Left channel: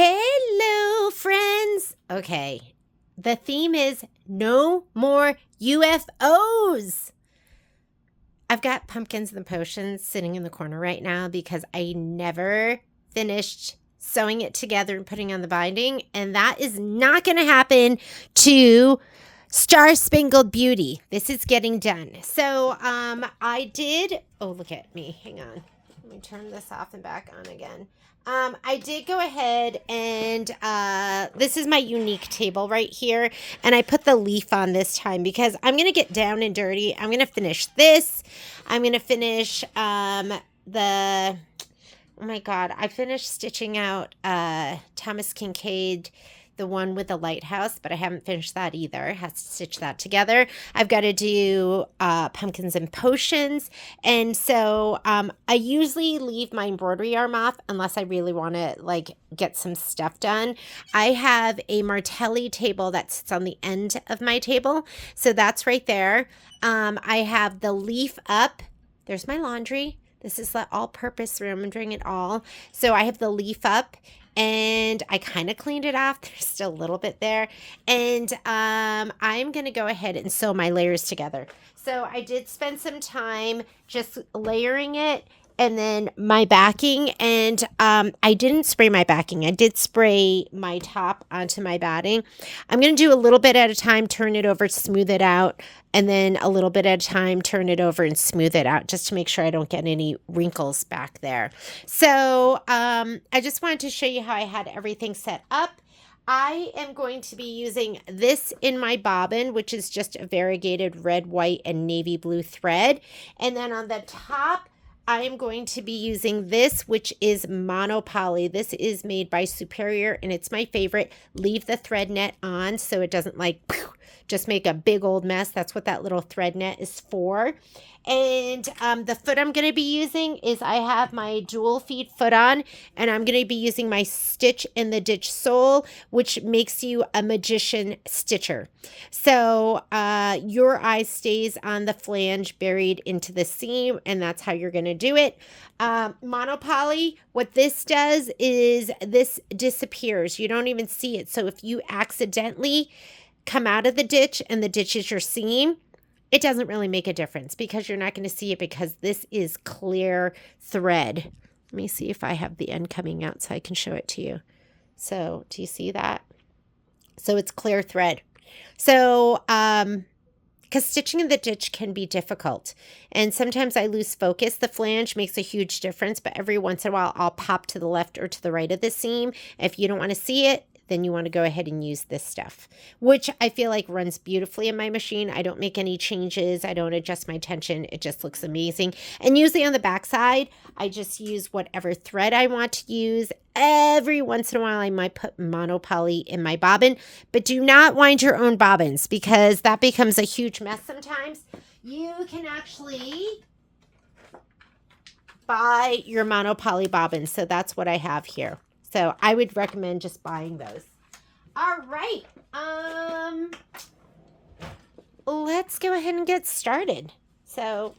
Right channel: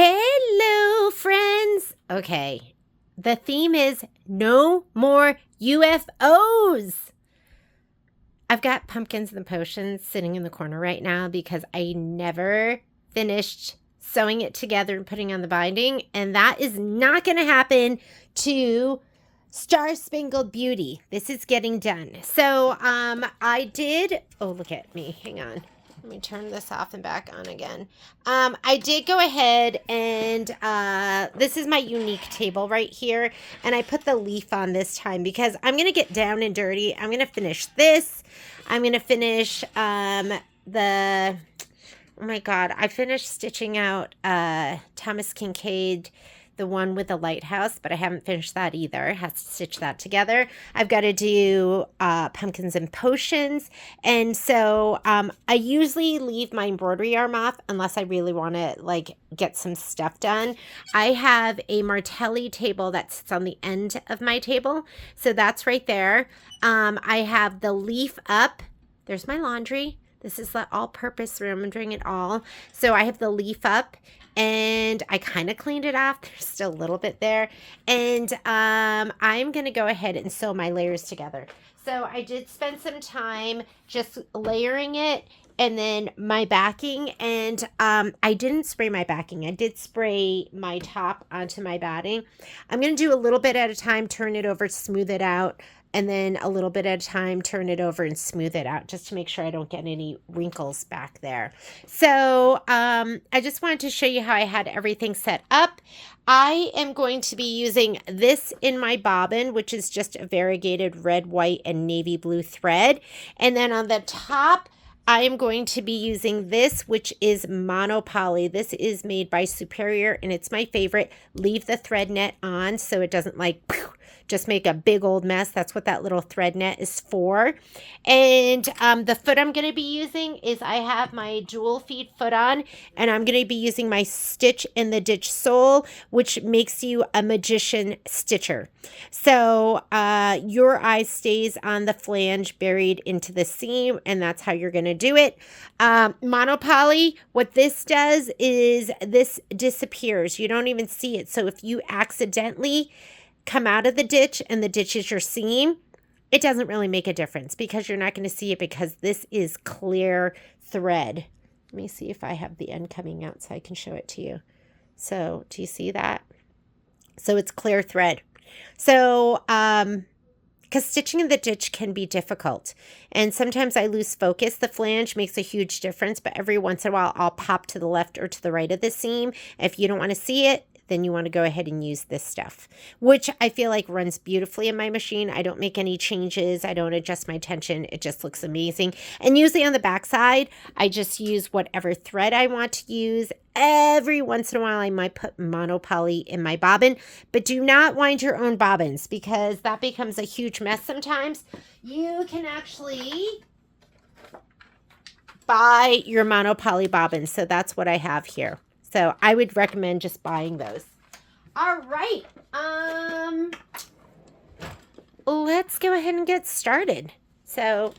Hello, friends. Okay, the theme is no more UFOs. I've got pumpkins and potions sitting in the corner right now because I never finished sewing it together and putting on the binding, and that is not going to happen to Star Spangled Beauty. This is getting done. So I did, oh, look at me. Hang on. Let me turn this off and back on again. I did go ahead and this is my unique table right here. And I put the leaf on this time because I'm going to get down and dirty. I'm going to finish this. I'm going to finish oh my God, I finished stitching out Thomas Kincaid, the one with the lighthouse, but I haven't finished that either. I have to stitch that together. I've got to do pumpkins and potions. And so I usually leave my embroidery arm off unless I really want to like get some stuff done. I have a Martelli table that sits on the end of my table. So that's right there. I have the leaf up. There's my laundry. This is the all-purpose room. I'm doing it all. So I have the leaf up. And I kind of cleaned it off. There's still a little bit there. And I'm going to go ahead and sew my layers together. So I did spend some time just layering it and then my backing. And I didn't spray my backing. I did spray my top onto my batting. I'm going to do a little bit at a time, turn it over, smooth it out. And then a little bit at a time, turn it over and smooth it out just to make sure I don't get any wrinkles back there. So I just wanted to show you how I had everything set up. I am going to be using this in my bobbin, which is just a variegated red, white, and navy blue thread. And then on the top, I am going to be using this, which is monopoly. This is made by Superior, and it's my favorite. Leave the thread net on so it doesn't like just make a big old mess. That's what that little thread net is for. And the foot I'm going to be using is I have my dual feed foot on, and I'm going to be using my Stitch in the Ditch sole, which makes you a magician stitcher. So your eye stays on the flange buried into the seam, and that's how you're going to do it. Monopoly, what this does is this disappears. You don't even see it. So if you accidentally come out of the ditch and the ditch is your seam, it doesn't really make a difference because you're not going to see it because this is clear thread. Let me see if I have the end coming out so I can show it to you. So do you see that? So it's clear thread. So because stitching in the ditch can be difficult. And sometimes I lose focus. The flange makes a huge difference, but every once in a while I'll pop to the left or to the right of the seam. If you don't want to see it, then you want to go ahead and use this stuff, which I feel like runs beautifully in my machine. I don't make any changes. I don't adjust my tension. It just looks amazing. And usually on the back side, I just use whatever thread I want to use. Every once in a while, I might put monopoly in my bobbin, but do not wind your own bobbins because that becomes a huge mess sometimes. You can actually buy your monopoly bobbins. So that's what I have here. So I would recommend just buying those. All right. Let's go ahead and get started. So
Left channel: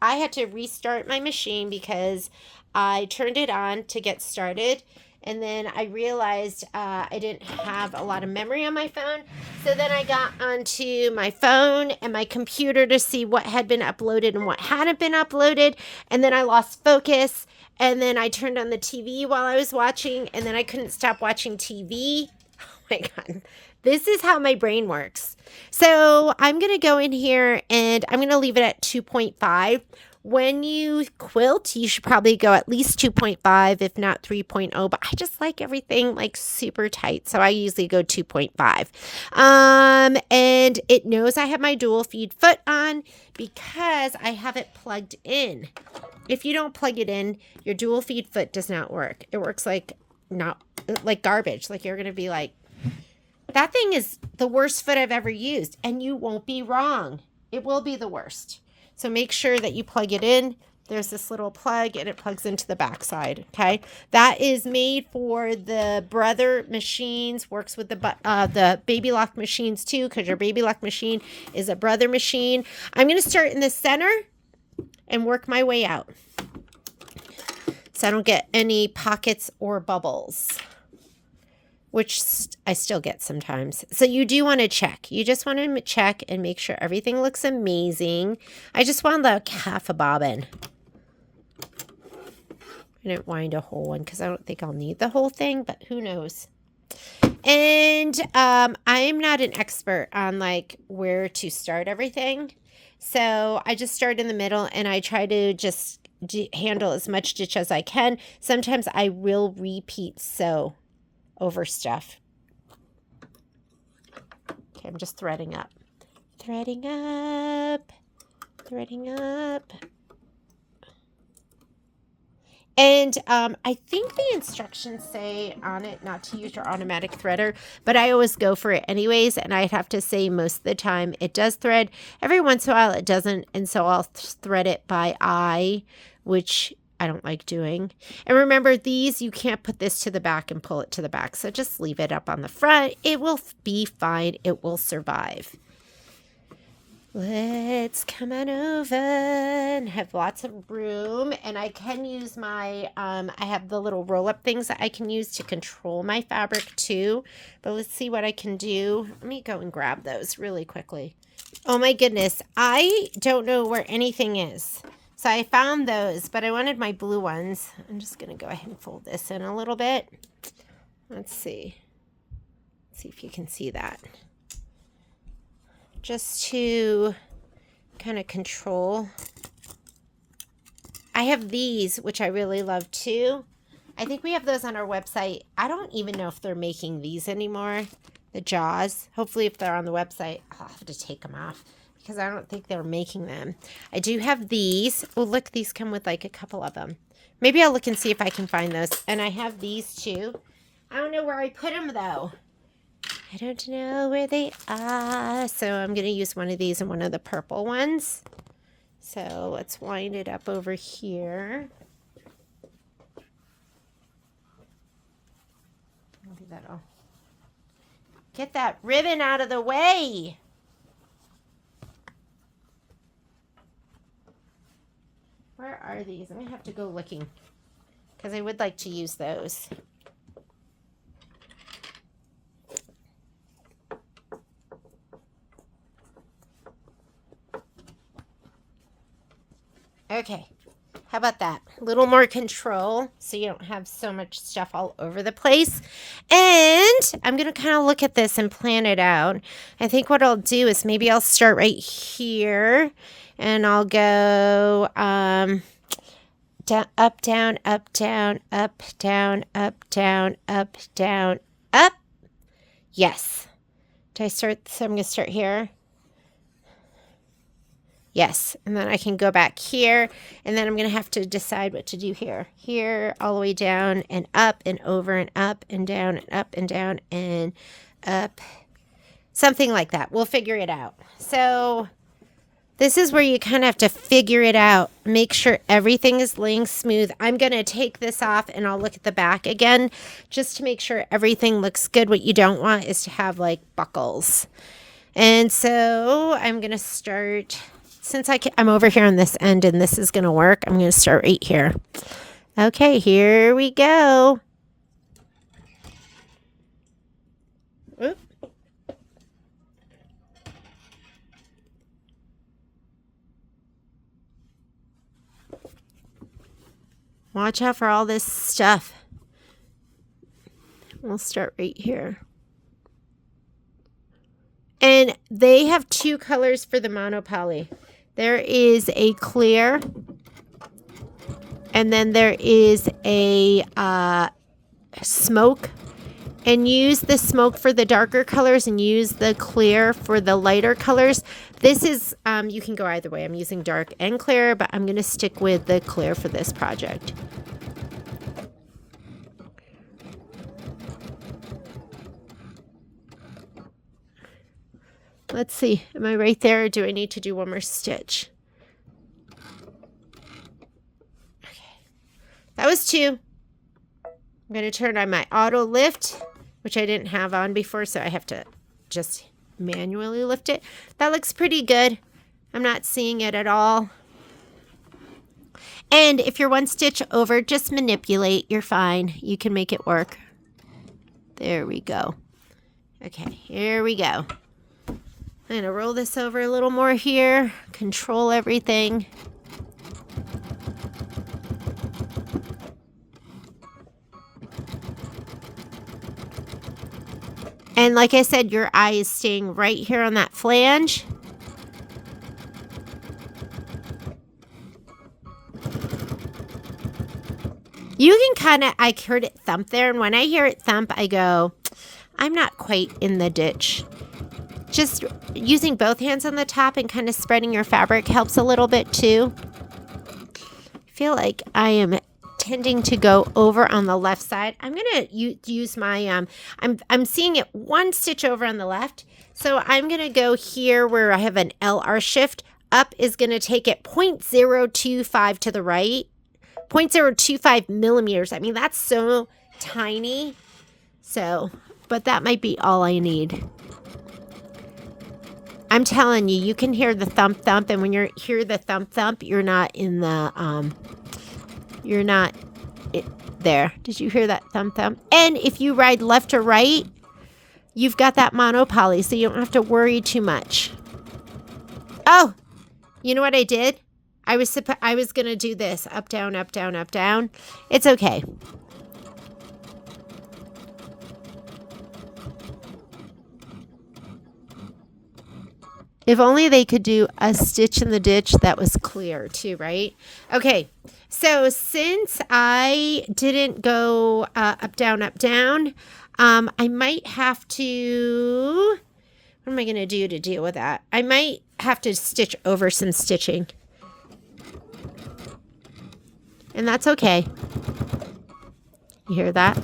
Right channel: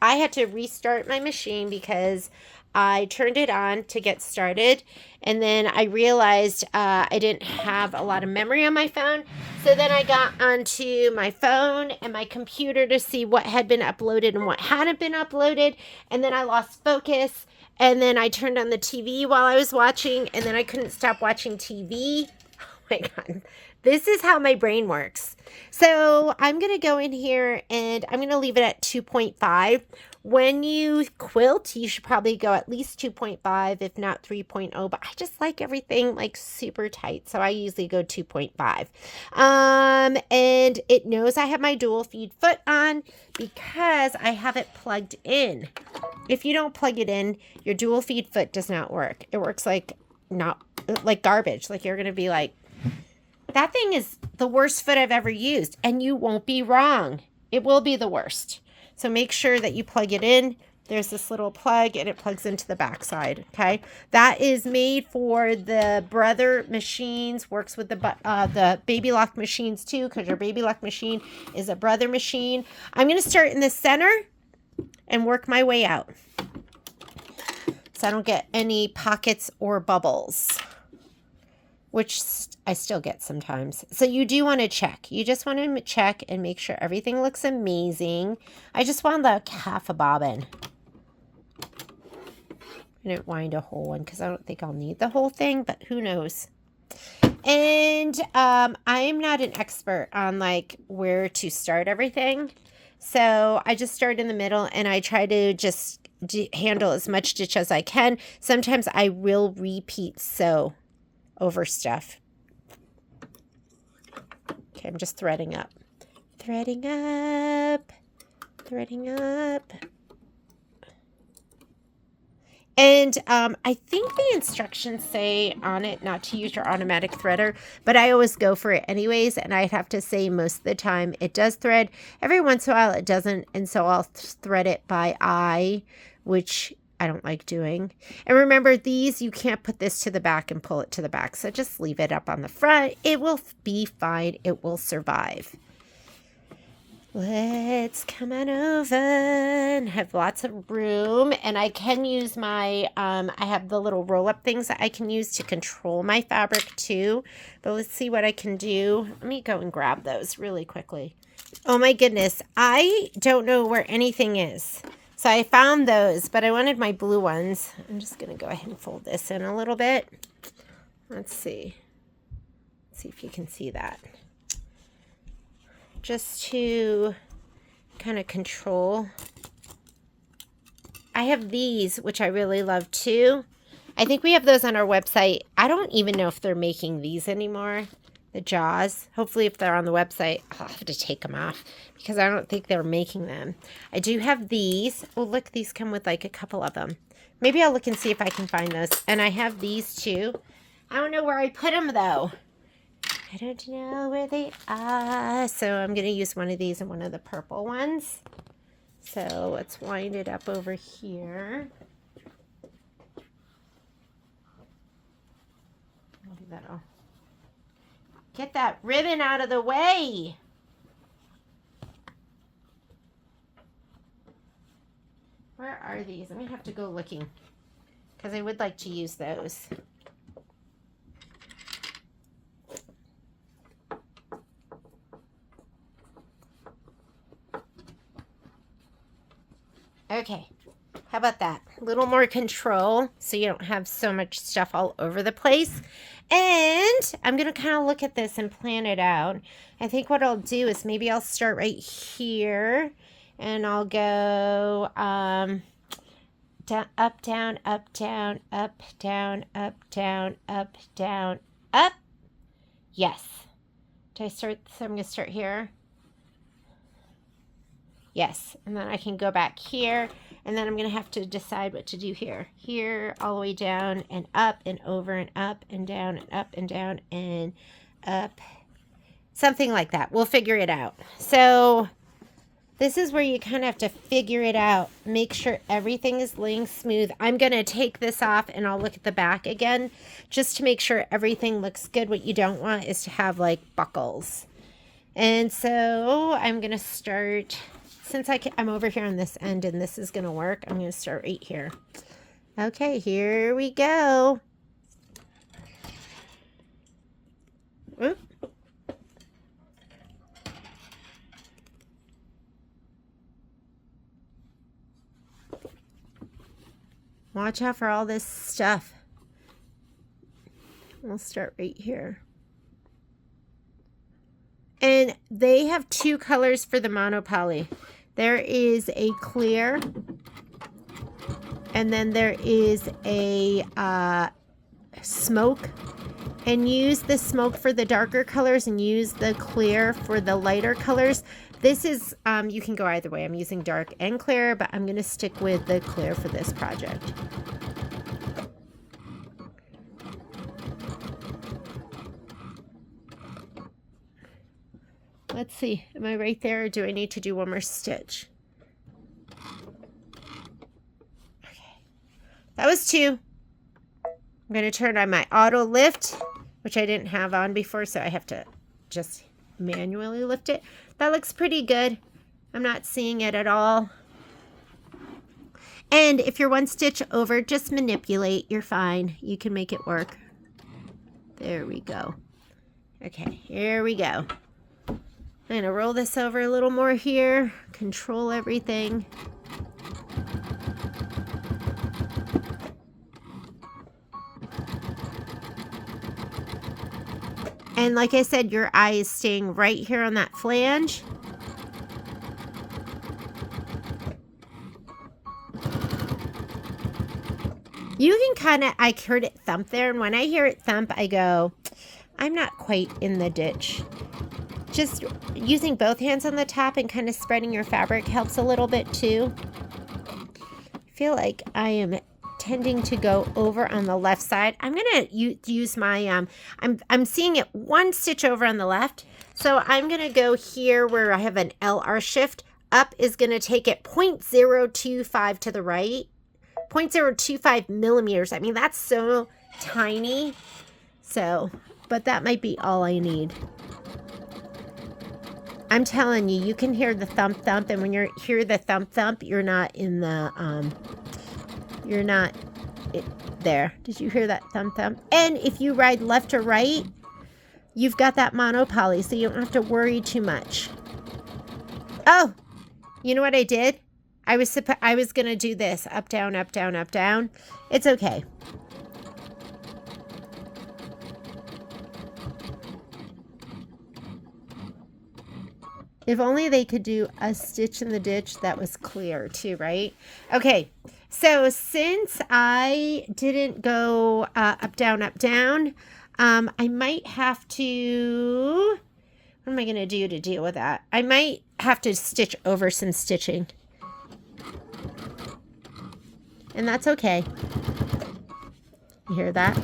I had to restart my machine because I turned it on to get started. And then I realized I didn't have a lot of memory on my phone. So then I got onto my phone and my computer to see what had been uploaded and what hadn't been uploaded. And then I lost focus. And then I turned on the TV while I was watching. And then I couldn't stop watching TV. Oh my God. This is how my brain works. So I'm going to go in here and I'm going to leave it at 2.5. When you quilt, you should probably go at least 2.5, if not 3.0. But I just like everything like super tight. So I usually go 2.5. And it knows I have my dual feed foot on because I have it plugged in. If you don't plug it in, your dual feed foot does not work. It works like garbage. Like you're going to be like, that thing is the worst foot I've ever used. And you won't be wrong. It will be the worst. So make sure that you plug it in. There's this little plug and it plugs into the back side. Okay. That is made for the Brother machines, works with the Baby Lock machines too, because your Baby Lock machine is a Brother machine. I'm going to start in the center and work my way out so I don't get any pockets or bubbles. which I still get sometimes. So you do want to check. You just want to check and make sure everything looks amazing. I just wound like half a bobbin. I didn't wind a whole one because I don't think I'll need the whole thing, but who knows. And I'm not an expert on like where to start everything. So I just start in the middle and I try to just handle as much stitch as I can. Sometimes I will repeat sew over stuff. Okay, I'm just threading up. Threading up. Threading up. And I think the instructions say on it not to use your automatic threader, but I always go for it anyways, and I'd have to say most of the time it does thread. Every once in a while it doesn't, and so I'll thread it by eye, which I don't like doing. And remember, these, you can't put this to the back and pull it to the back, so just leave it up on the front. It will be fine. It will survive. Let's come on over and have lots of room. And I can use my, I have the little roll-up things that I can use to control my fabric too. But let's see what I can do. Let me go and grab those really quickly. Oh my goodness. I don't know where anything is. So I found those, but I wanted my blue ones. I'm just going to go ahead and fold this in a little bit. Let's see. Let's see if you can see that. Just to kind of control. I have these, which I really love too. I think we have those on our website. I don't even know if they're making these anymore, the jaws. Hopefully if they're on the website, I'll have to take them off because I don't think they're making them. I do have these. Oh, look, these come with like a couple of them. Maybe I'll look and see if I can find those. And I have these too. I don't know where I put them though. I don't know where they are. So I'm going to use one of these and one of the purple ones. So let's wind it up over here. Maybe that'll get that ribbon out of the way. Where are these? I'm going to have to go looking because I would like to use those. Okay, how about that? A little more control so you don't have so much stuff all over the place. And I'm going to kind of look at this and plan it out. I think what I'll do is maybe I'll start right here and I'll go down, up, down, up, down, up, down, up, down, up, down, up. Yes. Did I start? So I'm going to start here. Yes, and then I can go back here, and then I'm going to have to decide what to do here. Here, all the way down, and up, and over, and up, and down, and up, and down, and up. Something like that. We'll figure it out. So this is where you kind of have to figure it out. Make sure everything is laying smooth. I'm going to take this off, and I'll look at the back again, just to make sure everything looks good. What you don't want is to have, like, buckles. And so I'm going to start... Since I'm over here on this end and this is going to work, I'm going to start right here. Okay, here we go. Oop. Watch out for all this stuff. We'll start right here. And they have two colors for the monopoly. There is a clear, and then there is a smoke. And use the smoke for the darker colors and use the clear for the lighter colors. This is, you can go either way. I'm using dark and clear, but I'm going to stick with the clear for this project. Let's see, am I right there or do I need to do one more stitch? Okay, that was 2. I'm going to turn on my auto lift, which I didn't have on before, so I have to just manually lift it. That looks pretty good. I'm not seeing it at all. And if you're one stitch over, just manipulate. You're fine. You can make it work. There we go. Okay, here we go. I'm going to roll this over a little more here. Control everything. And like I said, your eye is staying right here on that flange. You can kind of, I heard it thump there. And when I hear it thump, I go, I'm not quite in the ditch. Just using both hands on the top and kind of spreading your fabric helps a little bit too. I feel like I am tending to go over on the left side. I'm going to use my, I'm seeing it one stitch over on the left. So I'm going to go here where I have an LR shift. Up is going to take it 0.025 to the right. 0.025 millimeters. I mean, that's so tiny. So, but that might be all I need. I'm telling you, you can hear the thump thump, and when you hear the thump thump, you're not in the, you're not there. Did you hear that thump thump? And if you ride left or right, you've got that monopoly, so you don't have to worry too much. Oh, you know what I did? I was going to do this. Up, down, up, down, up, down. It's okay. If only they could do a stitch in the ditch that was clear too, right? Okay, so since I didn't go up, down, I might have to, what am I going to do to deal with that? I might have to stitch over some stitching. And that's okay. You hear that?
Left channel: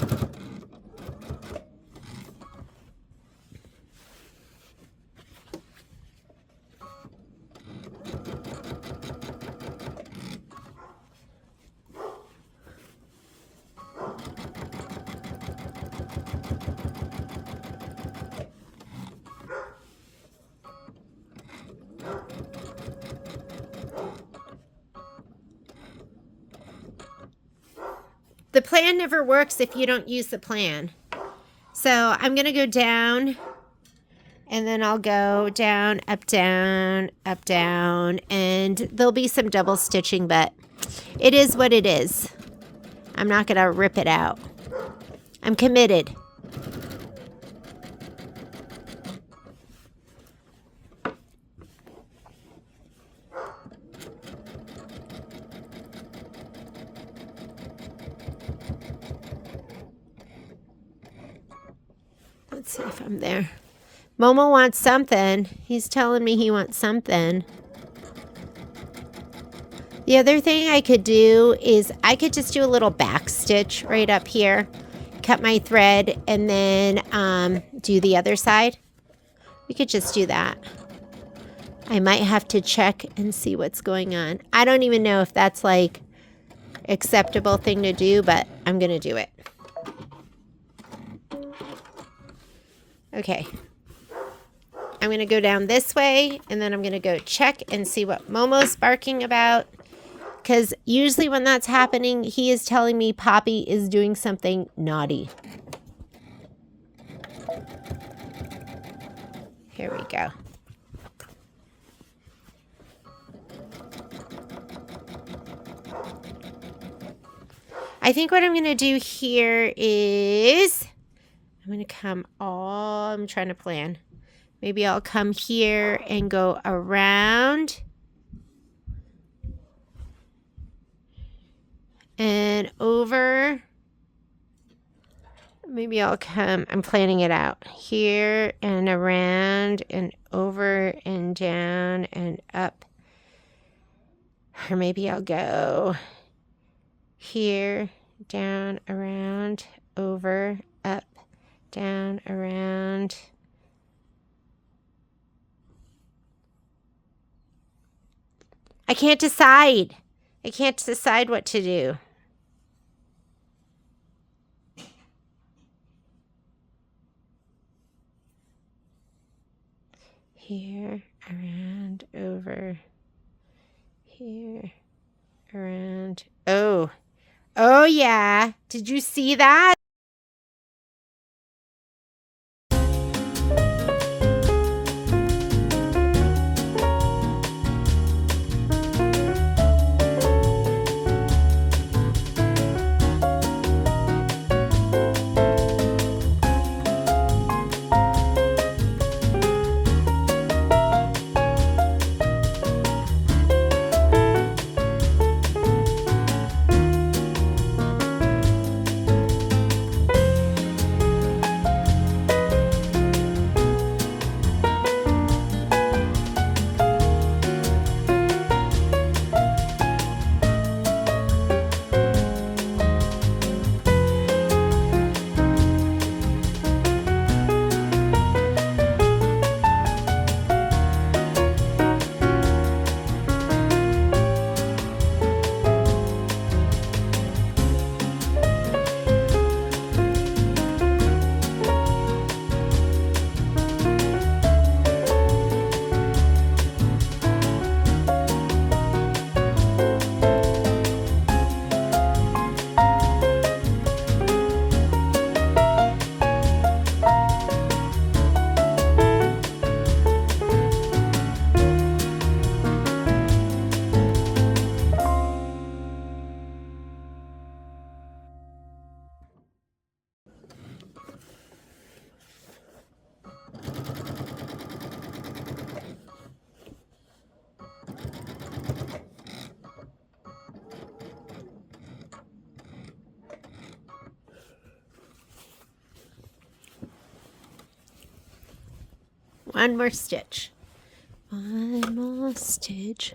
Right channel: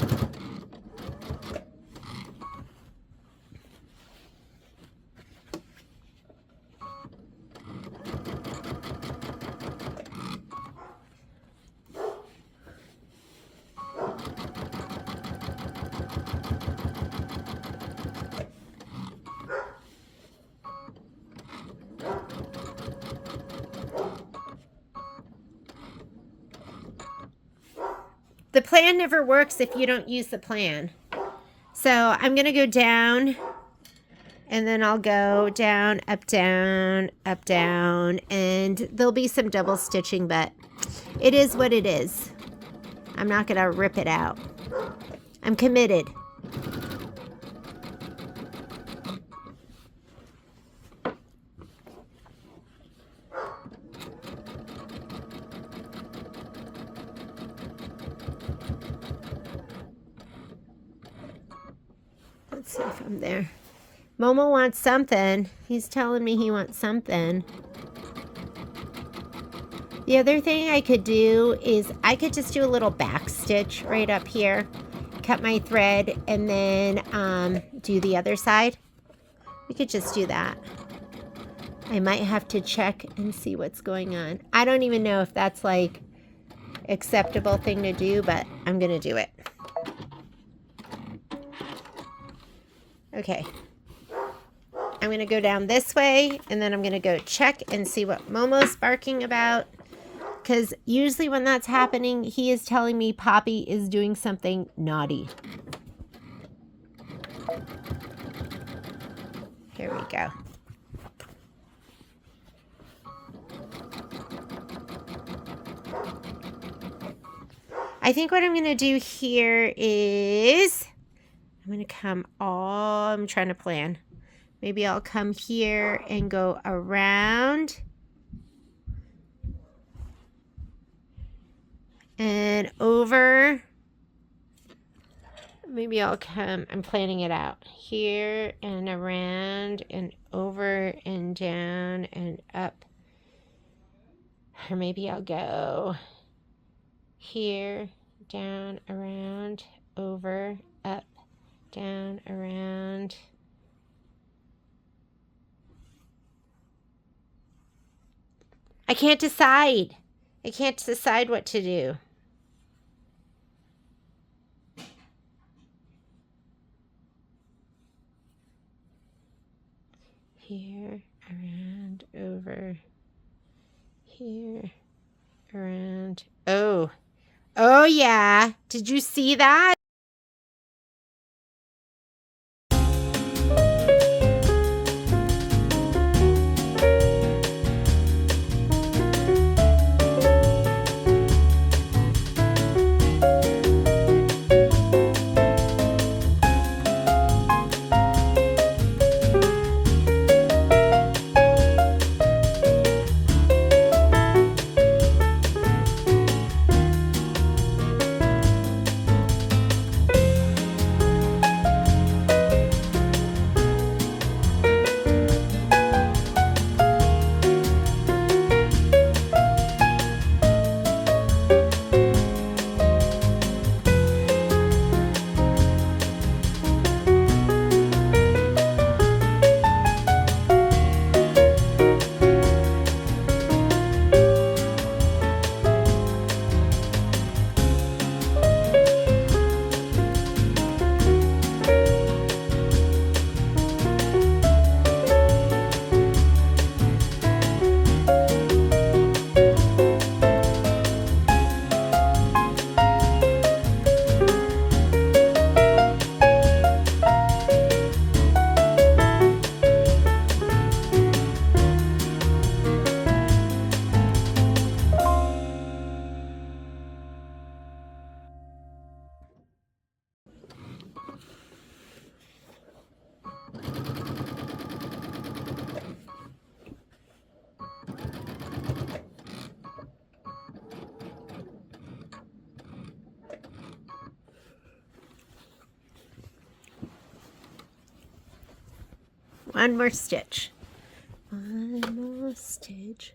The plan never works if you don't use the plan. So I'm going to go down, and then I'll go down, and there'll be some double stitching, but it is what it is. I'm not going to rip it out. I'm committed. Let's see if I'm there. Momo wants something. He's telling me he wants something. The other thing I could do is I could just do a little back stitch right up here. Cut my thread and then do the other side. We could just do that. I might have to check and see what's going on. I don't even know if that's like acceptable thing to do, but I'm going to do it. Okay. I'm going to go down this way, and then I'm going to go check and see what Momo's barking about. Because usually when that's happening, he is telling me Poppy is doing something naughty. Here we go. I think what I'm going to do here is I'm going to come all, I'm trying to plan. Maybe I'll come here and go around and over. Maybe I'll come, I'm planning it out. Here and around and over and down and up. Or maybe I'll go here, down, around, over, up, down, around. I can't decide. I can't decide what to do. Here, around, over. Here, around. Oh. Oh, yeah. Did you see that? One more stitch. One more stitch.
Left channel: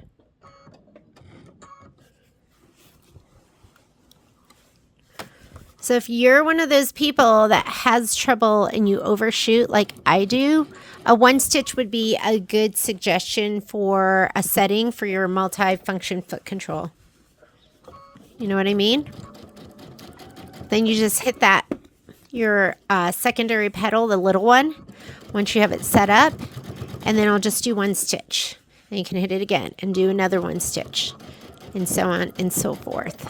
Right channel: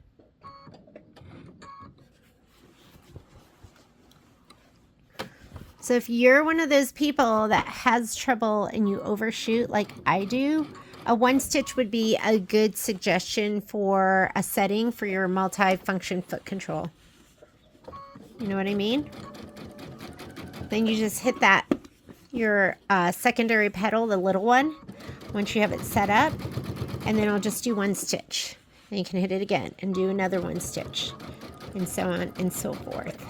So if you're one of those people that has trouble and you overshoot like I do, a one stitch would be a good suggestion for a setting for your multi-function foot control. You know what I mean? Then you just hit that, your secondary pedal, the little one, once you have it set up, and then I'll just do one stitch. Then you can hit it again and do another one stitch, and so on and so forth.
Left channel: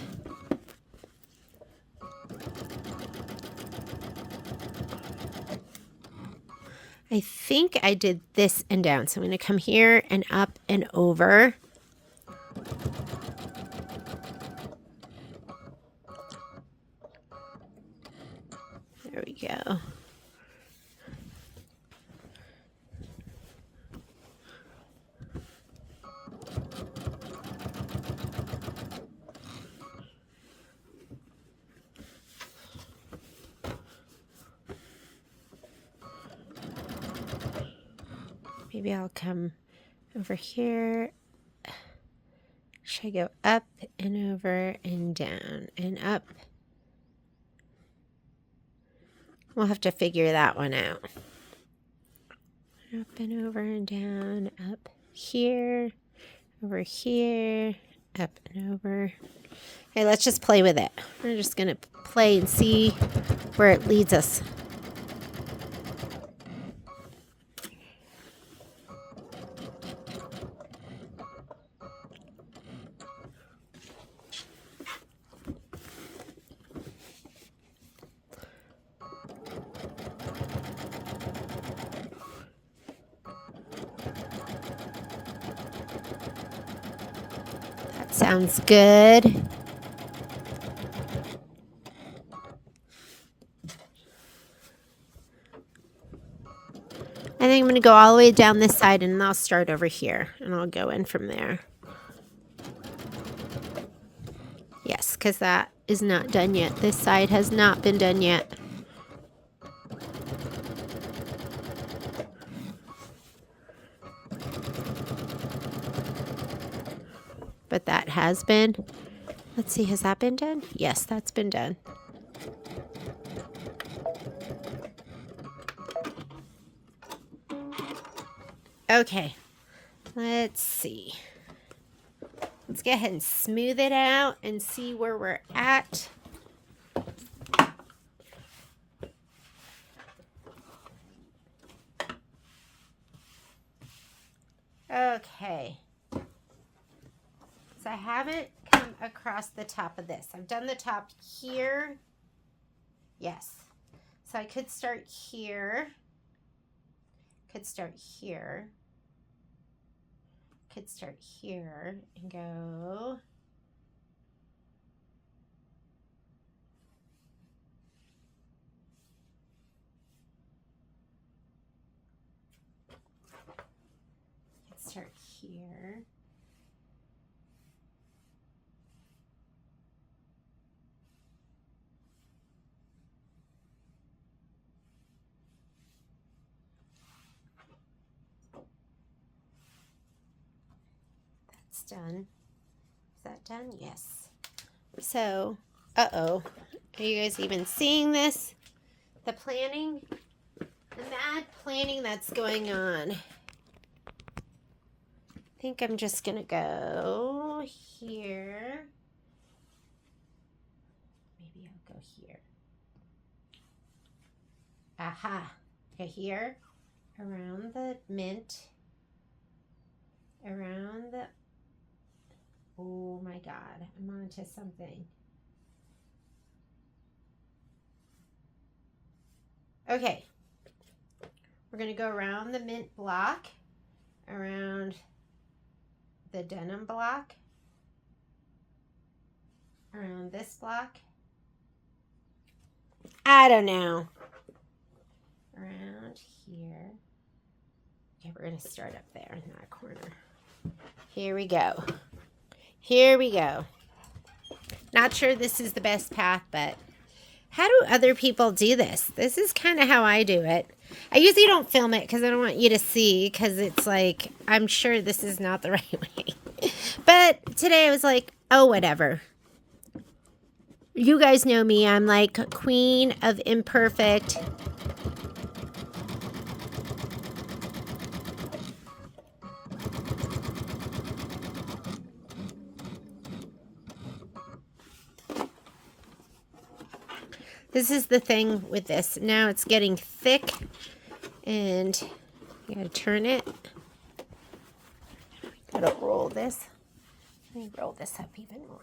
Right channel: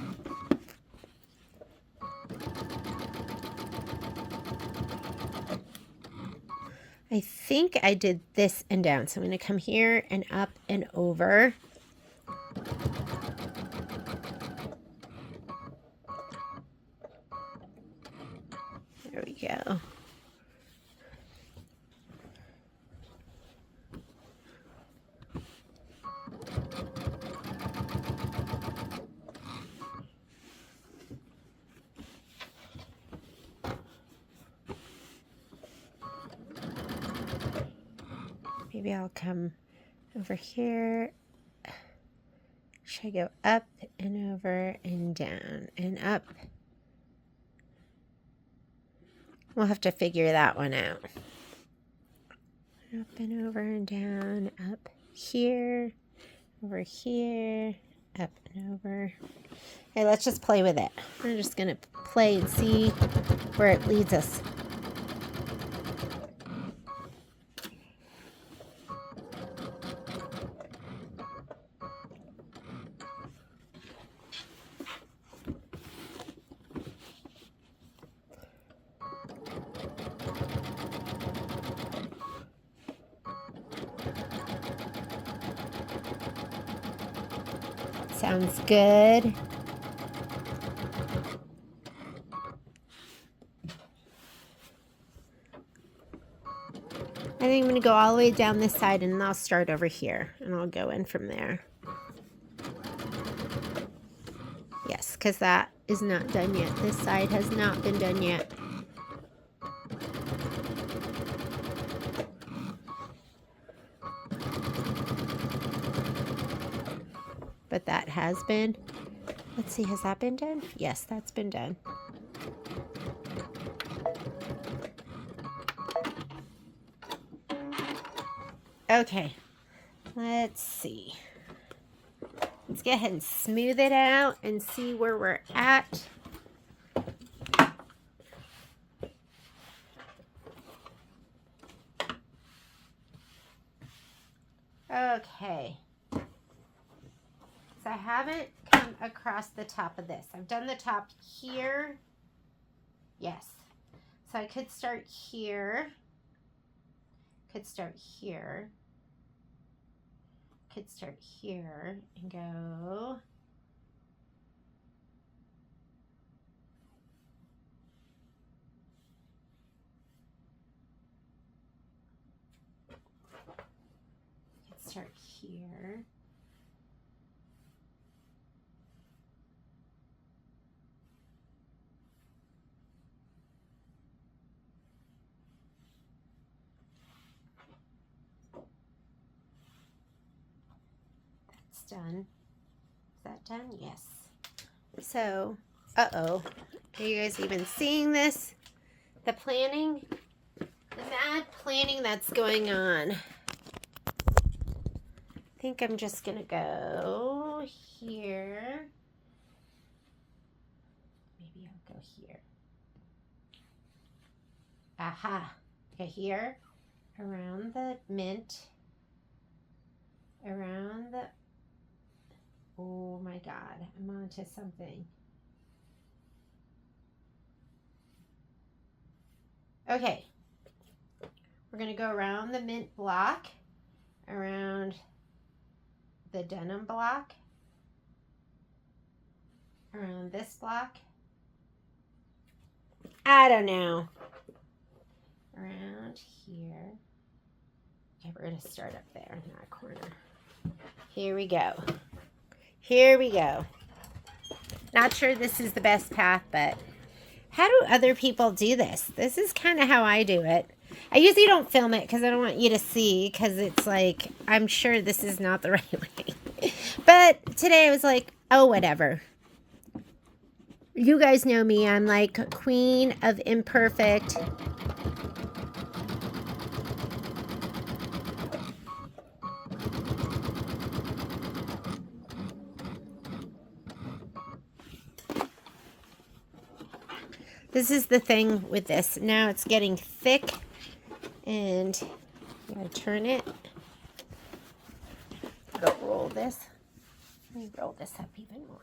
I think I did this and down, so I'm going to come here and up and over. There we go. Maybe I'll come over here. Should I go up and over and down and up? We'll have to figure that one out. Up and over and down, up here, over here, up and over. Okay, let's just play with it. We're just going to play and see where it leads us. Sounds good. I think I'm going to go all the way down this side and I'll start over here and I'll go in from there. Yes, because that is not done yet. This side has not been done yet. But that has been. Let's see, has that been done? Yes, that's been done. Okay, let's see. Let's go ahead and smooth it out and see where we're at. Okay. So I haven't come across the top of this. I've done the top here. Yes. So I could start here. Could start here. Could start here and go. Could start here. Done. Is that done? Yes. So, are you guys even seeing this? The planning, the mad planning that's going on. I think I'm just gonna go here. Maybe I'll go here. Aha. Okay, here, around the mint, around the. Oh my God, I'm onto something. Okay, we're gonna go around the mint block, around the denim block, around this block. I don't know. Around here. Okay, we're gonna start up there in that corner. Here we go. Here we go. Not sure this is the best path, but how do other people do this? This is kind of how I do it. I usually don't film it because I don't want you to see, because it's like, I'm sure this is not the right way. But today I was like, oh, whatever. You guys know me. I'm like queen of imperfect. This is the thing with this. Now it's getting thick and you gotta turn it. Gotta roll this. Let me roll this up even more.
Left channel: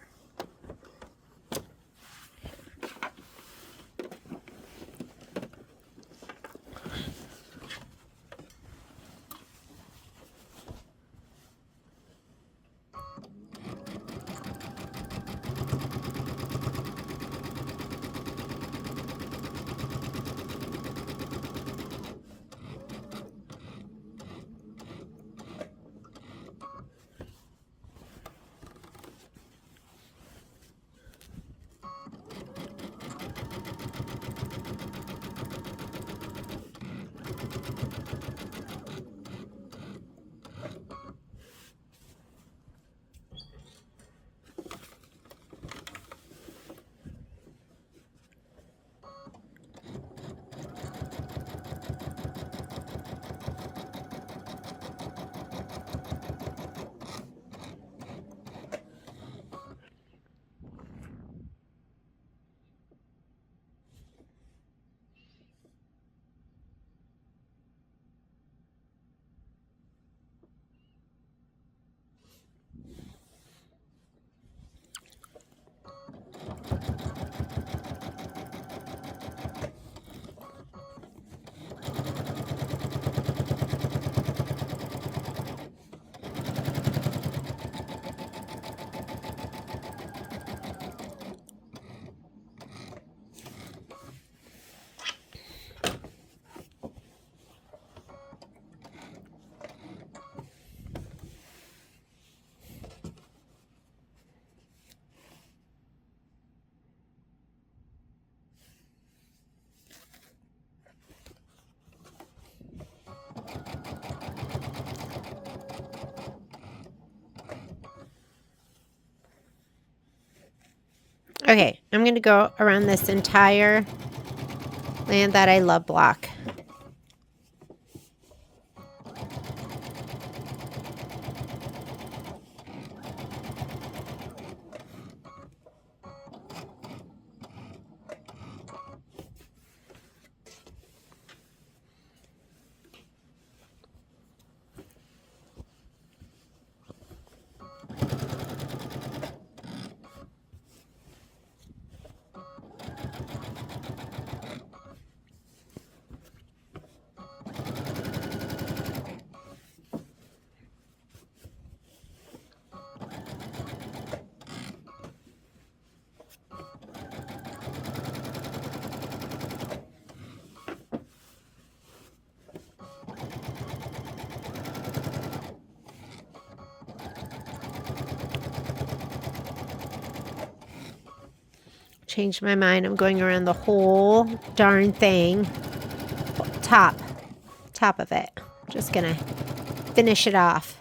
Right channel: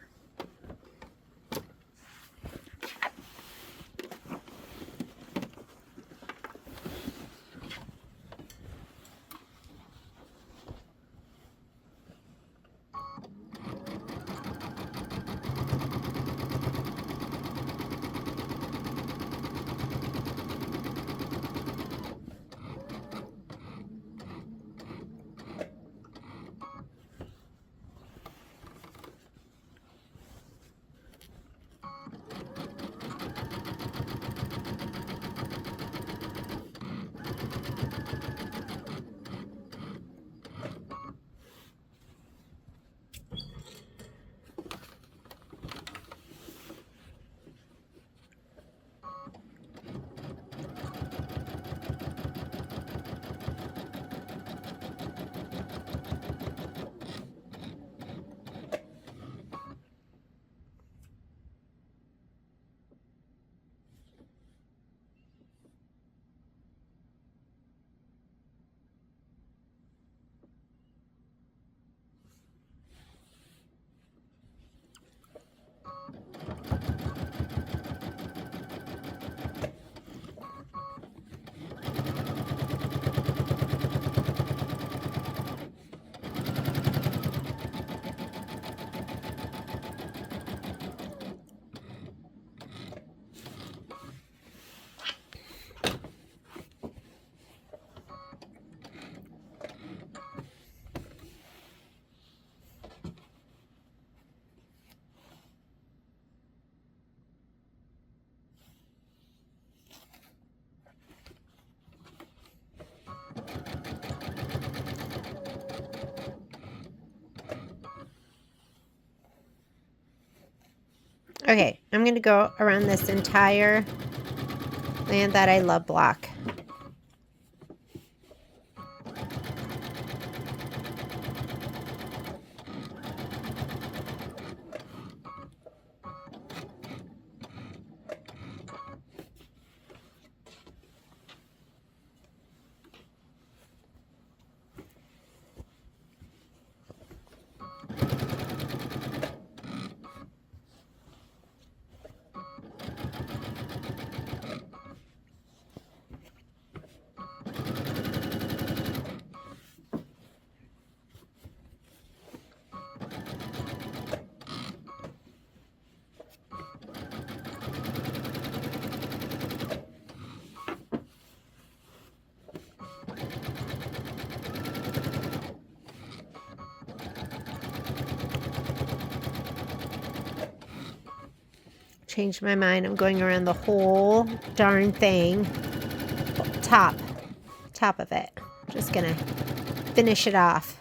Okay, I'm going to go around this entire Land That I Love block. Changed my mind. I'm going around the whole darn thing. Top of it. Just gonna finish it off.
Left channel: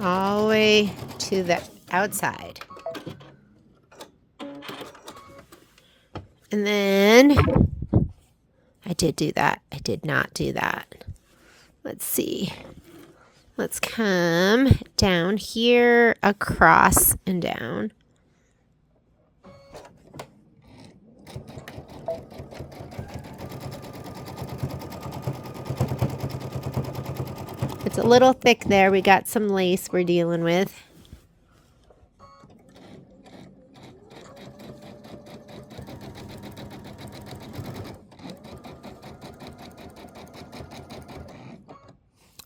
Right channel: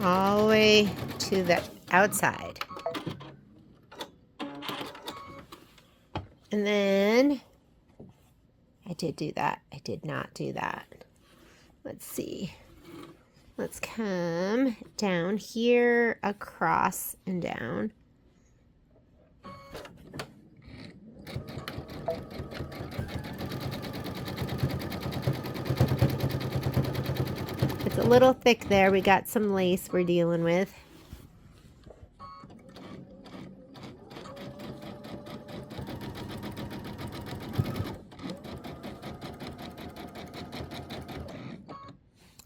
All the way to the outside. And then I did do that. I did not do that. Let's see. Let's come down here, across and down. It's a little thick there. We got some lace we're dealing with.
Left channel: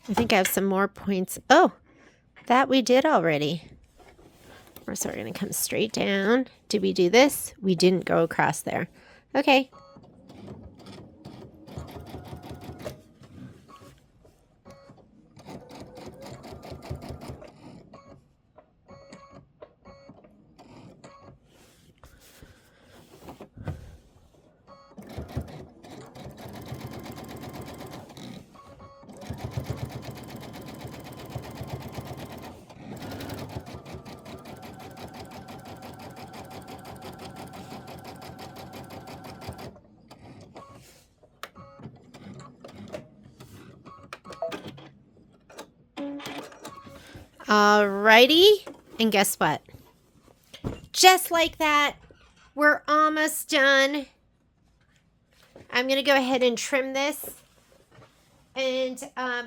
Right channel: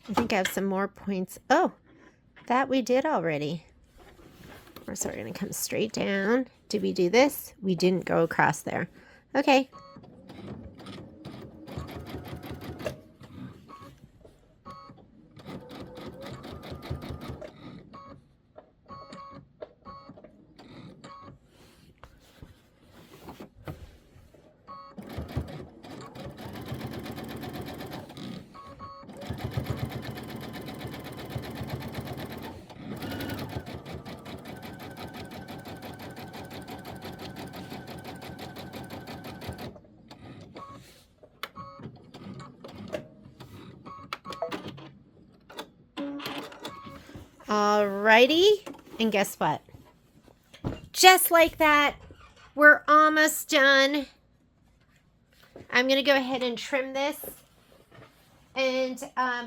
I think I have some more points. Oh, that we did already. So we're going to come straight down. Did we do this? We didn't go across there. Okay. Alrighty, and guess what? Just like that, we're almost done. I'm going to go ahead and trim this. And,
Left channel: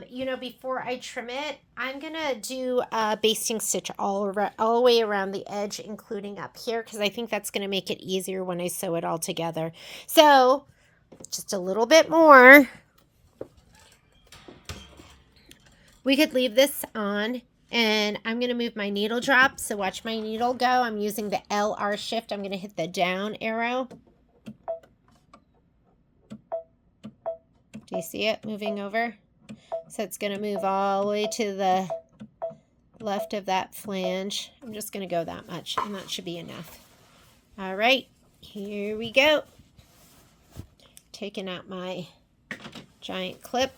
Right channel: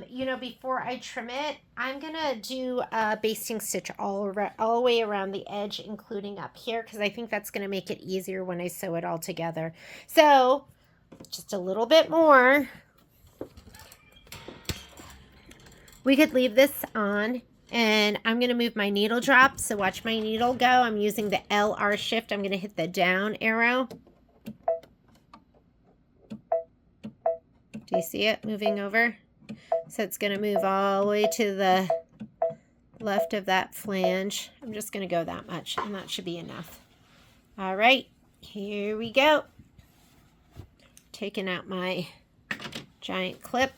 you know, before I trim it, I'm going to do a basting stitch all the way around the edge, including up here, because I think that's going to make it easier when I sew it all together. So, just a little bit more. We could leave this on, and I'm going to move my needle drop. So watch my needle go. I'm using the LR shift. I'm going to hit the down arrow. Do you see it moving over? So it's going to move all the way to the left of that flange. I'm just going to go that much, and that should be enough. All right, here we go. Taking out my giant clip.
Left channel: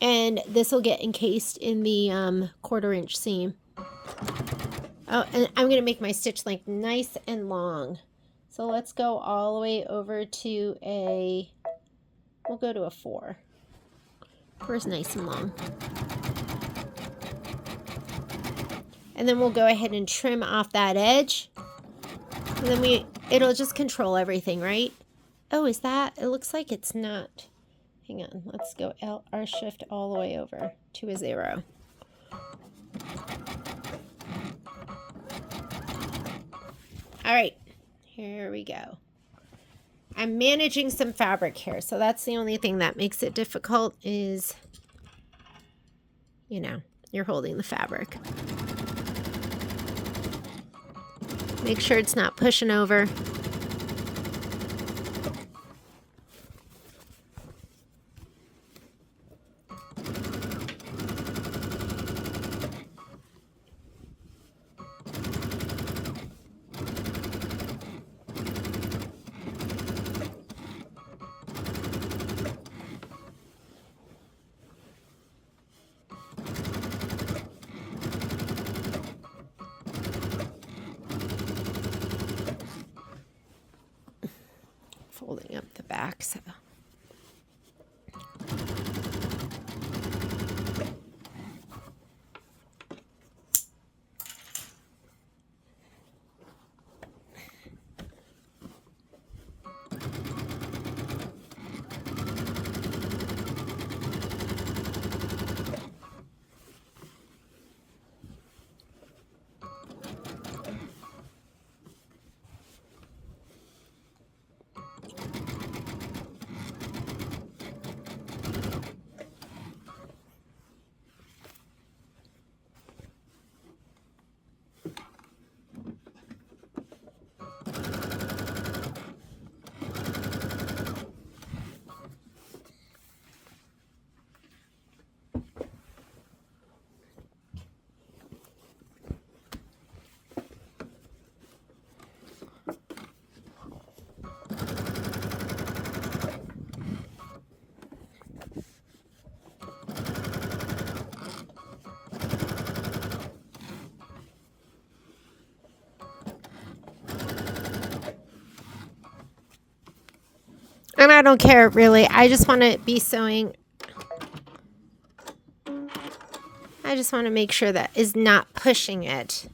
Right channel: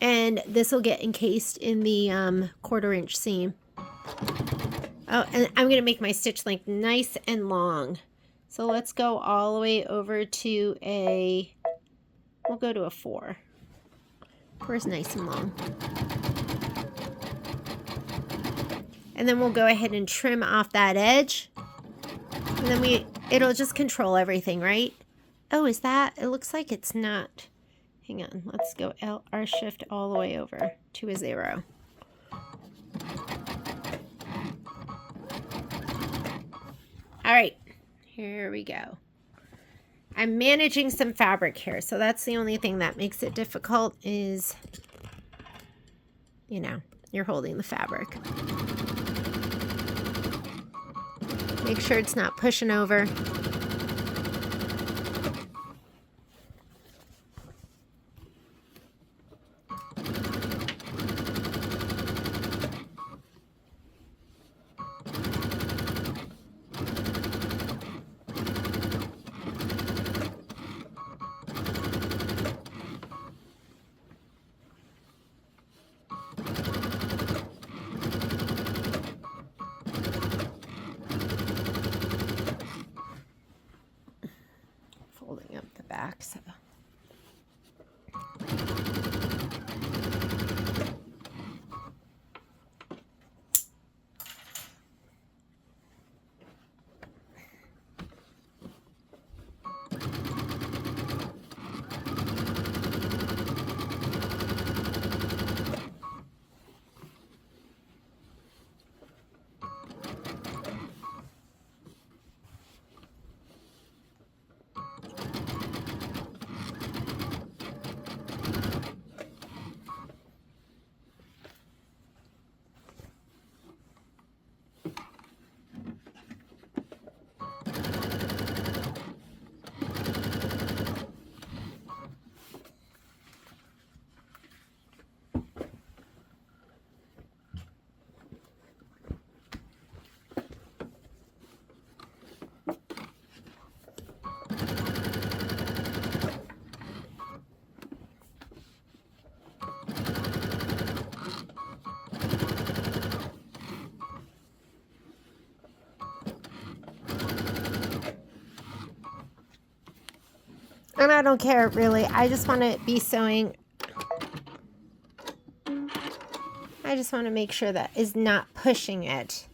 And this will get encased in the 1/4 inch seam. Oh, and I'm going to make my stitch length nice and long. So let's go all the way over to we'll go to a 4. 4 is nice and long. And then we'll go ahead and trim off that edge. And then it'll just control everything, right? Oh, is that? It looks like it's not. Hang on, let's go LR shift all the way over to a 0. All right, here we go. I'm managing some fabric here, so that's the only thing that makes it difficult is, you know, you're holding the fabric. Make sure it's not pushing over. Folding up the back, so. And I don't care, really. I just want to be sewing. I just want to make sure that is not pushing it,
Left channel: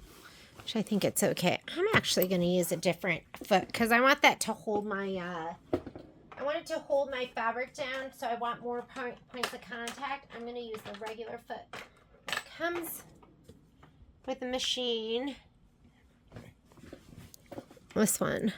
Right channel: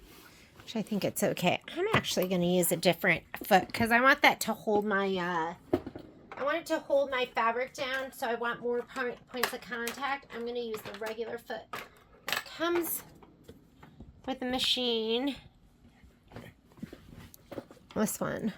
which I think it's okay. I'm actually going to use a different foot because I want that to hold my, I want it to hold my fabric down, so I want more points of contact. I'm going to use the regular foot that comes with the machine. This one.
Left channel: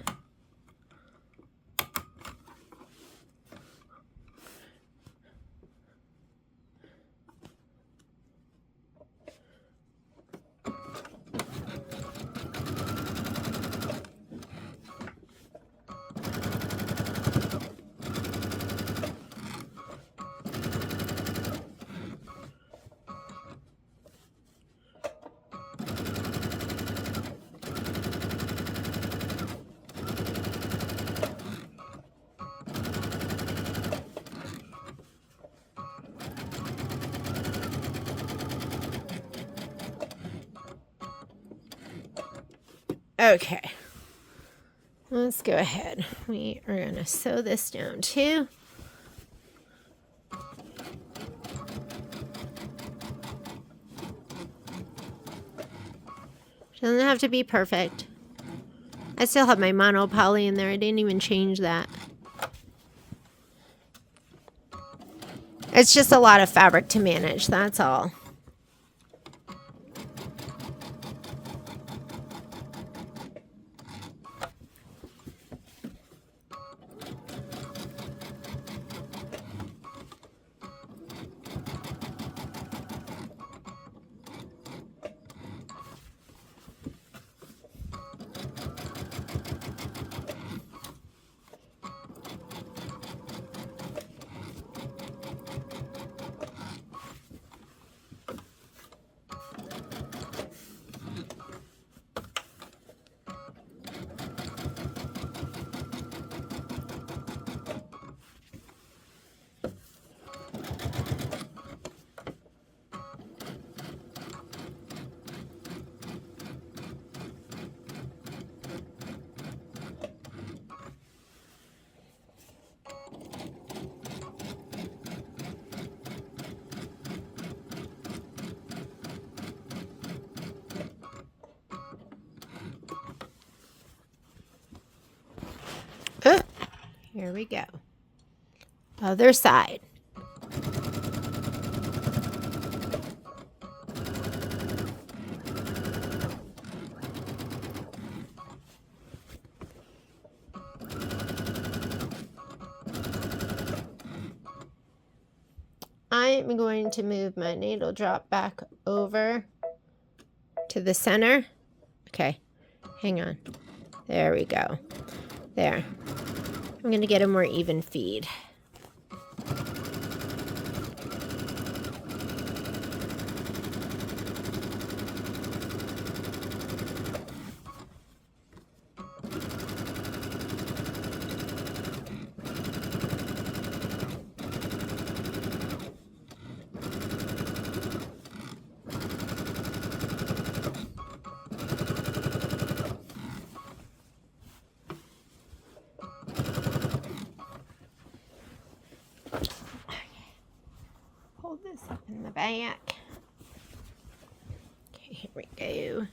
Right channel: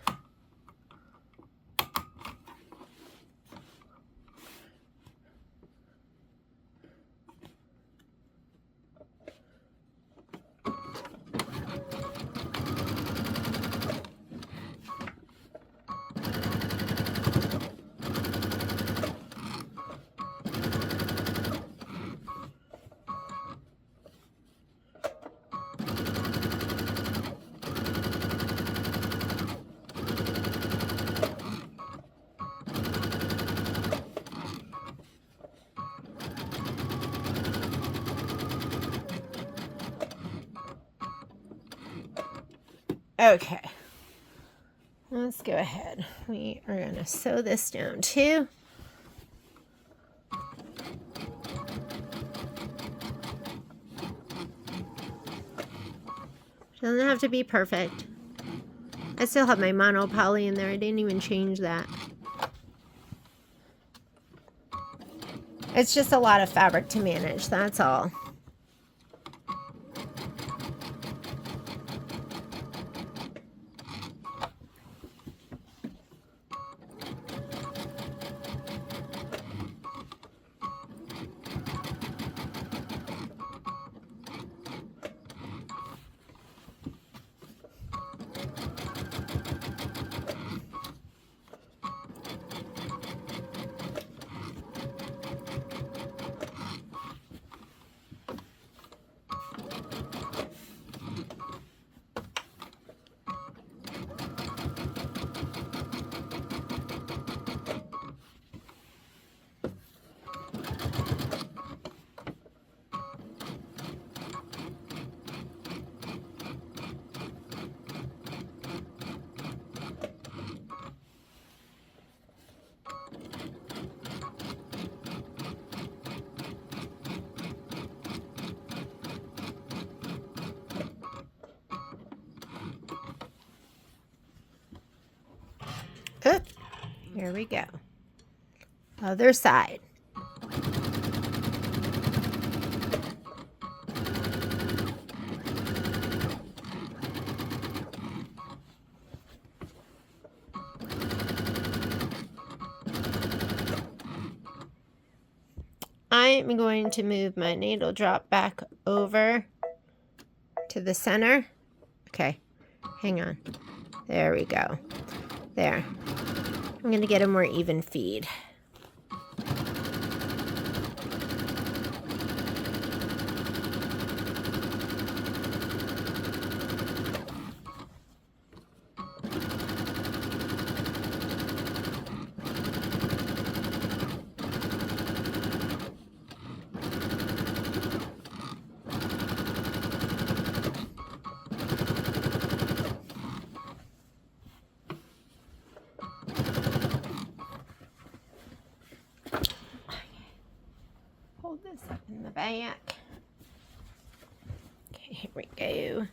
Okay, let's go ahead. We are going to sew this down too. Doesn't have to be perfect. I still have my mono poly in there. I didn't even change that. It's just a lot of fabric to manage, that's all. Oh, here we go. Other side. I'm going to move my needle drop back over to the center. Okay, hang on. There we go. There. I'm going to get a more even feed. Hold this up in the back. Okay, here we go.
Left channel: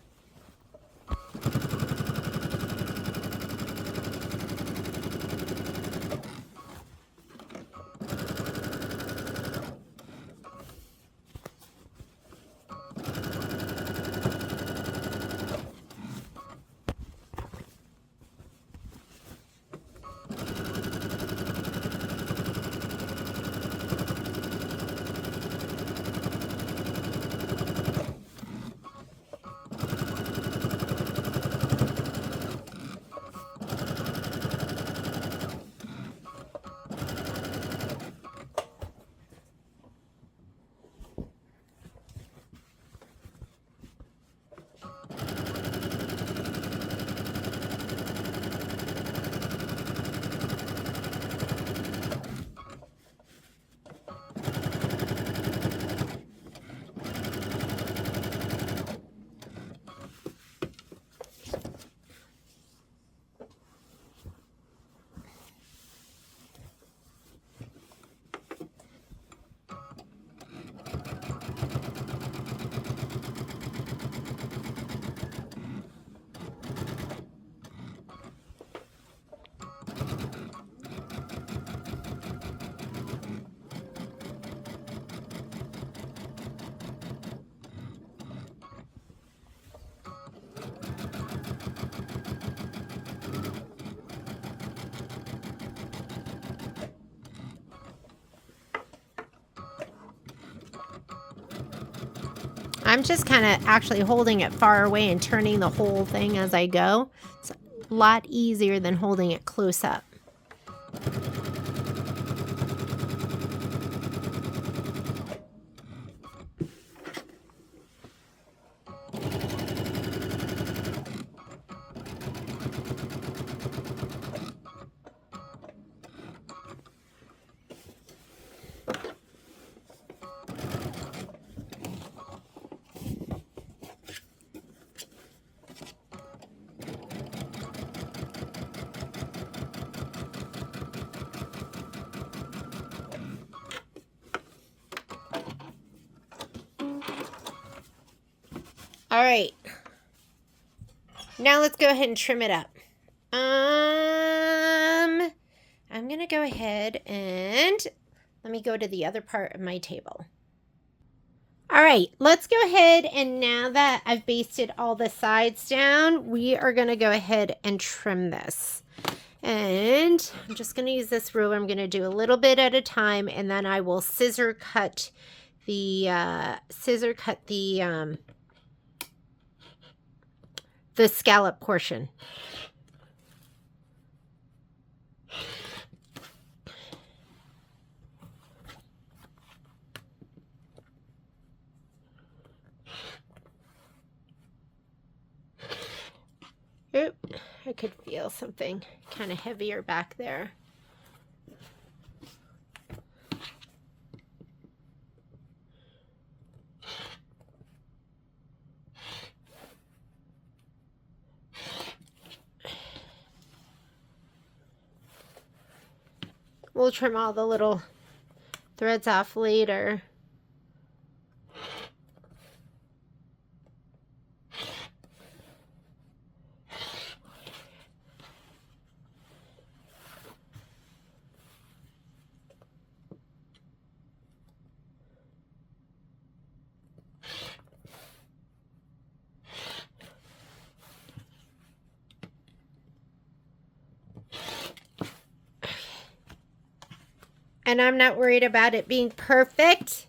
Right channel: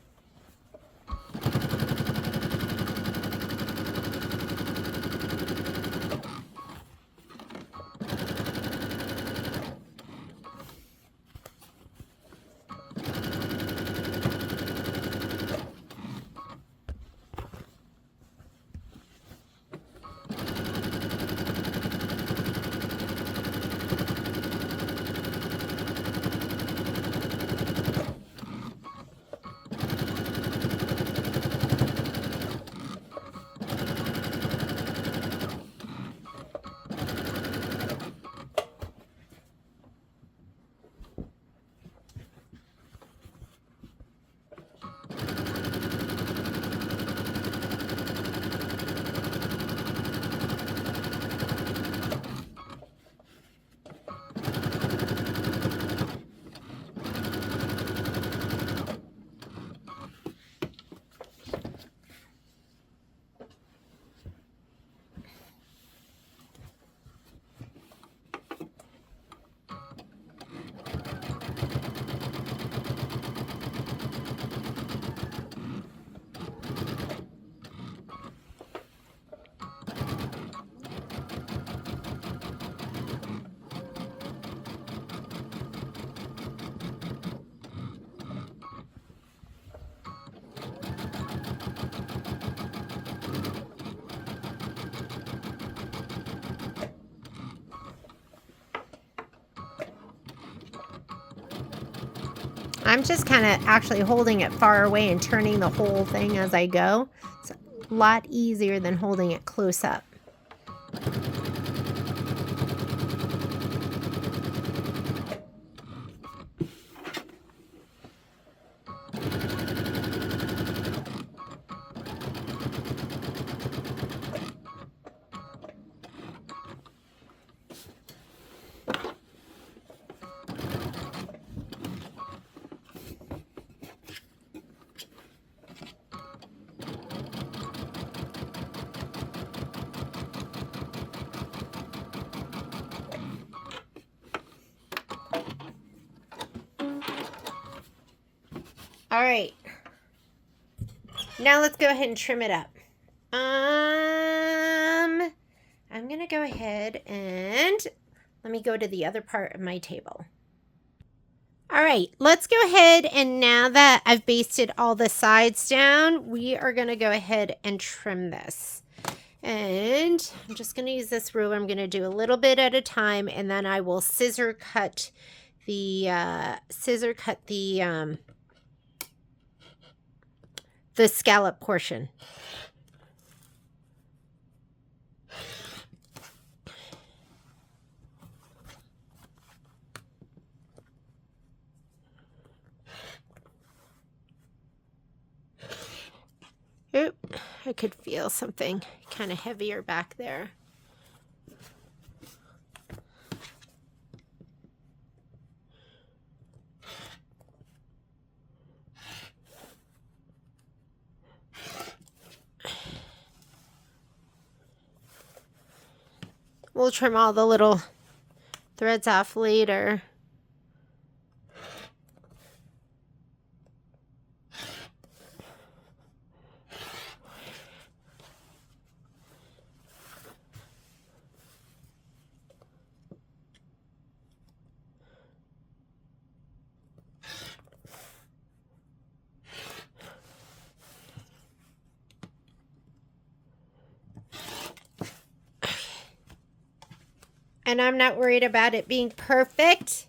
I'm just kind of actually holding it far away and turning the whole thing as I go. It's a lot easier than holding it close up. All right, Now let's go ahead and trim it up. I'm going to go ahead and let me go to the other part of my table. All right, let's go ahead, and now that I've basted all the sides down, we are going to go ahead and trim this. And I'm just going to use this ruler. I'm going to do a little bit at a time, and then I will scissor cut the scallop portion. Oop, I could feel something kind of heavier back there. We'll trim all the little threads off later. And I'm not worried about it being perfect.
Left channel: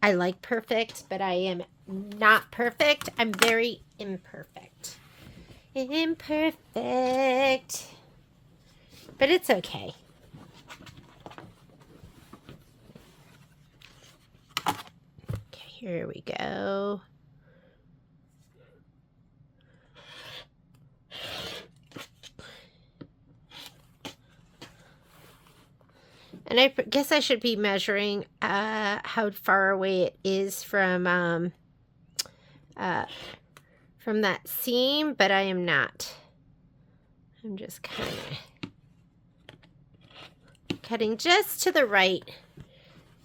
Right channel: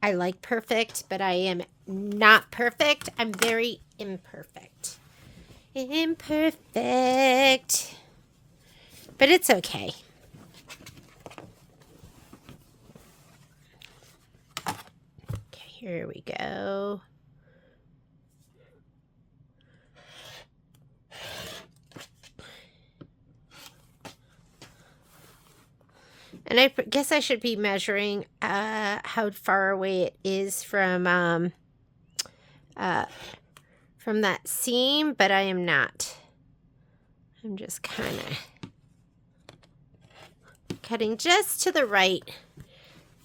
I like perfect, but I am not perfect. I'm very imperfect. Imperfect. But it's okay. Okay, here we go. And I guess I should be measuring how far away it is from that seam, but I am not. I'm just kind of cutting just to the right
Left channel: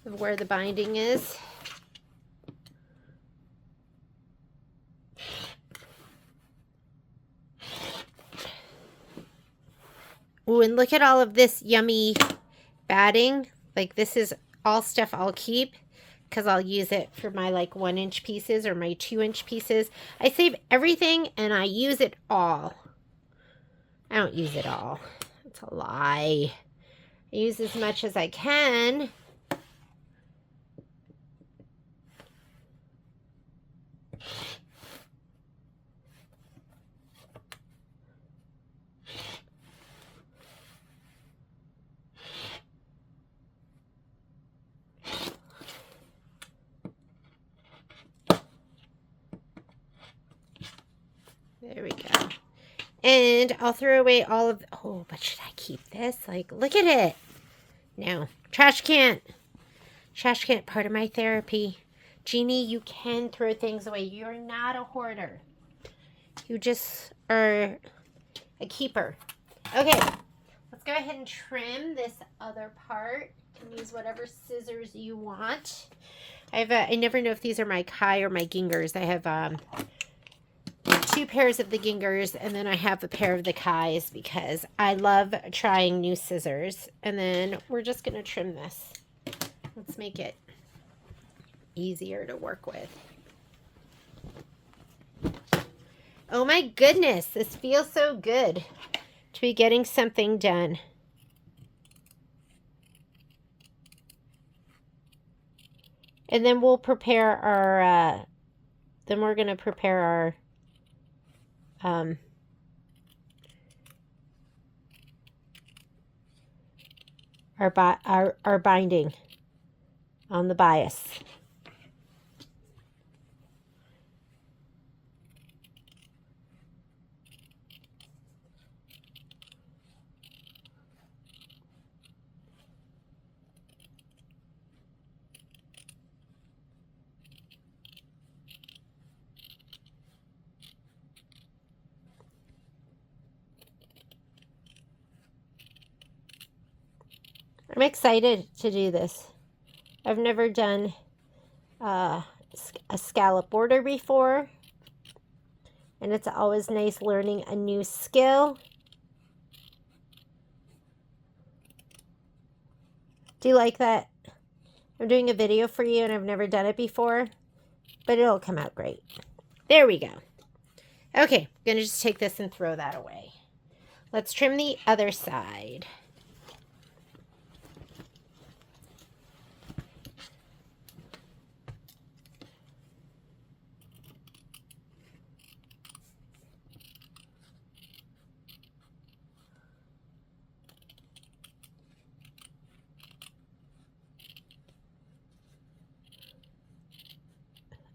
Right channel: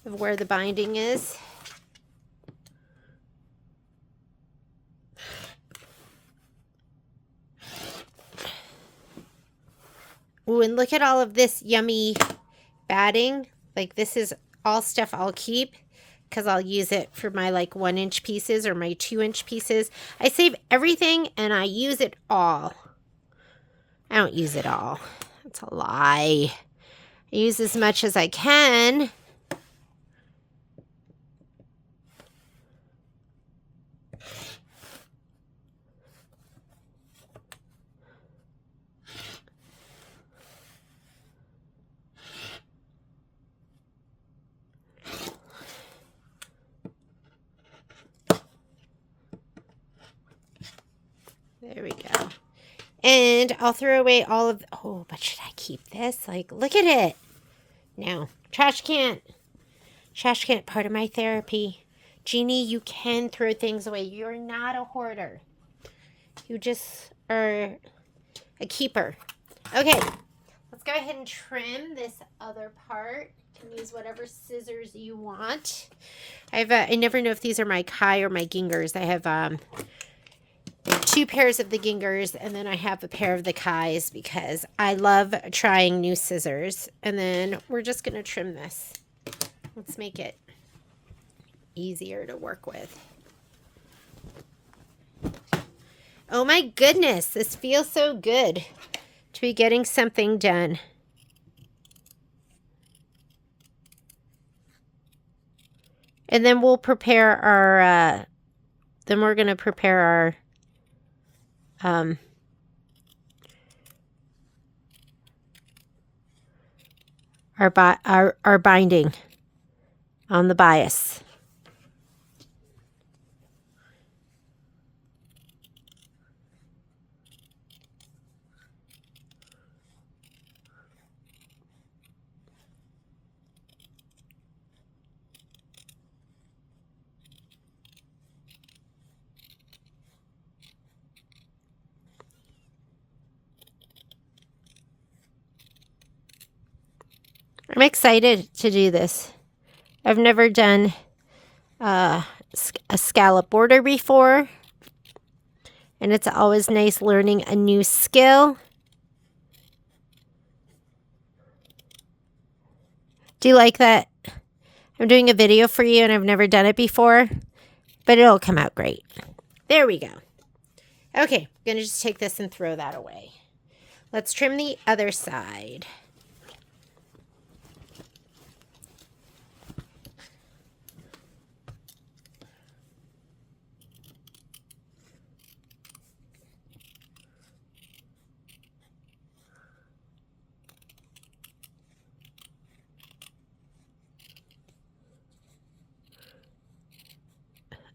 of where the binding is. Ooh, and look at all of this yummy batting. Like, this is all stuff I'll keep because I'll use it for my like 1-inch pieces or my 2-inch pieces. I save everything and I use it all. I don't use it all. That's a lie. I use as much as I can. There we go. And I'll throw away all of... Oh, but should I keep this? Like, look at it. No. Trash can. Trash can, part of my therapy. Jeannie, you can throw things away. You're not a hoarder. You just are a keeper. Okay. Let's go ahead and trim this other part. You can use whatever scissors you want. I never know if these are my Kai or my Gingers. I have 2 pairs of the Gingers, and then I have a pair of the Kais because I love trying new scissors. And then we're just going to trim this. Let's make it easier to work with. Oh my goodness, this feels so good to be getting something done. And then we'll prepare our, then we're going to prepare our binding on the bias. I'm excited to do this. I've never done a scallop border before. And it's always nice learning a new skill. Do you like that? I'm doing a video for you and I've never done it before, but it'll come out great. There we go. Okay, I'm going to just take this and throw that away. Let's trim the other side.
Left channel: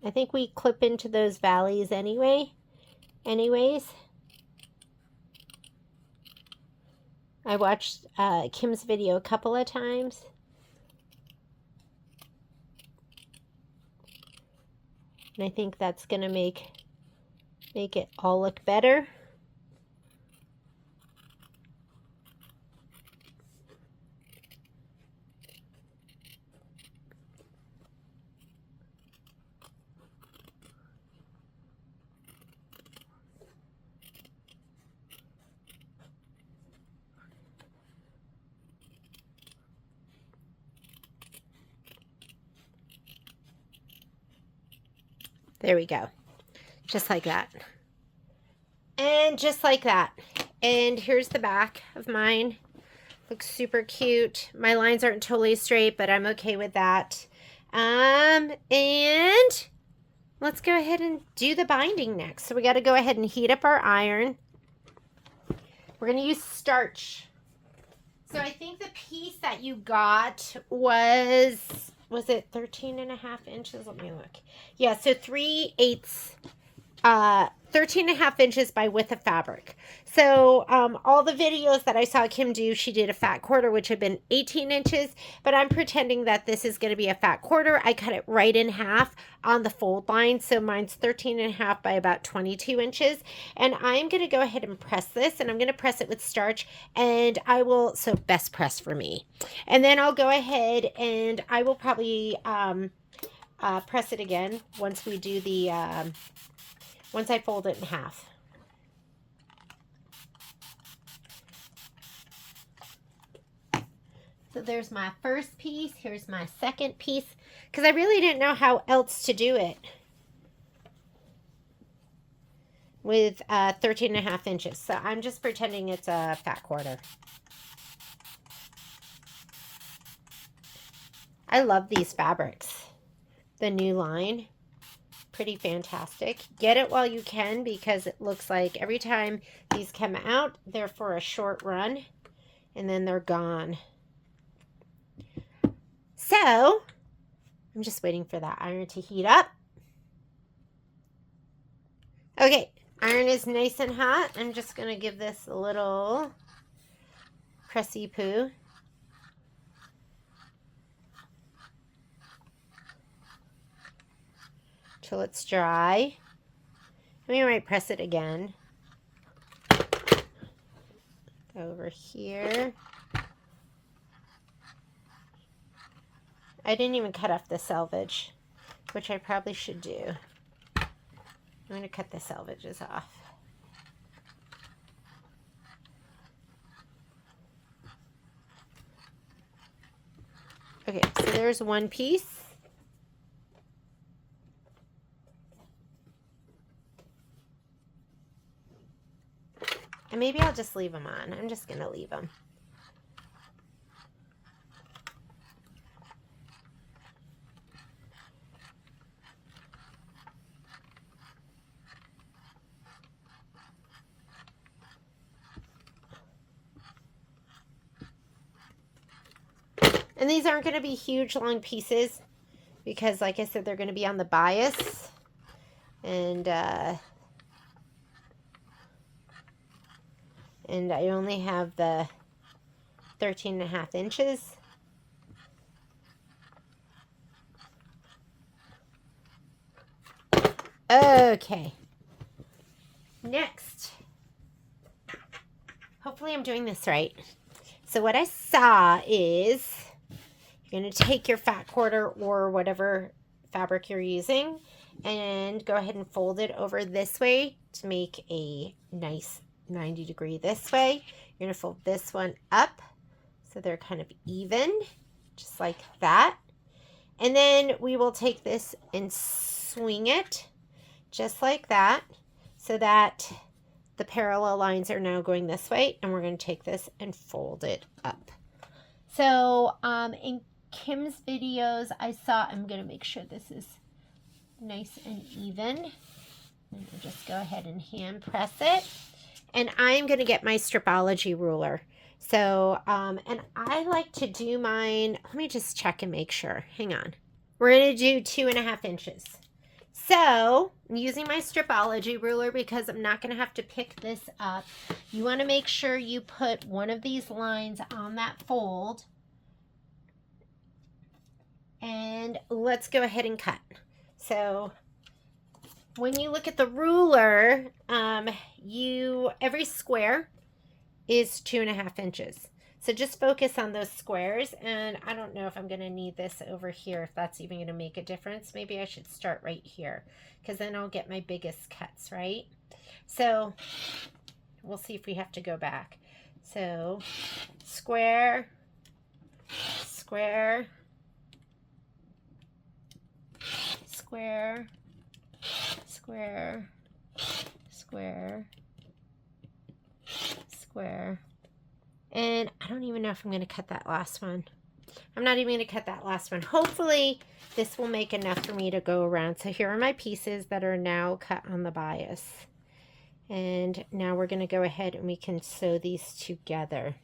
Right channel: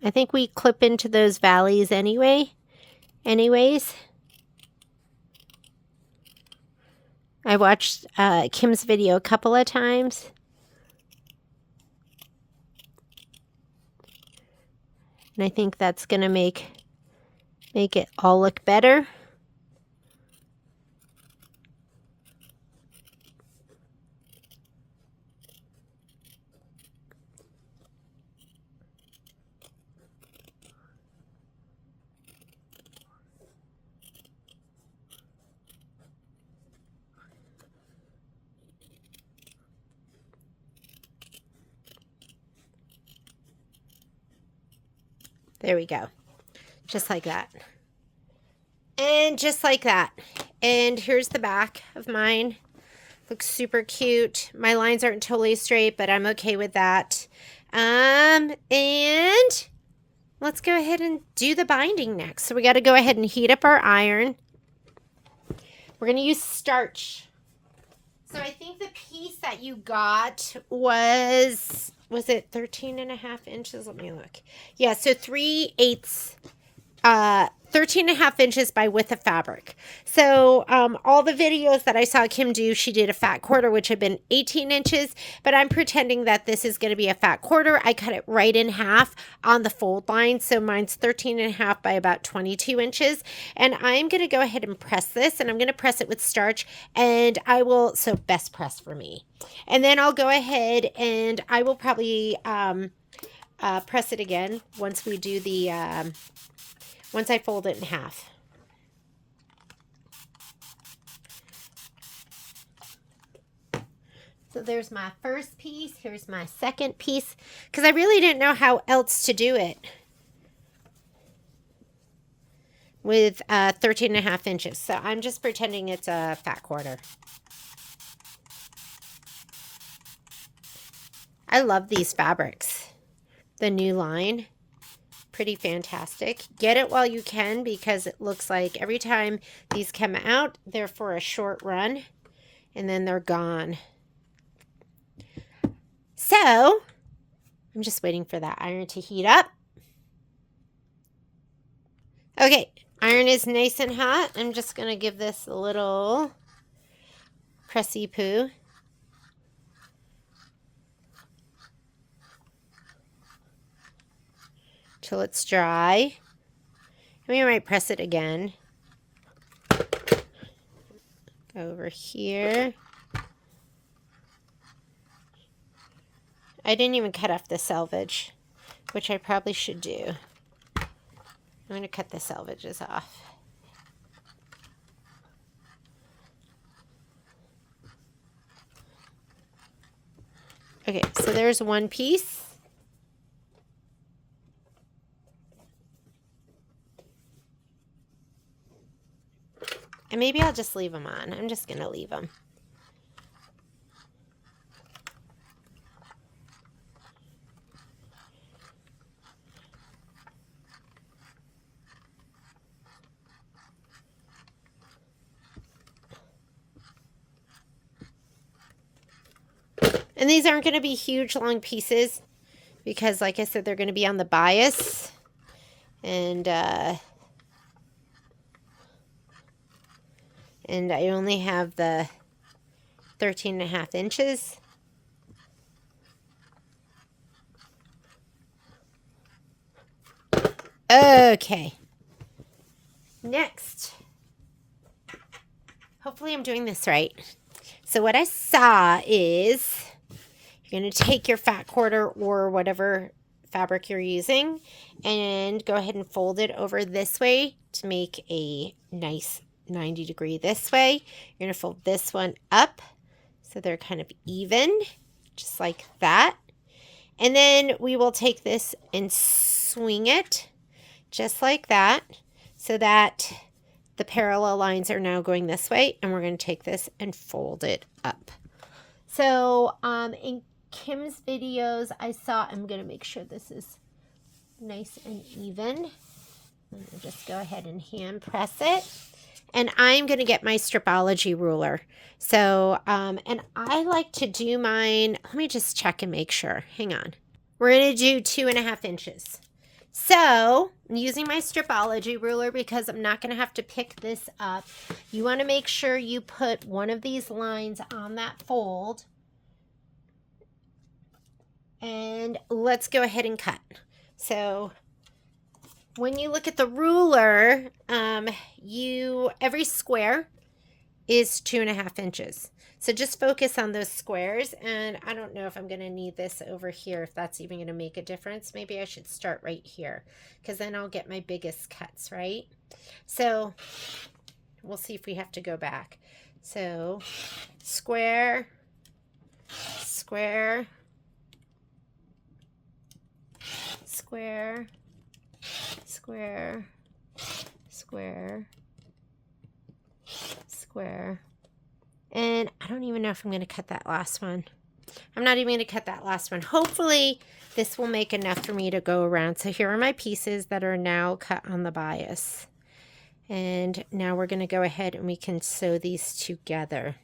I think we clip into those valleys anyways. I watched Kim's video a couple of times. And I think that's going to make it all look better. There we go. Just like that. And just like that. And here's the back of mine. Looks super cute. My lines aren't totally straight, but I'm okay with that. And let's go ahead and do the binding next. So we got to go ahead and heat up our iron. We're going to use starch. So I think the piece that you got was it 13.5 inches? Let me look. Yeah, so 3/8, 13.5 inches by width of fabric. So all the videos that I saw Kim do, she did a fat quarter, which had been 18 inches, but I'm pretending that this is going to be a fat quarter. I cut it right in half on the fold line. So mine's 13.5 by about 22 inches. And I'm going to go ahead and press this, and I'm going to press it with starch, and I will, so best press for me. And then I'll go ahead and I will probably press it again once we do the, once I fold it in half. So there's my first piece. Here's my second piece, because I really didn't know how else to do it with 13.5 inches. So I'm just pretending it's a fat quarter. I love these fabrics. The new line. Pretty fantastic. Get it while you can, because it looks like every time these come out, they're for a short run and then they're gone. So I'm just waiting for that iron to heat up. Okay, iron is nice and hot. I'm just going to give this a little pressy poo. Till it's dry. We might press it again. Go over here. I didn't even cut off the selvage, which I probably should do. I'm going to cut the selvages off. Okay, so there's one piece. And maybe I'll just leave them on. I'm just going to leave them. And these aren't going to be huge long pieces because, like I said, they're going to be on the bias. And I only have the 13.5 inches. Okay. Next. Hopefully I'm doing this right. So what I saw is you're going to take your fat quarter or whatever fabric you're using and go ahead and fold it over this way to make a nice 90-degree this way. You're going to fold this one up so they're kind of even, just like that. And then we will take this and swing it just like that so that the parallel lines are now going this way, and we're going to take this and fold it up. So in Kim's videos I saw, I'm going to make sure this is nice and even. And we'll just go ahead and hand press it. And I'm going to get my Stripology ruler. So, and I like to do mine, let me just check and make sure. Hang on. We're going to do 2.5 inches. So, I'm using my Stripology ruler because I'm not going to have to pick this up. You want to make sure you put one of these lines on that fold. And let's go ahead and cut. So, when you look at the ruler, every square is 2.5 inches. So just focus on those squares, and I don't know if I'm going to need this over here, if that's even going to make a difference. Maybe I should start right here, because then I'll get my biggest cuts, right? So we'll see if we have to go back. So square, square, square, square, square, square. And I don't even know if I'm going to cut that last one. I'm not even going to cut that last one. Hopefully this will make enough for me to go around. So here are my pieces that are now cut on the bias. And now we're going to go ahead and we can sew these together.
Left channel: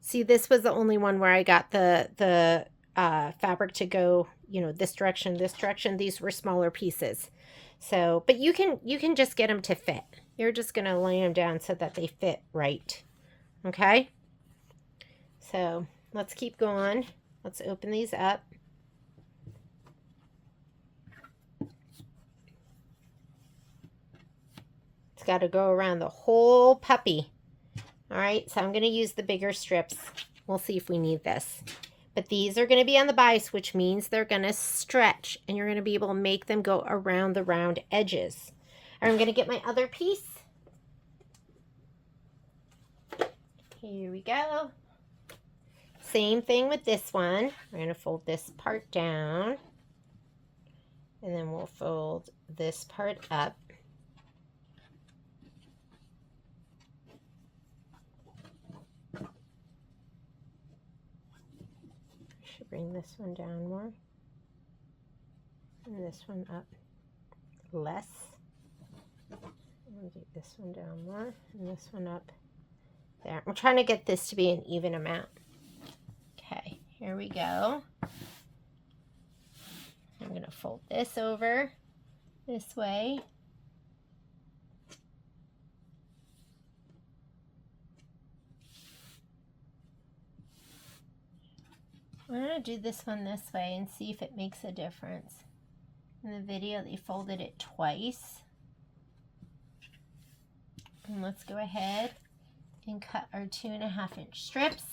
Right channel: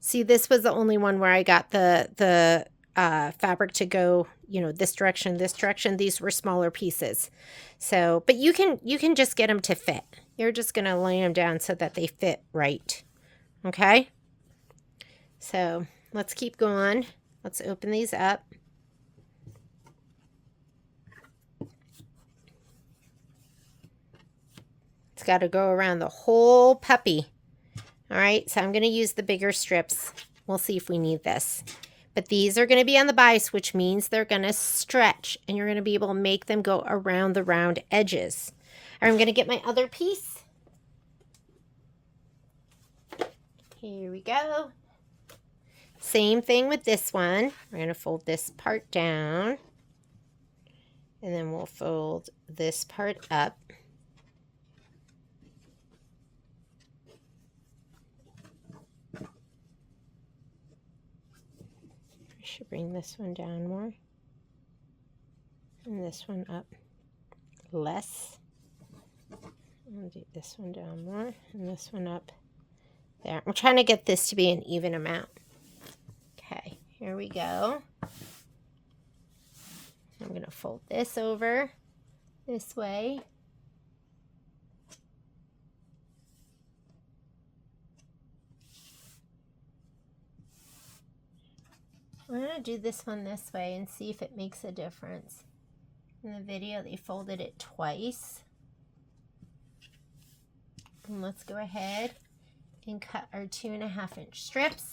See, this was the only one where I got the fabric to go, you know, this direction, this direction. These were smaller pieces. So, but you can just get them to fit. You're just going to lay them down so that they fit right. Okay? So, let's keep going. Let's open these up. It's got to go around the whole puppy. All right, so I'm going to use the bigger strips. We'll see if we need this. But these are going to be on the bias, which means they're going to stretch, and you're going to be able to make them go around the round edges. I'm going to get my other piece. Here we go. Same thing with this one. We're going to fold this part down, and then we'll fold this part up. Should bring this one down more and this one up less. I'll do this one down more and this one up there. I'm trying to get this to be an even amount. Okay, here we go. I'm going to fold this over this way. I'm going to do this one this way and see if it makes a difference. In the video, they folded it twice. And let's go ahead and cut our 2.5 inch strips.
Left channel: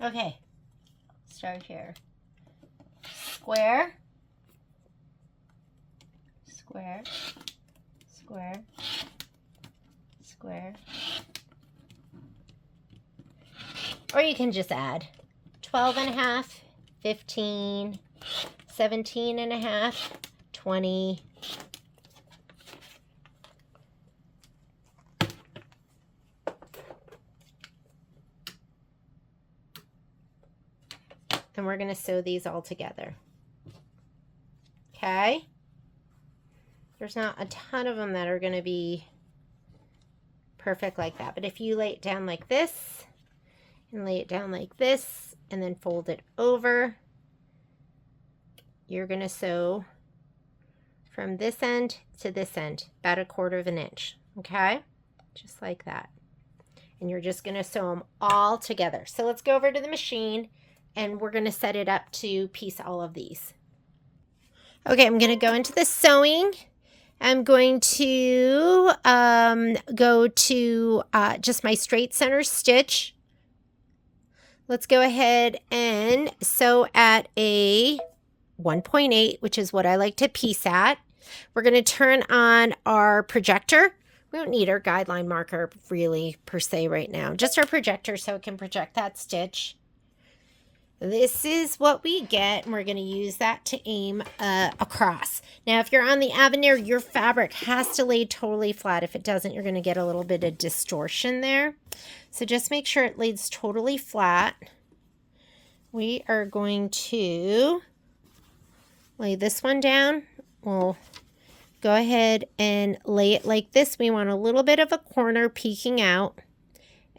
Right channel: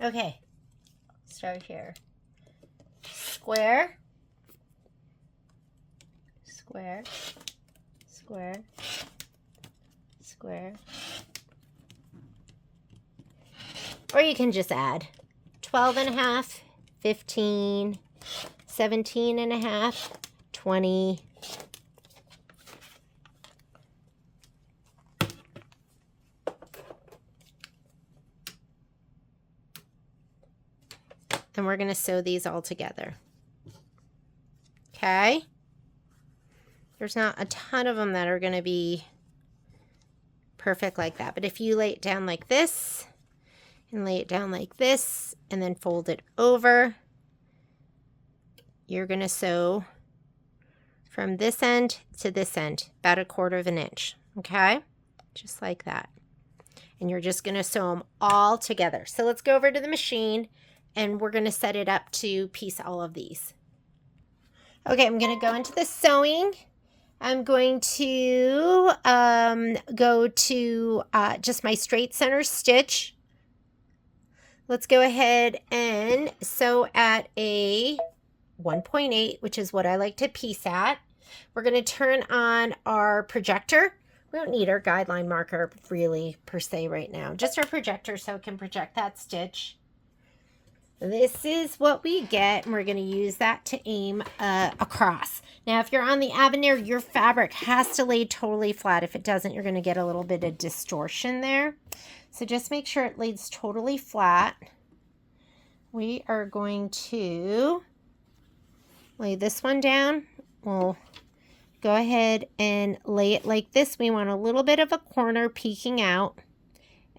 Okay, start here. Square, square, square, square. Or you can just add 12.5, 15, 17.5, 20. And we're going to sew these all together. Okay? There's not a ton of them that are going to be perfect like that. But if you lay it down like this and lay it down like this and then fold it over, you're going to sew from this end to this end, about 1/4 inch, okay? Just like that. And you're just going to sew them all together. So let's go over to the machine and we're going to set it up to piece all of these. Okay, I'm going to go into the sewing. I'm going to go to just my straight center stitch. Let's go ahead and sew at a 1.8, which is what I like to piece at. We're going to turn on our projector. We don't need our guideline marker really per se right now, just our projector so it can project that stitch. This is what we get, and we're going to use that to aim across. Now, if you're on the Avenir, your fabric has to lay totally flat. If it doesn't, you're going to get a little bit of distortion there. So just make sure it lays totally flat. We are going to lay this one down. We'll go ahead and lay it like this. We want a little bit of a corner peeking out.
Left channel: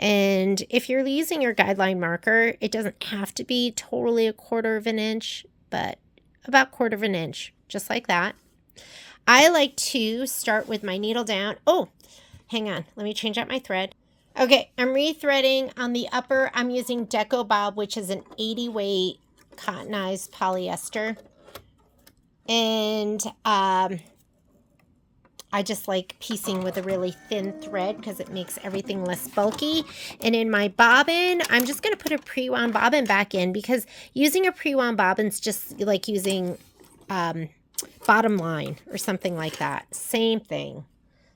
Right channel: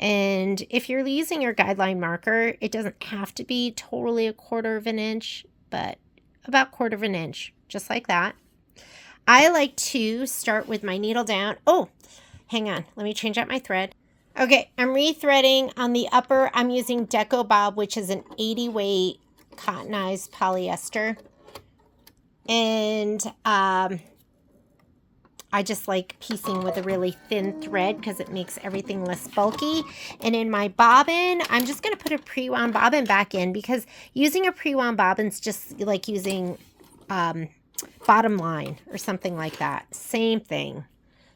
And if you're using your guideline marker, it doesn't have to be totally 1/4 inch, but about 1/4 inch, just like that. I like to start with my needle down. Oh, hang on. Let me change out my thread. Okay, I'm rethreading on the upper. I'm using Deco Bob, which is an 80 weight cottonized polyester. And I just like piecing with a really thin thread because it makes everything less bulky. And in my bobbin, I'm just going to put a pre-wound bobbin back in because using a pre-wound bobbin is just like using bottom line or something like that. Same thing.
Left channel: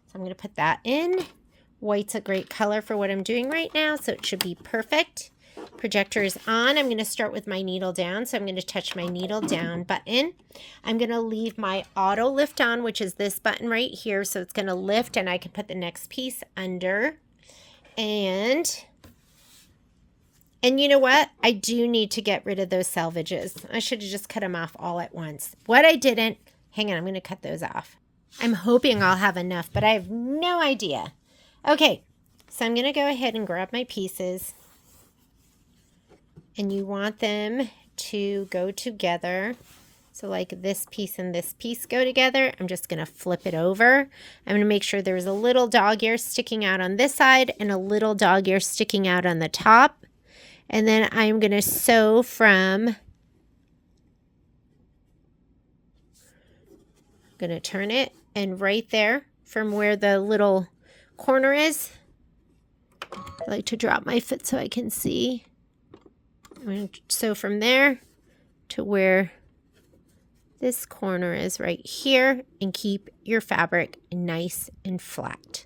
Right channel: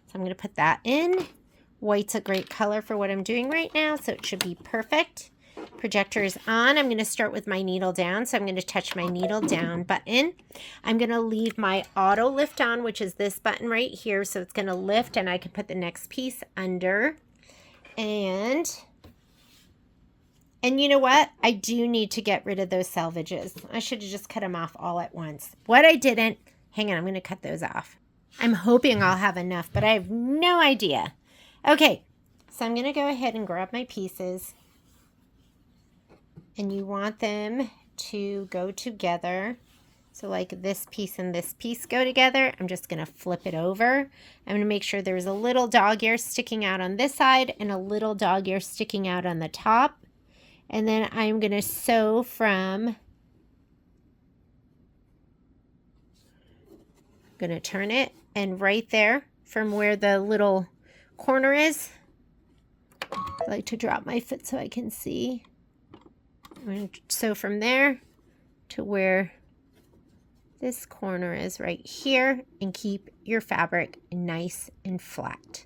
So I'm going to put that in. White's a great color for what I'm doing right now, so it should be perfect. Projector is on. I'm going to start with my needle down. So I'm going to touch my needle down button. I'm going to leave my auto lift on, which is this button right here. So it's going to lift and I can put the next piece under. And you know what? I do need to get rid of those selvages. I should have just cut them off all at once. What I didn't, hang on, I'm going to cut those off. I'm hoping I'll have enough, but I have no idea. Okay, so I'm going to go ahead and grab my pieces. And you want them to go together. So like this piece and this piece go together. I'm just going to flip it over. I'm going to make sure there's a little dog ear sticking out on this side and a little dog ear sticking out on the top. And then I'm going to sew from, I'm going to turn it, and right there from where the little corner is, I like to drop my foot so I can see. I'm going to sew from there to where this corner is right here and keep your fabric nice and flat.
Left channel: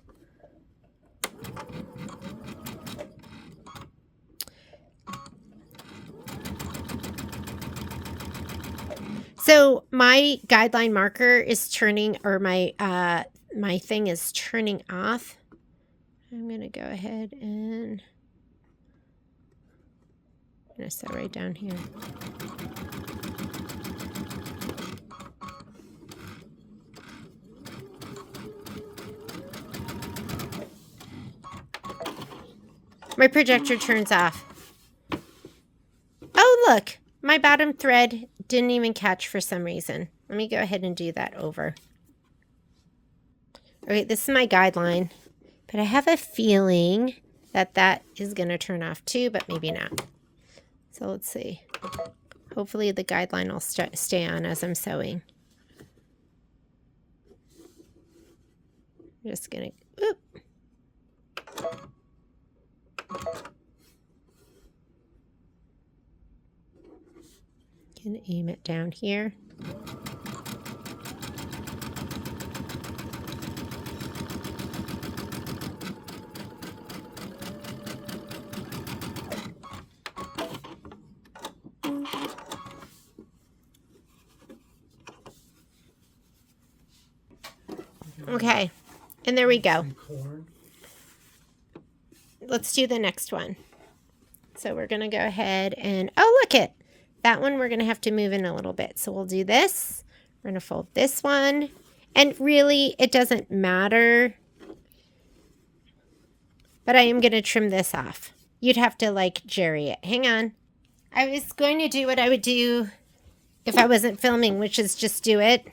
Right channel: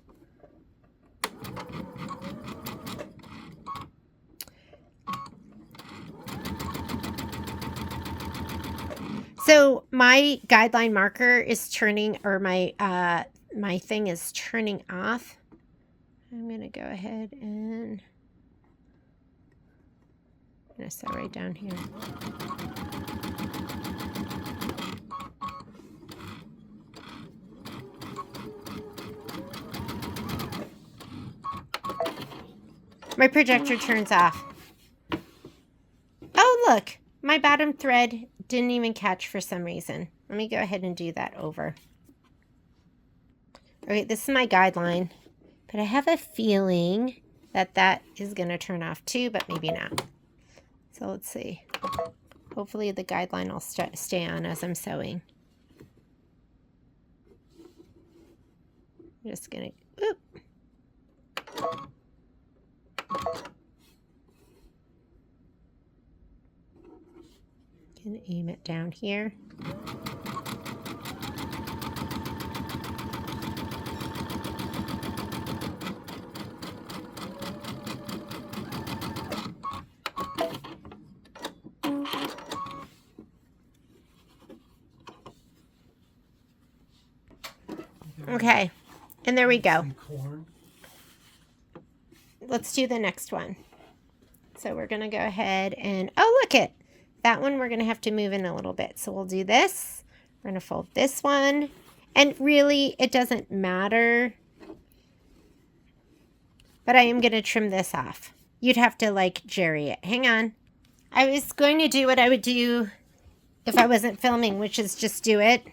So my guideline marker is turning, or my my thing is turning off. I'm going to go ahead and I'm going to sew right down here. My projector turns off. Oh, look, my bottom thread didn't even catch for some reason. Let me go ahead and do that over. Okay, this is my guideline, but I have a feeling that that is going to turn off too, but maybe not. So let's see. Hopefully the guideline will stay on as I'm sewing. I'm just going to, oop. Can aim it down here. Okay, and there we go. Let's do the next one. So we're going to go ahead and, oh, look it. That one we're going to have to move in a little bit. So we'll do this. We're going to fold this one. And really, it doesn't matter But I am going to trim this off. You'd have to like jerry it. Hang on. I was going to do what I would do if I wasn't filming, which is just do it.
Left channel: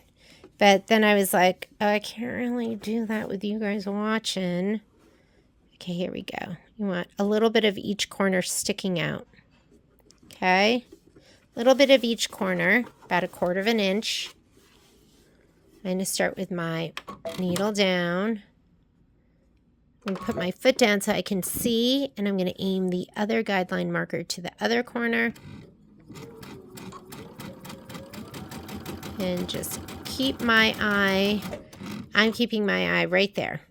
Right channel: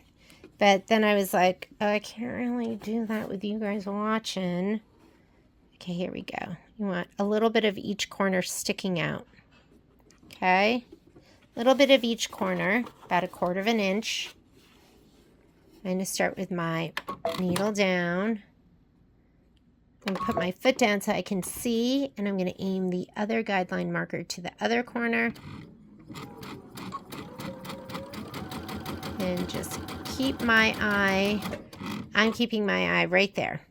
But then I was like, oh, I can't really do that with you guys watching. Okay, here we go. You want a little bit of each corner sticking out. Okay. A little bit of each corner, about 1/4 of an inch. I'm going to start with my needle down. I'm going to put my foot down so I can see, and I'm going to aim the other guideline marker to the other corner. And just keep my eye, I'm keeping my eye right there.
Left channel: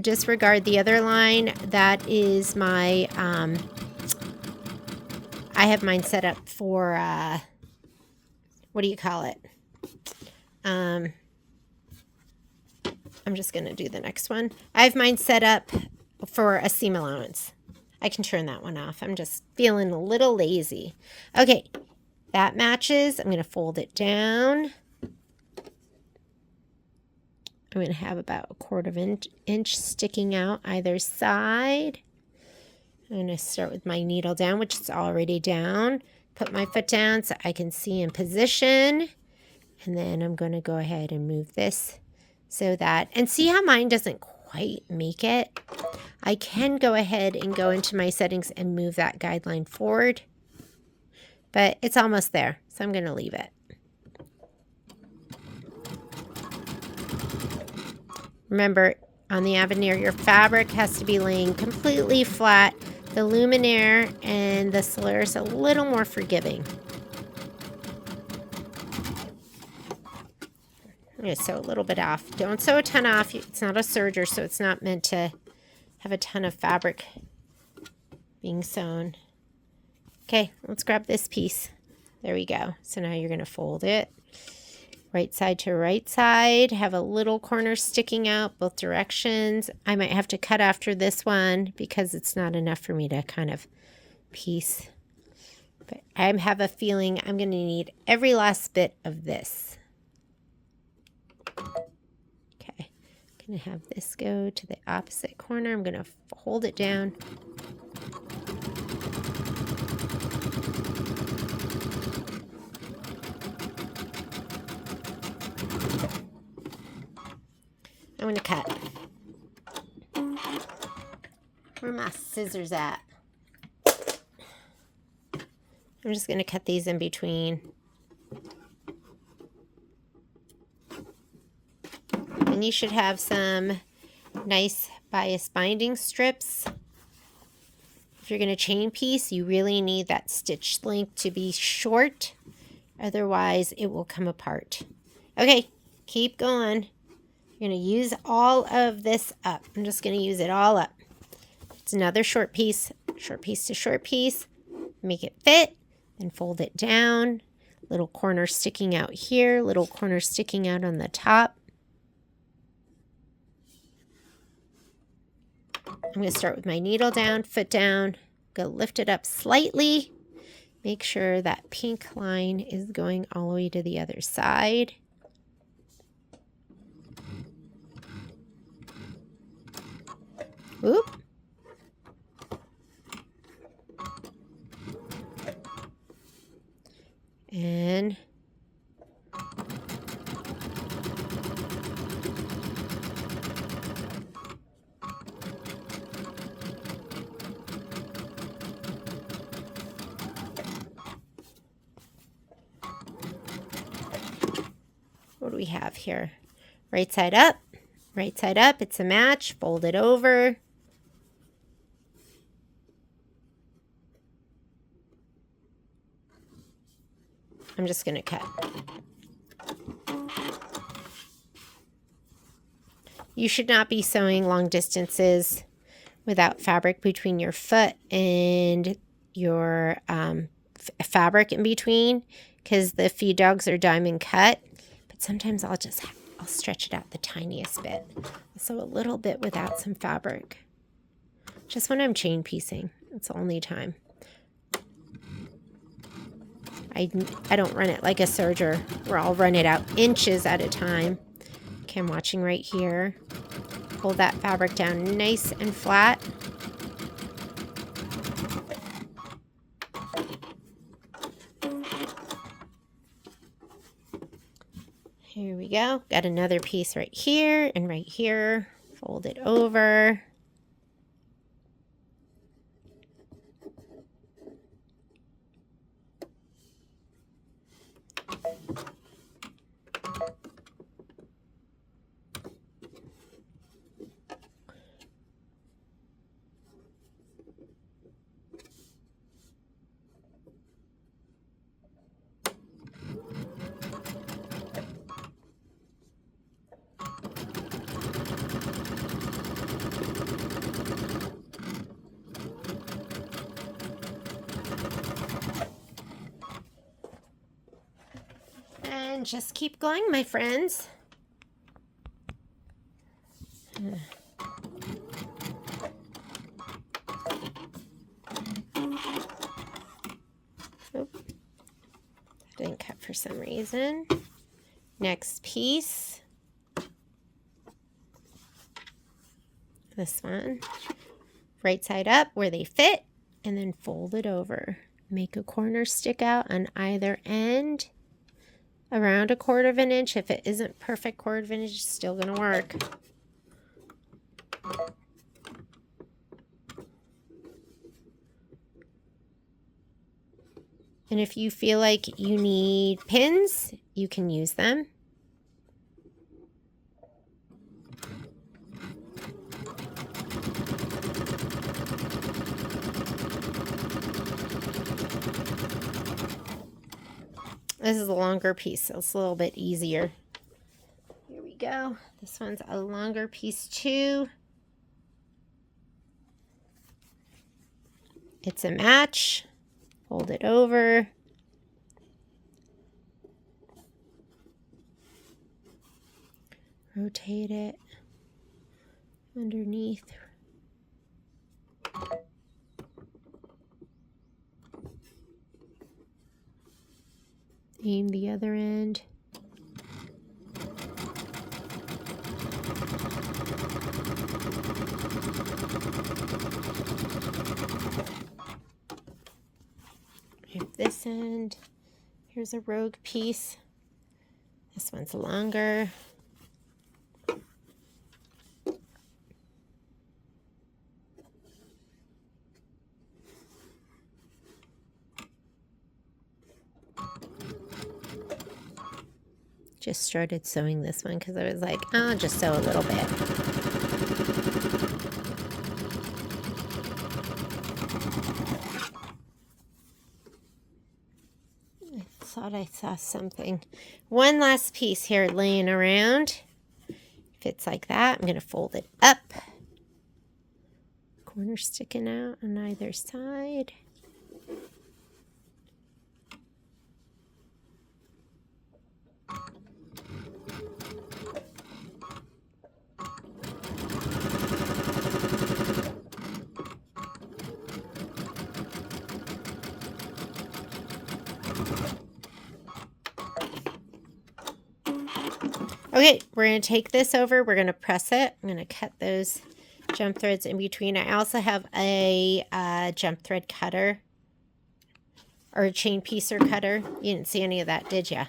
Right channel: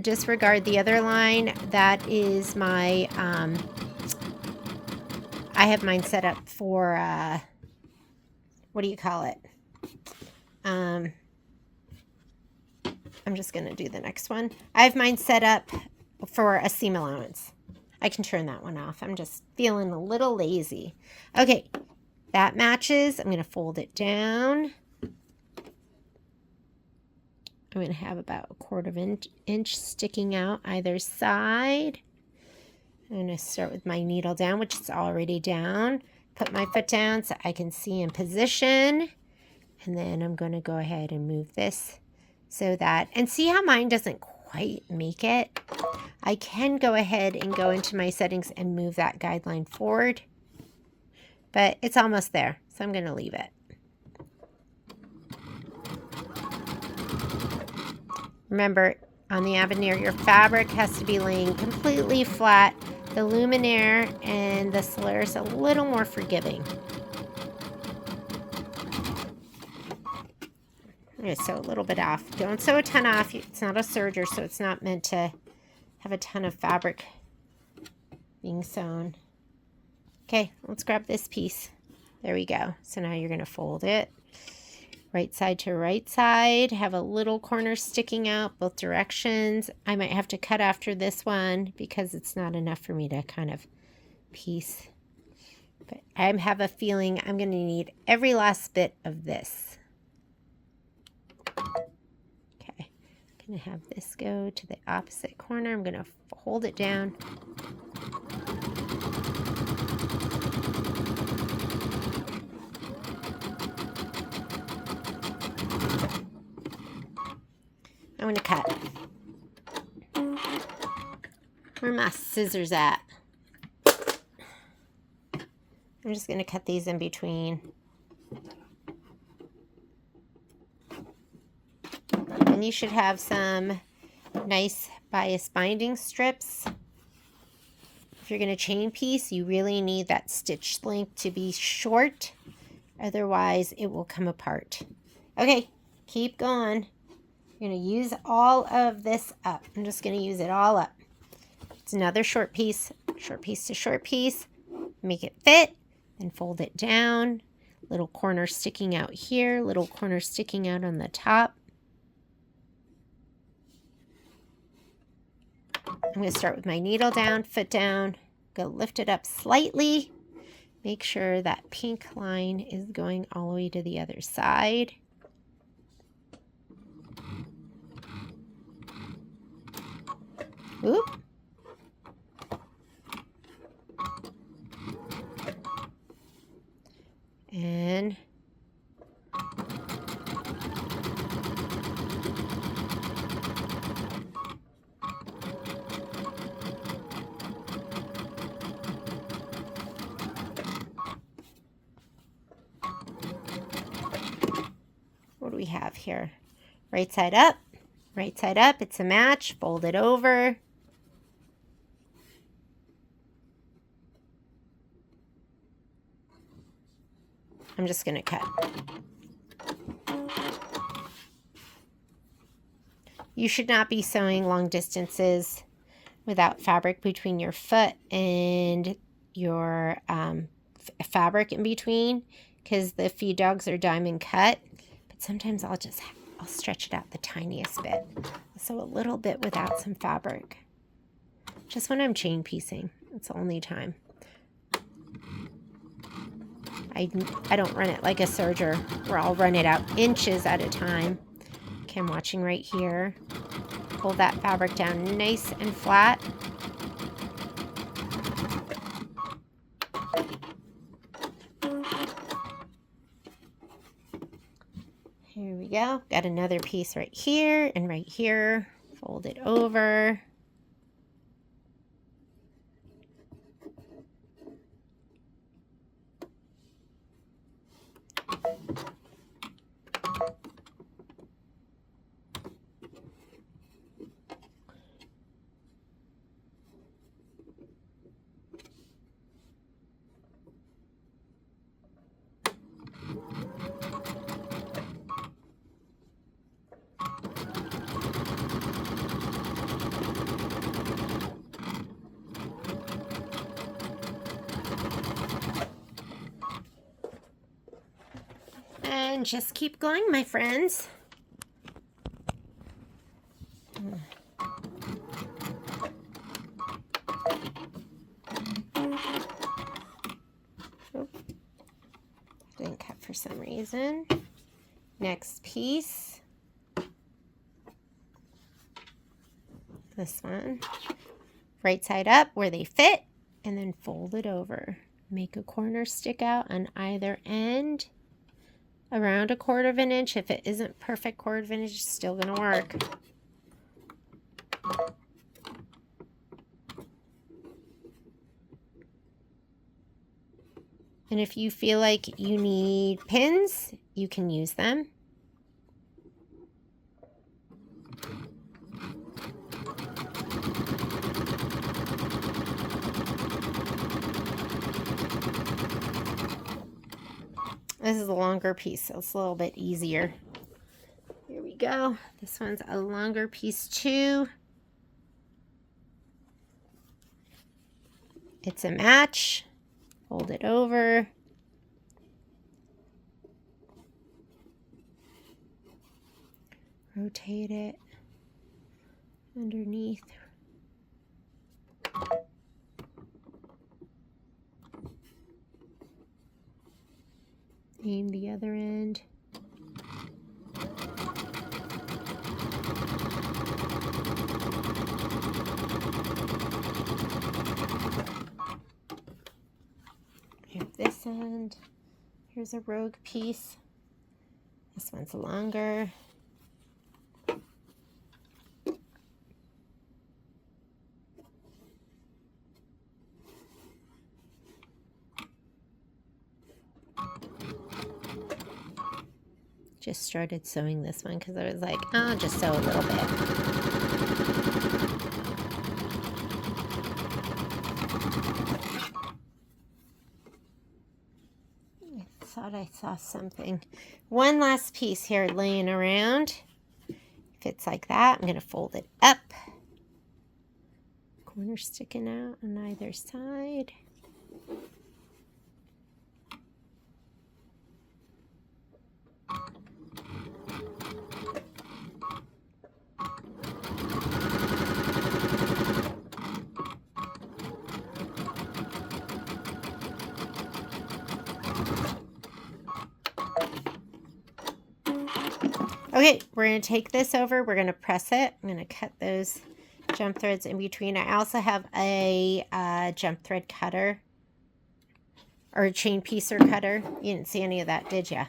Disregard the other line. That is my, I have mine set up for, what do you call it? I'm just going to do the next one. I have mine set up for a seam allowance. I can turn that one off. I'm just feeling a little lazy. Okay, that matches. I'm going to fold it down. I'm going to have about 1/4 inch sticking out either side. I'm going to start with my needle down, which is already down. Put my foot down so I can see in position. And then I'm going to go ahead and move this so that, and see how mine doesn't quite make it? I can go ahead and go into my settings and move that guideline forward. But it's almost there, so I'm going to leave it. Remember, on the Avenir, your fabric has to be laying completely flat. The luminaire and the slurs a little more forgiving. I'm going to sew a little bit off. Don't sew a ton off. It's not a serger, so it's not meant to have a ton of fabric being sewn. Okay, let's grab this piece. There we go. So now you're going to fold it. Right side to right side. Have a little corner sticking out both directions. I might have to cut after this one because it's not enough for me to kind of piece. But I have a feeling I'm going to need every last bit of this. Okay, I'm going to have this go to the opposite corner. I'm going to hold it down. I'm going to cut. Where are my scissors at? I'm just going to cut these in between. And you should have some nice bias binding strips. If you're going to chain piece, you really need that stitch length to be short. Otherwise, it will come apart. Okay, keep going. You're going to use all of this up. I'm just going to use it all up. It's another short piece to short piece. Make it fit, then fold it down. Little corner sticking out here, little corner sticking out on the top. I'm going to start with my needle down, foot down. I'm going to lift it up slightly. Make sure that pink line is going all the way to the other side. Oop. And what do we have here? Right side up, right side up. It's a match. Fold it over. I'm just going to cut. You should not be sewing long distances without fabric between your foot and your fabric in between, because the feed dogs are diamond cut. But sometimes I'll stretch it out the tiniest bit. I'll sew a little bit without some fabric. Just when I'm chain piecing. It's the only time. I don't run it like a serger where I'll run it out inches at a time. Okay, I'm watching right here. Pull that fabric down nice and flat. Here we go. Got another piece right here and right here. Fold it over. And just keep going, my friends. Oh, didn't cut for some reason. Next piece. This one. Right side up where they fit, and then fold it over. Make a corner stick out on either end. Around 1/4 inch. If it isn't perfect 1/4 inch, it's still going to work. And if you feel like you need pins, you can use them. This is a longer piece, so it's a little bit easier. Here we go. This one's a longer piece too. It's a match. Fold it over. Rotate it underneath. Aim the other end. Have this end. Here's a rogue piece. This one's longer. Just started sewing this one because I was like, oh, I'll just sew a little bit. I thought I saw something. One last piece here laying around. Fits like that. I'm going to fold it up. Corner sticking out on either side. Okay, we're going to take this over. We're going to press it. I'm going to cut those jump threads in between. I also have a jump thread cutter or a chain piecer cutter. You didn't see any of that, did ya?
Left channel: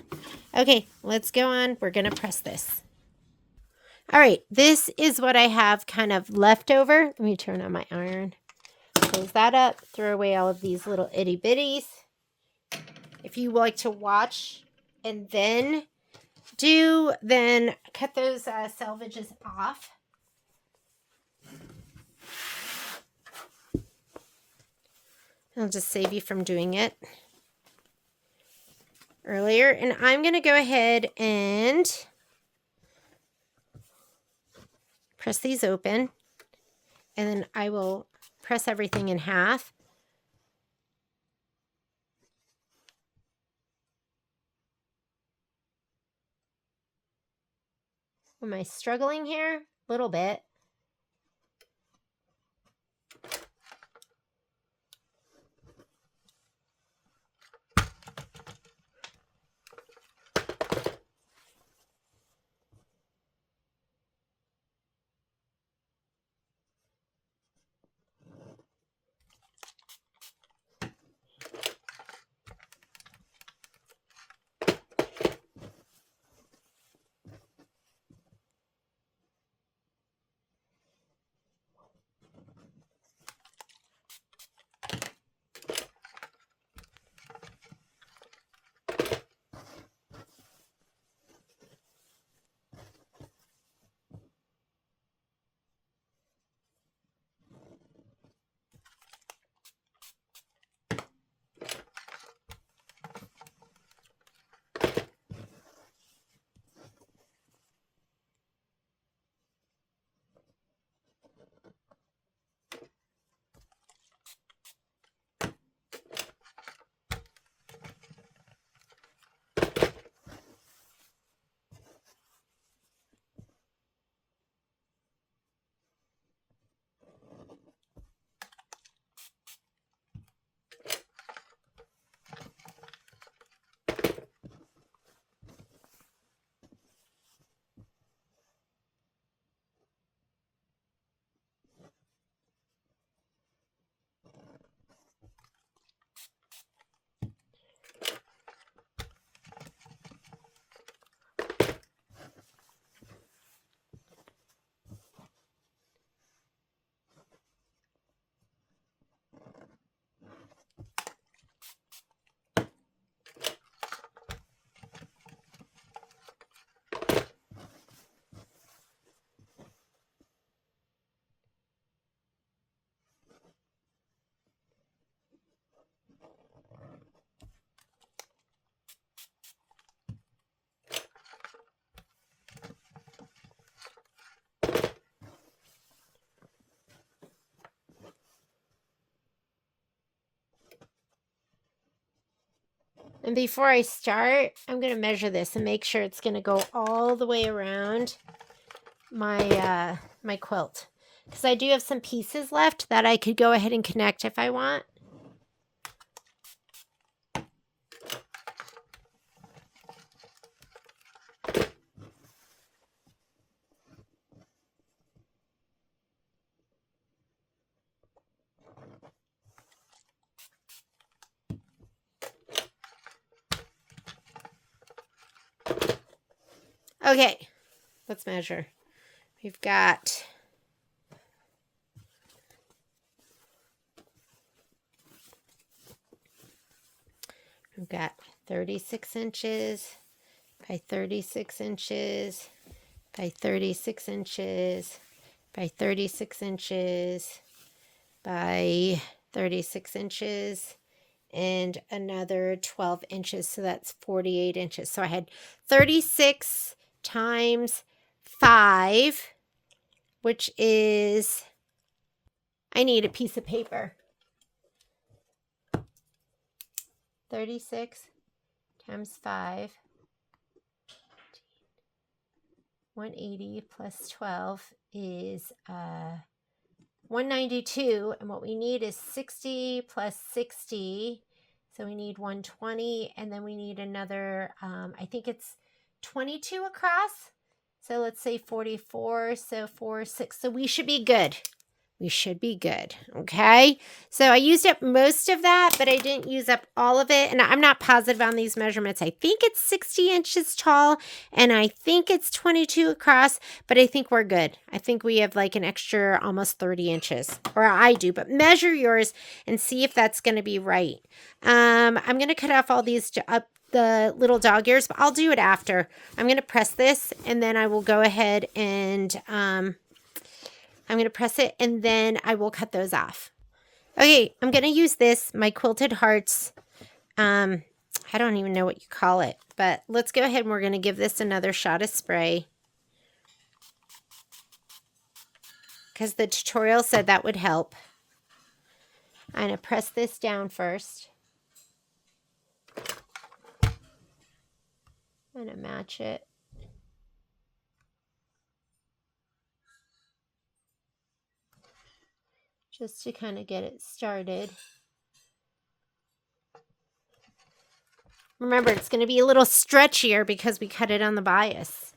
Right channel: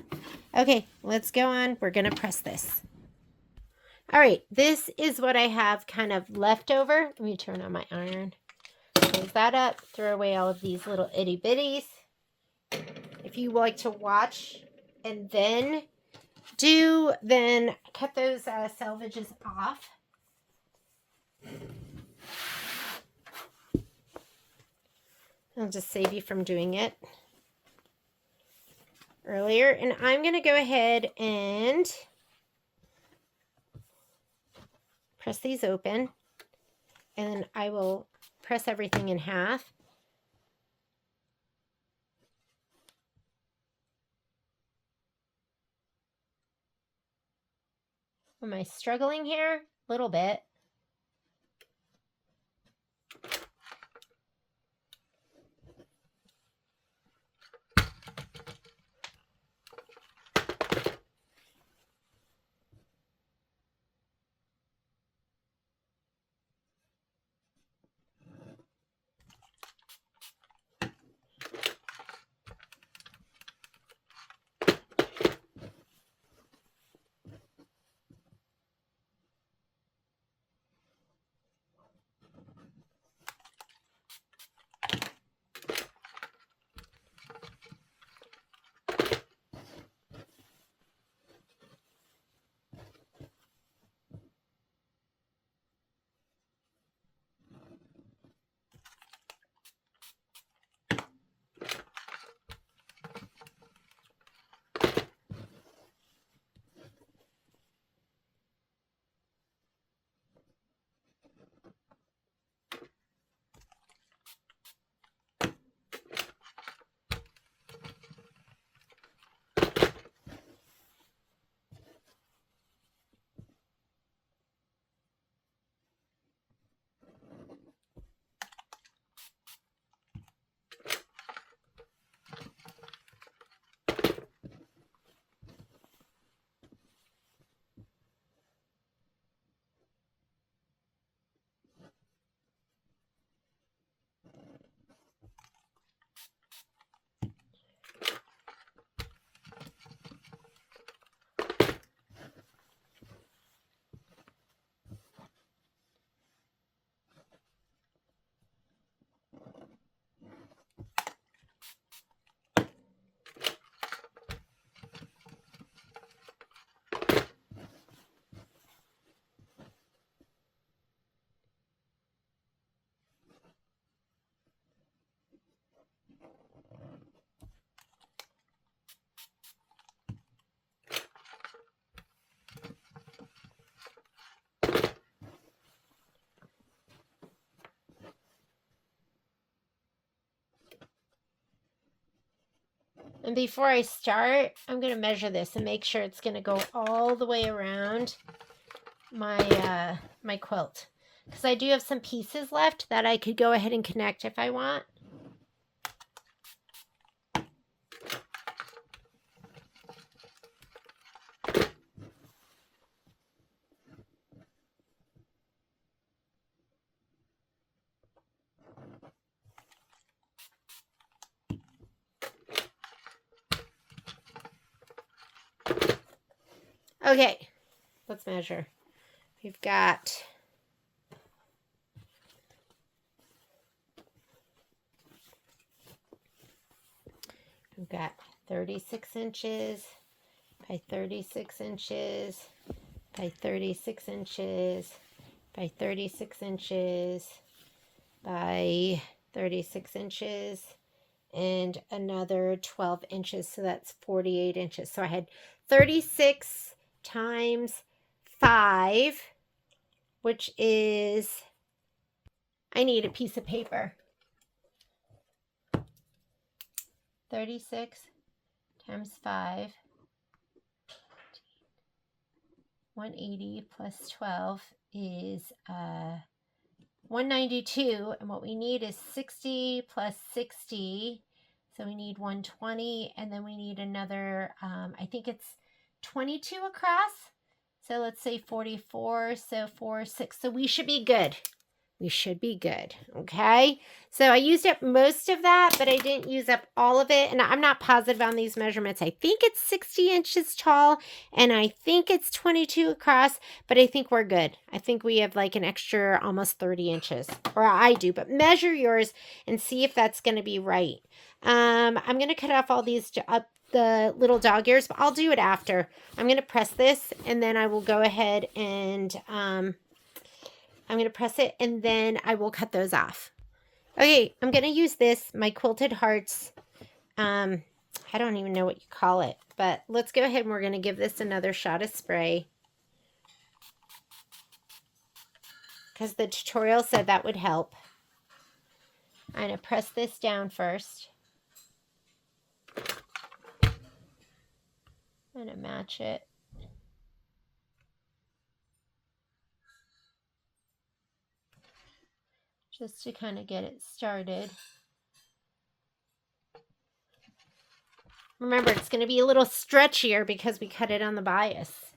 Okay, let's go on. We're going to press this. All right, this is what I have kind of left over. Let me turn on my iron. Close that up. Throw away all of these little itty bitties. If you like to watch and then cut those selvages off. I'll just save you from doing it earlier. And I'm going to go ahead and press these open. And then I will press everything in half. Am I struggling here? A little bit. And before I start, I'm going to measure this and make sure it's going to go all the way around my my quilt. Because I do have some pieces left that I could go ahead and connect if I want. Okay, let's measure. We've got 36 inches by 36 inches by 36 inches by 36 inches by 36 inches and another 12 inches. So that's 48 inches. So I had 36 times 5, which is, I need a piece of paper. 36 times 5, 180 plus 12 is 192, and what we need is 60 plus 60, so we need 120, and then we need another, I think it's 22 across, so let's say 44, so 4, 6, so we should be good. We should be good, okay? So I used up most of that, but I didn't use up all of it, and I'm not positive on these measurements. I think it's 60 inches tall, and I think it's 22 across, but I think we're good. I think we have like an extra almost 30 inches, or I do, but measure yours and see if that's going to be right. I'm going to cut off all these the little dog ears, but I'll do it after. I'm going to press this, and then I will go ahead and I'm going to press it, and then I will cut those off. Okay, I'm going to use this, my Quilted Hearts. I don't even know what you call it, but let's go ahead and we're going to give this another shot of spray, because the tutorial said that would help. I'm going to press this down first. I'm going to match it. Just to kind of get it started. Remember, it's going to be a little stretchier because we cut it on the bias.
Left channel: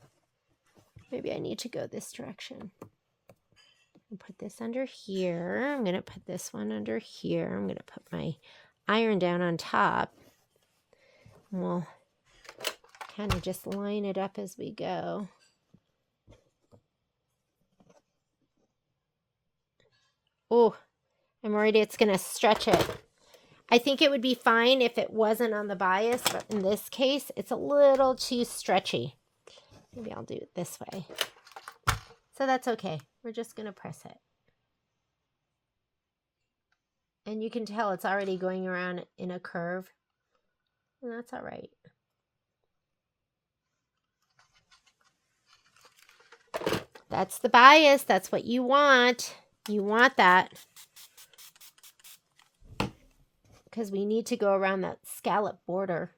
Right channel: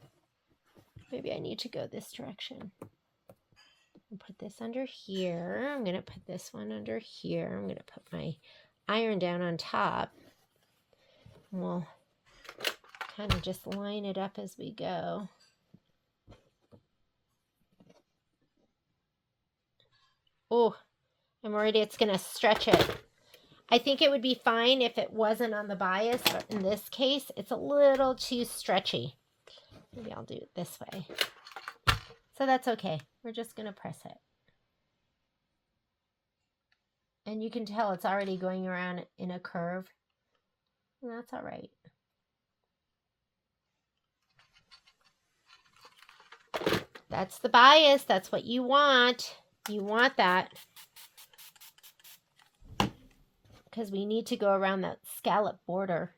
Maybe I need to go this direction. I'll put this under here. I'm going to put this one under here. I'm going to put my iron down on top. And we'll kind of just line it up as we go. Oh, I'm worried it's going to stretch it. I think it would be fine if it wasn't on the bias, but in this case, it's a little too stretchy. Maybe I'll do it this way. So that's okay. We're just going to press it. And you can tell it's already going around in a curve. And that's all right. That's the bias. That's what you want. You want that. Because we need to go around that scallop border.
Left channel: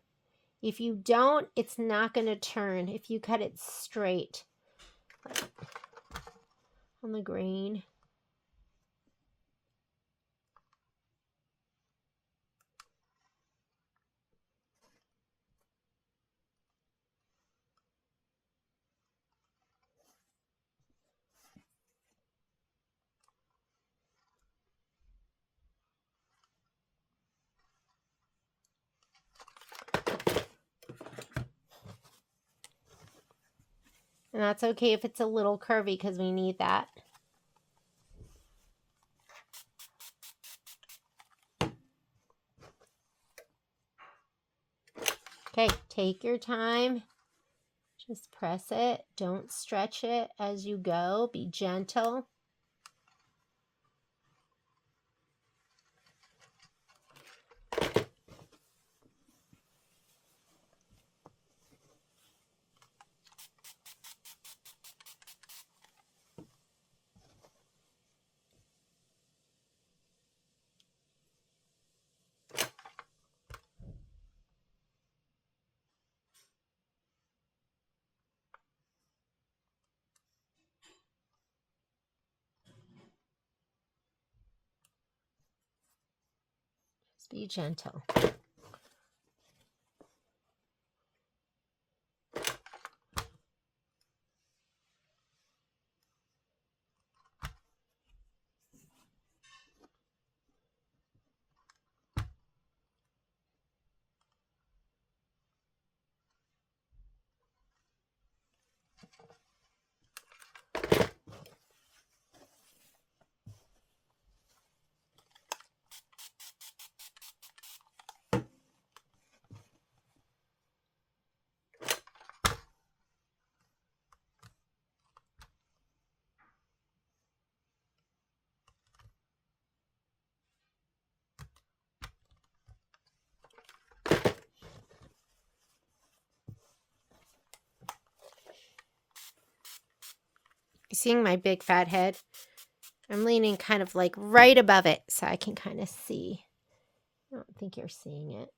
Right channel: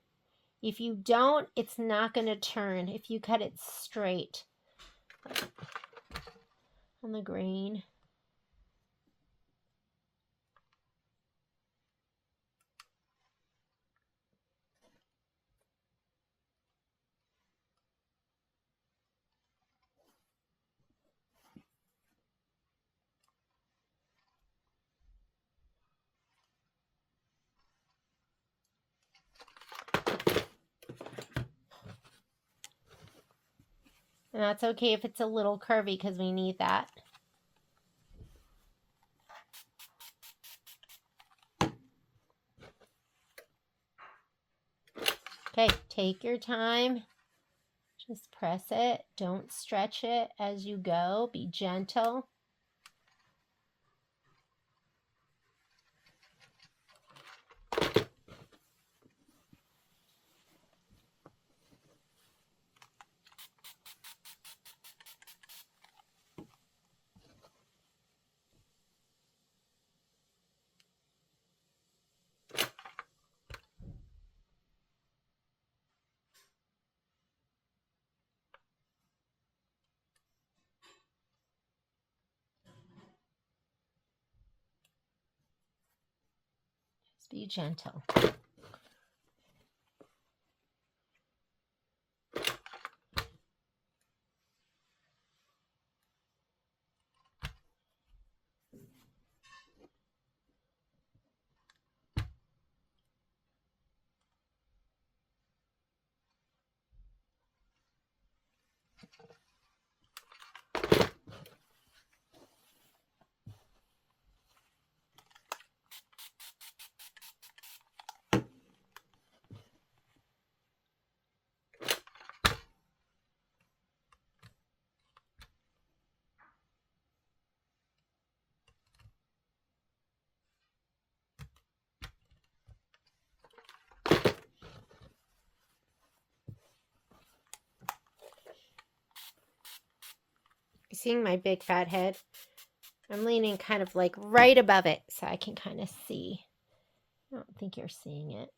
If you don't, it's not going to turn. If you cut it straight on the grain. And that's okay if it's a little curvy because we need that. Okay, take your time. Just press it. Don't stretch it as you go. Be gentle. Be gentle. You seeing my big fat head? I'm leaning kind of like right above it so I can kind of see. I don't think you're seeing it.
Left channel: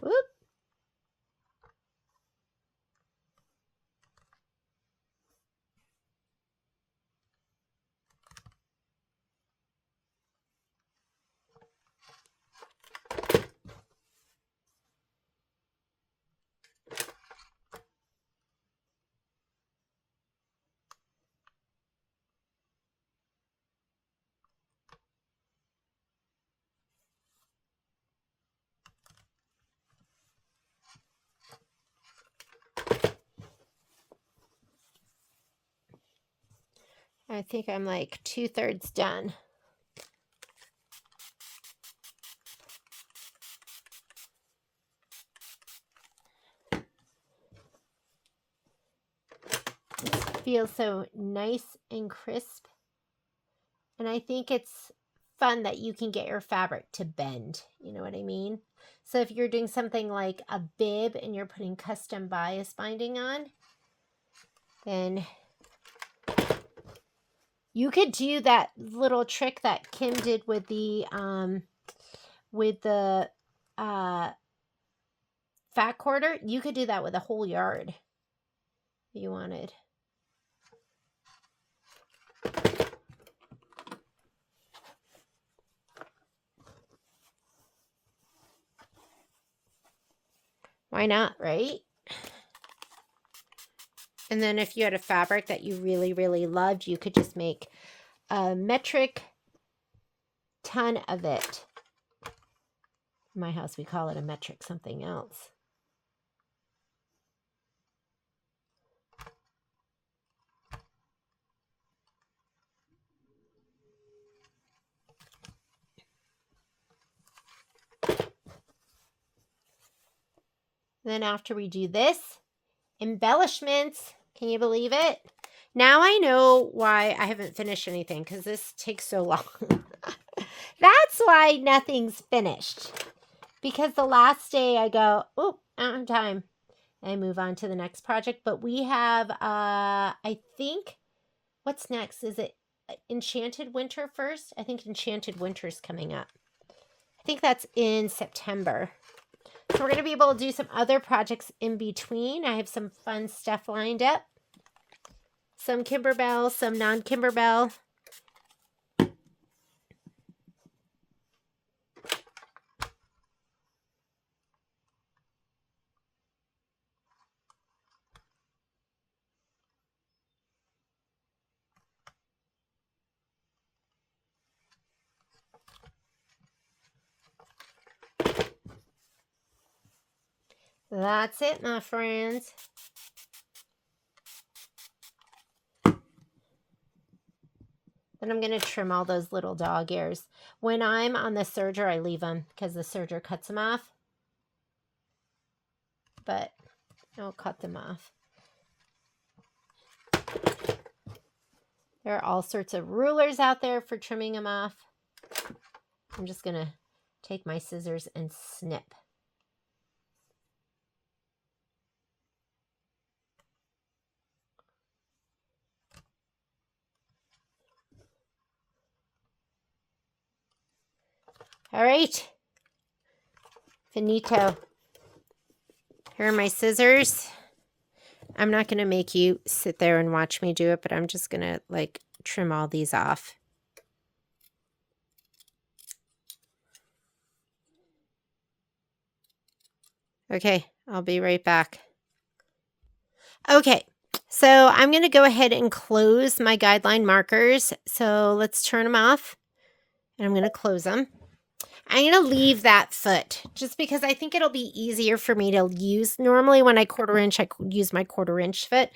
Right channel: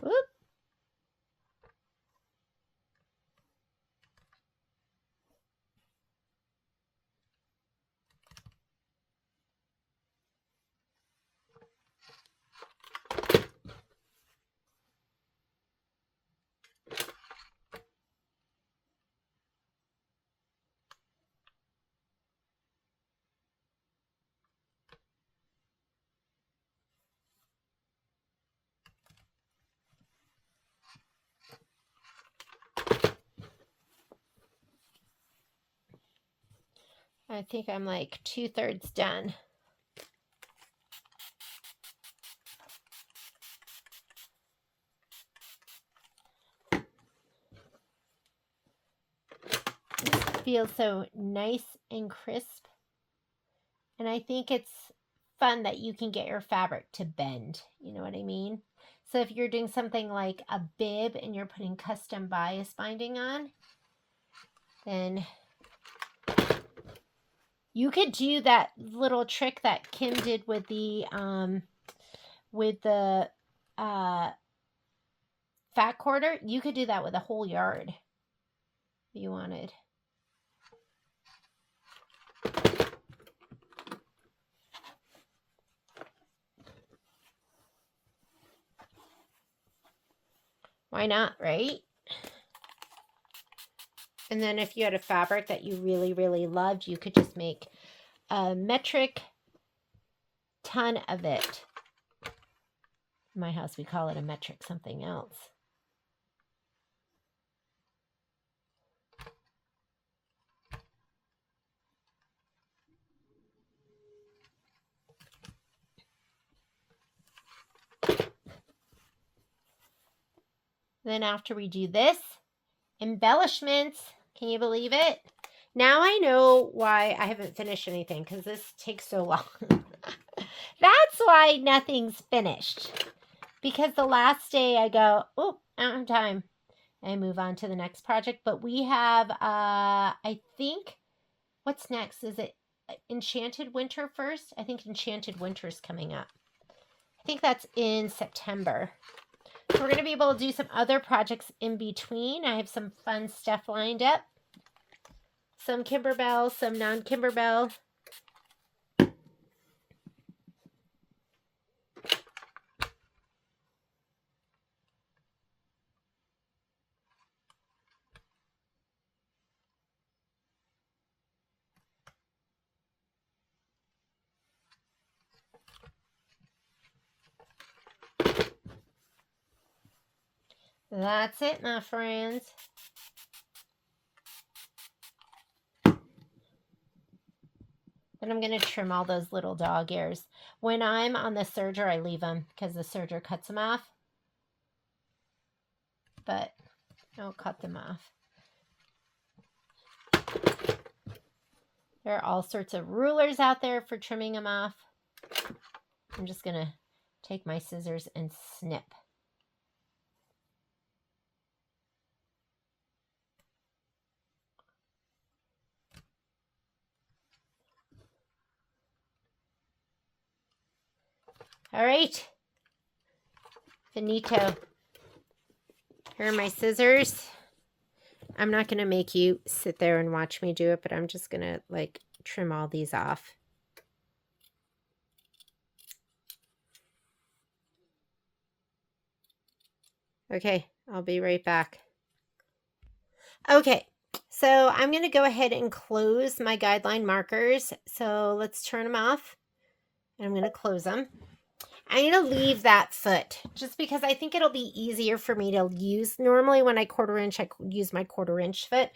Whoop. I think I'm like 2/3 done. This feels so nice and crisp. And I think it's fun that you can get your fabric to bend. You know what I mean? So if you're doing something like a bib and you're putting custom bias binding on, then you could do that little trick that Kim did with the fat quarter. You could do that with a whole yard if you wanted. Why not, right? And then if you had a fabric that you really, really loved, you could just make a metric ton of it. In my house, we call it a metric something else. Then after we do this, embellishments. Can you believe it? Now I know why I haven't finished anything, because this takes so long. That's why nothing's finished. Because the last day I go, oh, I don't have time. And move on to the next project. But we have, I think, what's next? Is it Enchanted Winter first? I think Enchanted Winter is coming up. I think that's in September. So we're going to be able to do some other projects in between. I have some fun stuff lined up. Some Kimberbell, some non-Kimberbell. That's it, my friends. Then I'm going to trim all those little dog ears. When I'm on the serger, I leave them because the serger cuts them off. but I'll cut them off. There are all sorts of rulers out there for trimming them off. I'm just going to take my scissors and snip. All right. Finito. Here are my scissors. I'm not going to make you sit there and watch me do it, but I'm just going to like trim all these off. Okay, I'll be right back. Okay, so I'm going to go ahead and close my guideline markers. So let's turn them off, and I'm going to close them. I'm going to leave that foot just because I think it'll be easier for me to use. Normally when I quarter inch, I use my 1/4 inch foot.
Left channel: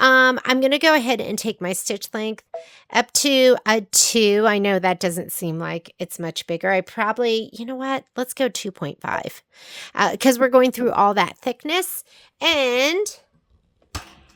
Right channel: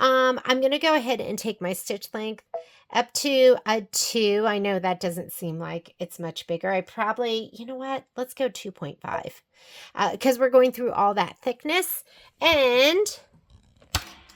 I'm going to go ahead and take my stitch length up to a 2. I know that doesn't seem like it's much bigger. I probably, you know what, let's go 2.5 because we're going through all that thickness. And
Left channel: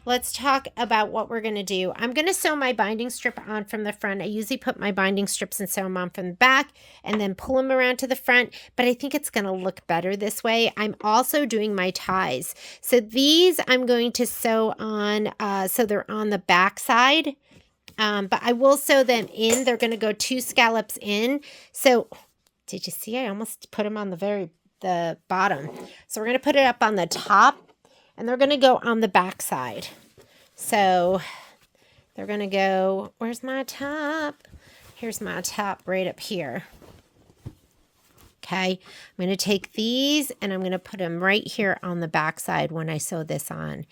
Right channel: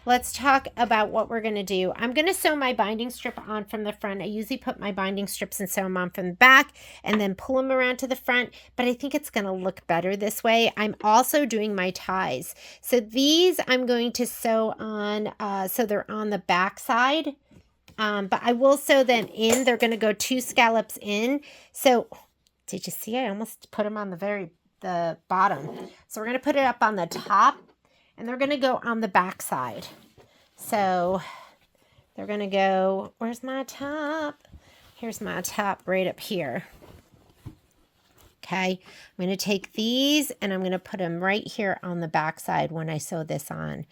let's talk about what we're going to do. I'm going to sew my binding strip on from the front. I usually put my binding strips and sew them on from the back and then pull them around to the front, but I think it's going to look better this way. I'm also doing my ties. So these I'm going to sew on so they're on the back side, but I will sew them in. They're going to go 2 scallops in. So did you see? I almost put them on the bottom. So we're going to put it up on the top. And they're going to go on the back side. So they're going to go, where's my top? Here's my top right up here. Okay, I'm going to take these and I'm going to put them right here on the back side when I sew this on.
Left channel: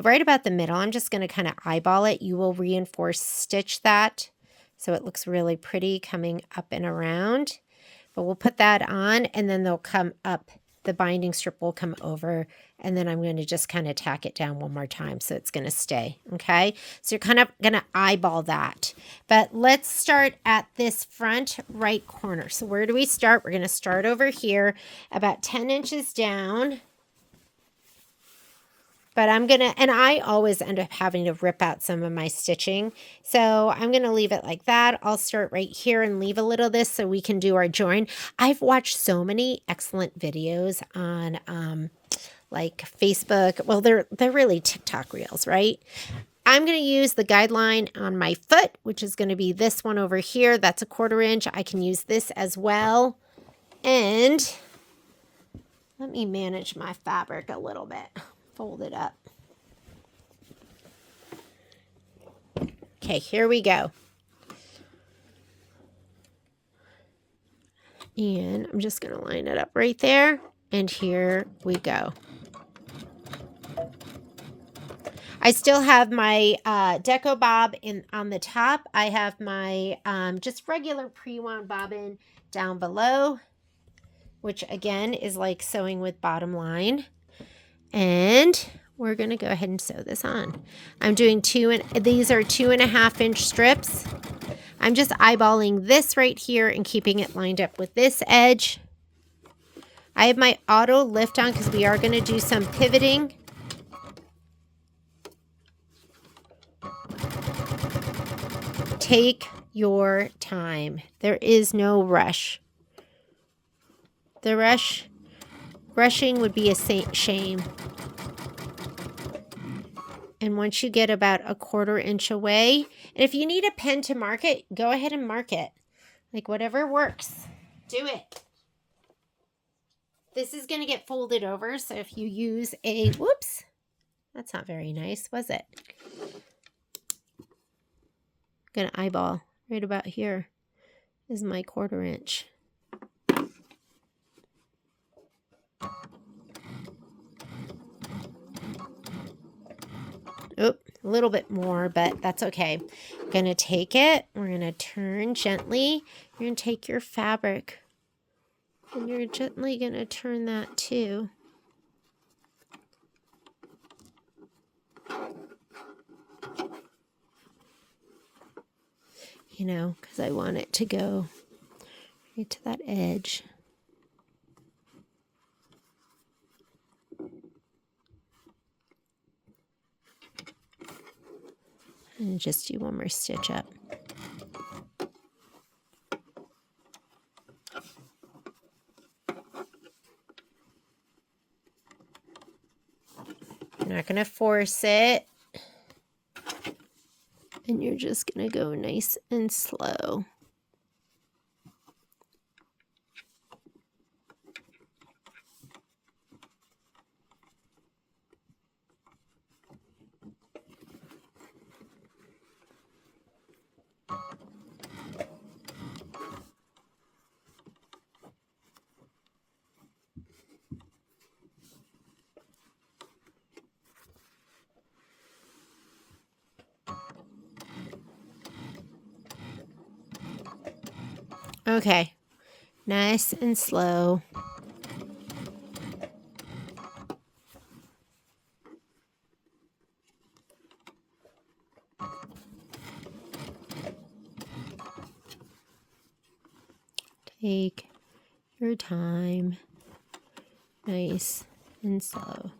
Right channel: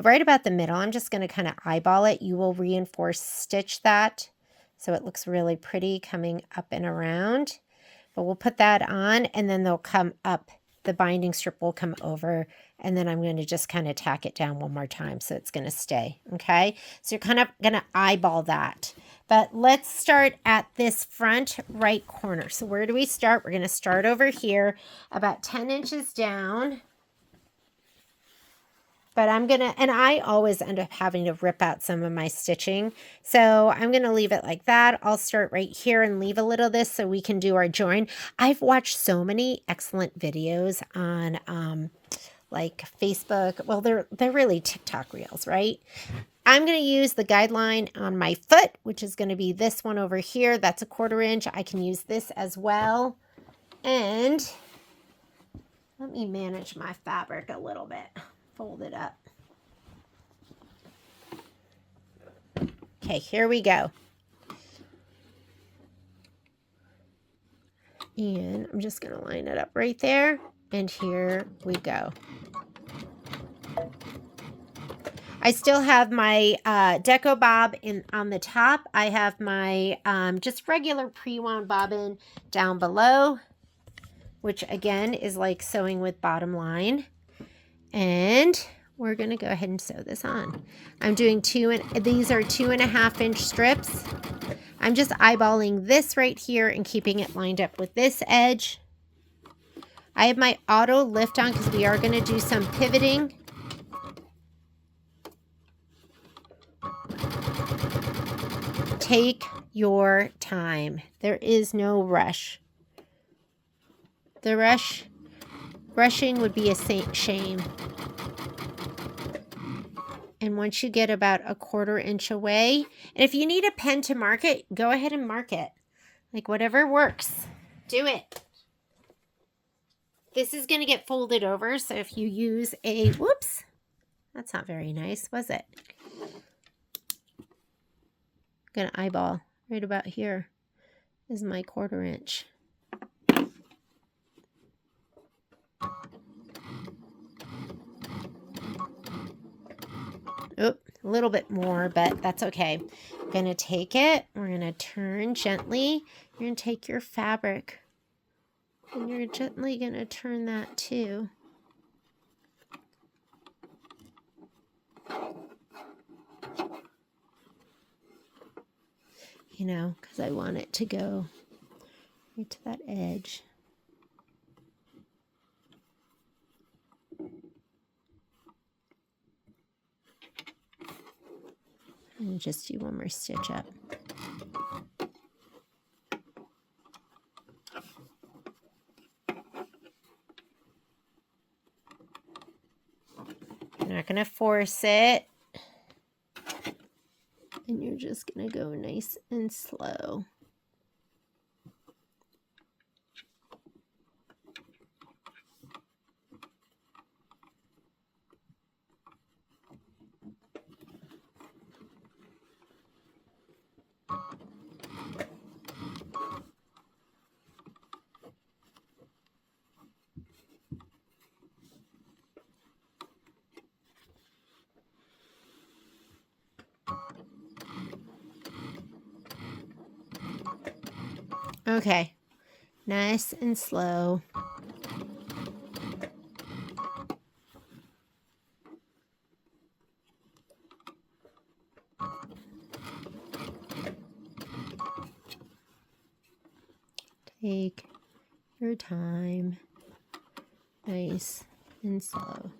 Right about the middle, I'm just going to kind of eyeball it. You will reinforce stitch that so it looks really pretty coming up and around. But we'll put that on and then they'll come up. The binding strip will come over and then I'm going to just kind of tack it down one more time so it's going to stay. Okay, so you're kind of going to eyeball that. But let's start at this front right corner. So where do we start? We're going to start over here about 10 inches down. But I'm going to, and I always end up having to rip out some of my stitching. So I'm going to leave it like that. I'll start right here and leave a little of this so we can do our join. I've watched so many excellent videos on like Facebook. Well, they're really TikTok reels, right? I'm going to use the guideline on my foot, which is going to be this one over here. That's a 1/4 inch. I can use this as well. And let me manage my fabric a little bit. Fold it up. Okay, here we go. And I'm just going to line it up right there. And here we go. I still have my deco bob on the top. I have my just regular pre-wound bobbin down below, which again is like sewing with bottom line. And we're going to go ahead and sew this on. I'm doing these are 2.5 inch strips. I'm just eyeballing this right here and keeping it lined up with this edge. I have my auto lift on because we are going to do some pivoting. Take your time. There is no rush. Rushing would be a shame. And once you get about a 1/4 inch away, and if you need a pen to mark it, go ahead and mark it. Like whatever works, do it. This is going to get folded over, so if you use a, whoops, that's not very nice, was it? I'm going to eyeball right about here is my 1/4 inch. Oop, a little bit more, but that's okay. I'm going to take it. We're going to turn gently. You're going to take your fabric and you're gently going to turn that too. You know, because I want it to go right to that edge. And just do one more stitch up. You're not going to force it. And you're just going to go nice and slow. Okay, nice and slow. Take your time, nice and slow.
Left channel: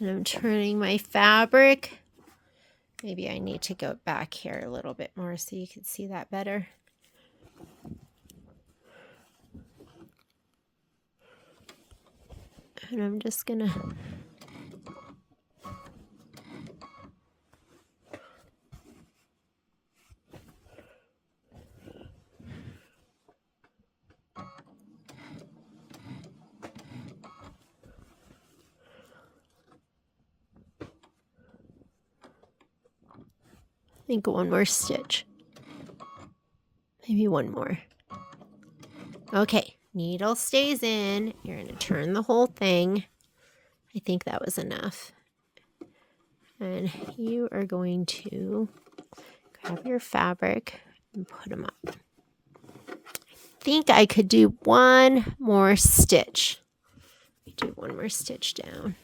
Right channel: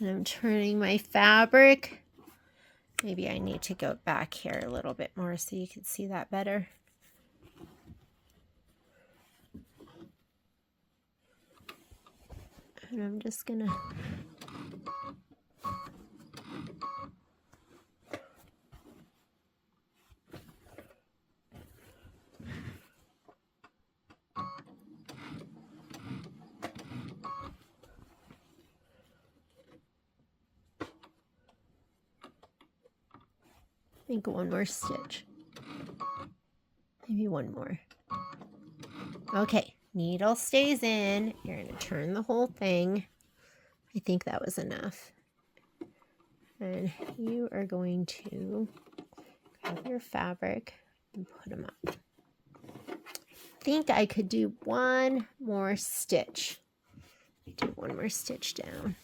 And I'm turning my fabric. Maybe I need to go back here a little bit more so you can see that better. And I'm just gonna think one more stitch. Maybe one more. Okay, needle stays in. You're going to turn the whole thing. I think that was enough. And you are going to grab your fabric and put them up. I think I could do one more stitch. Do one more stitch down.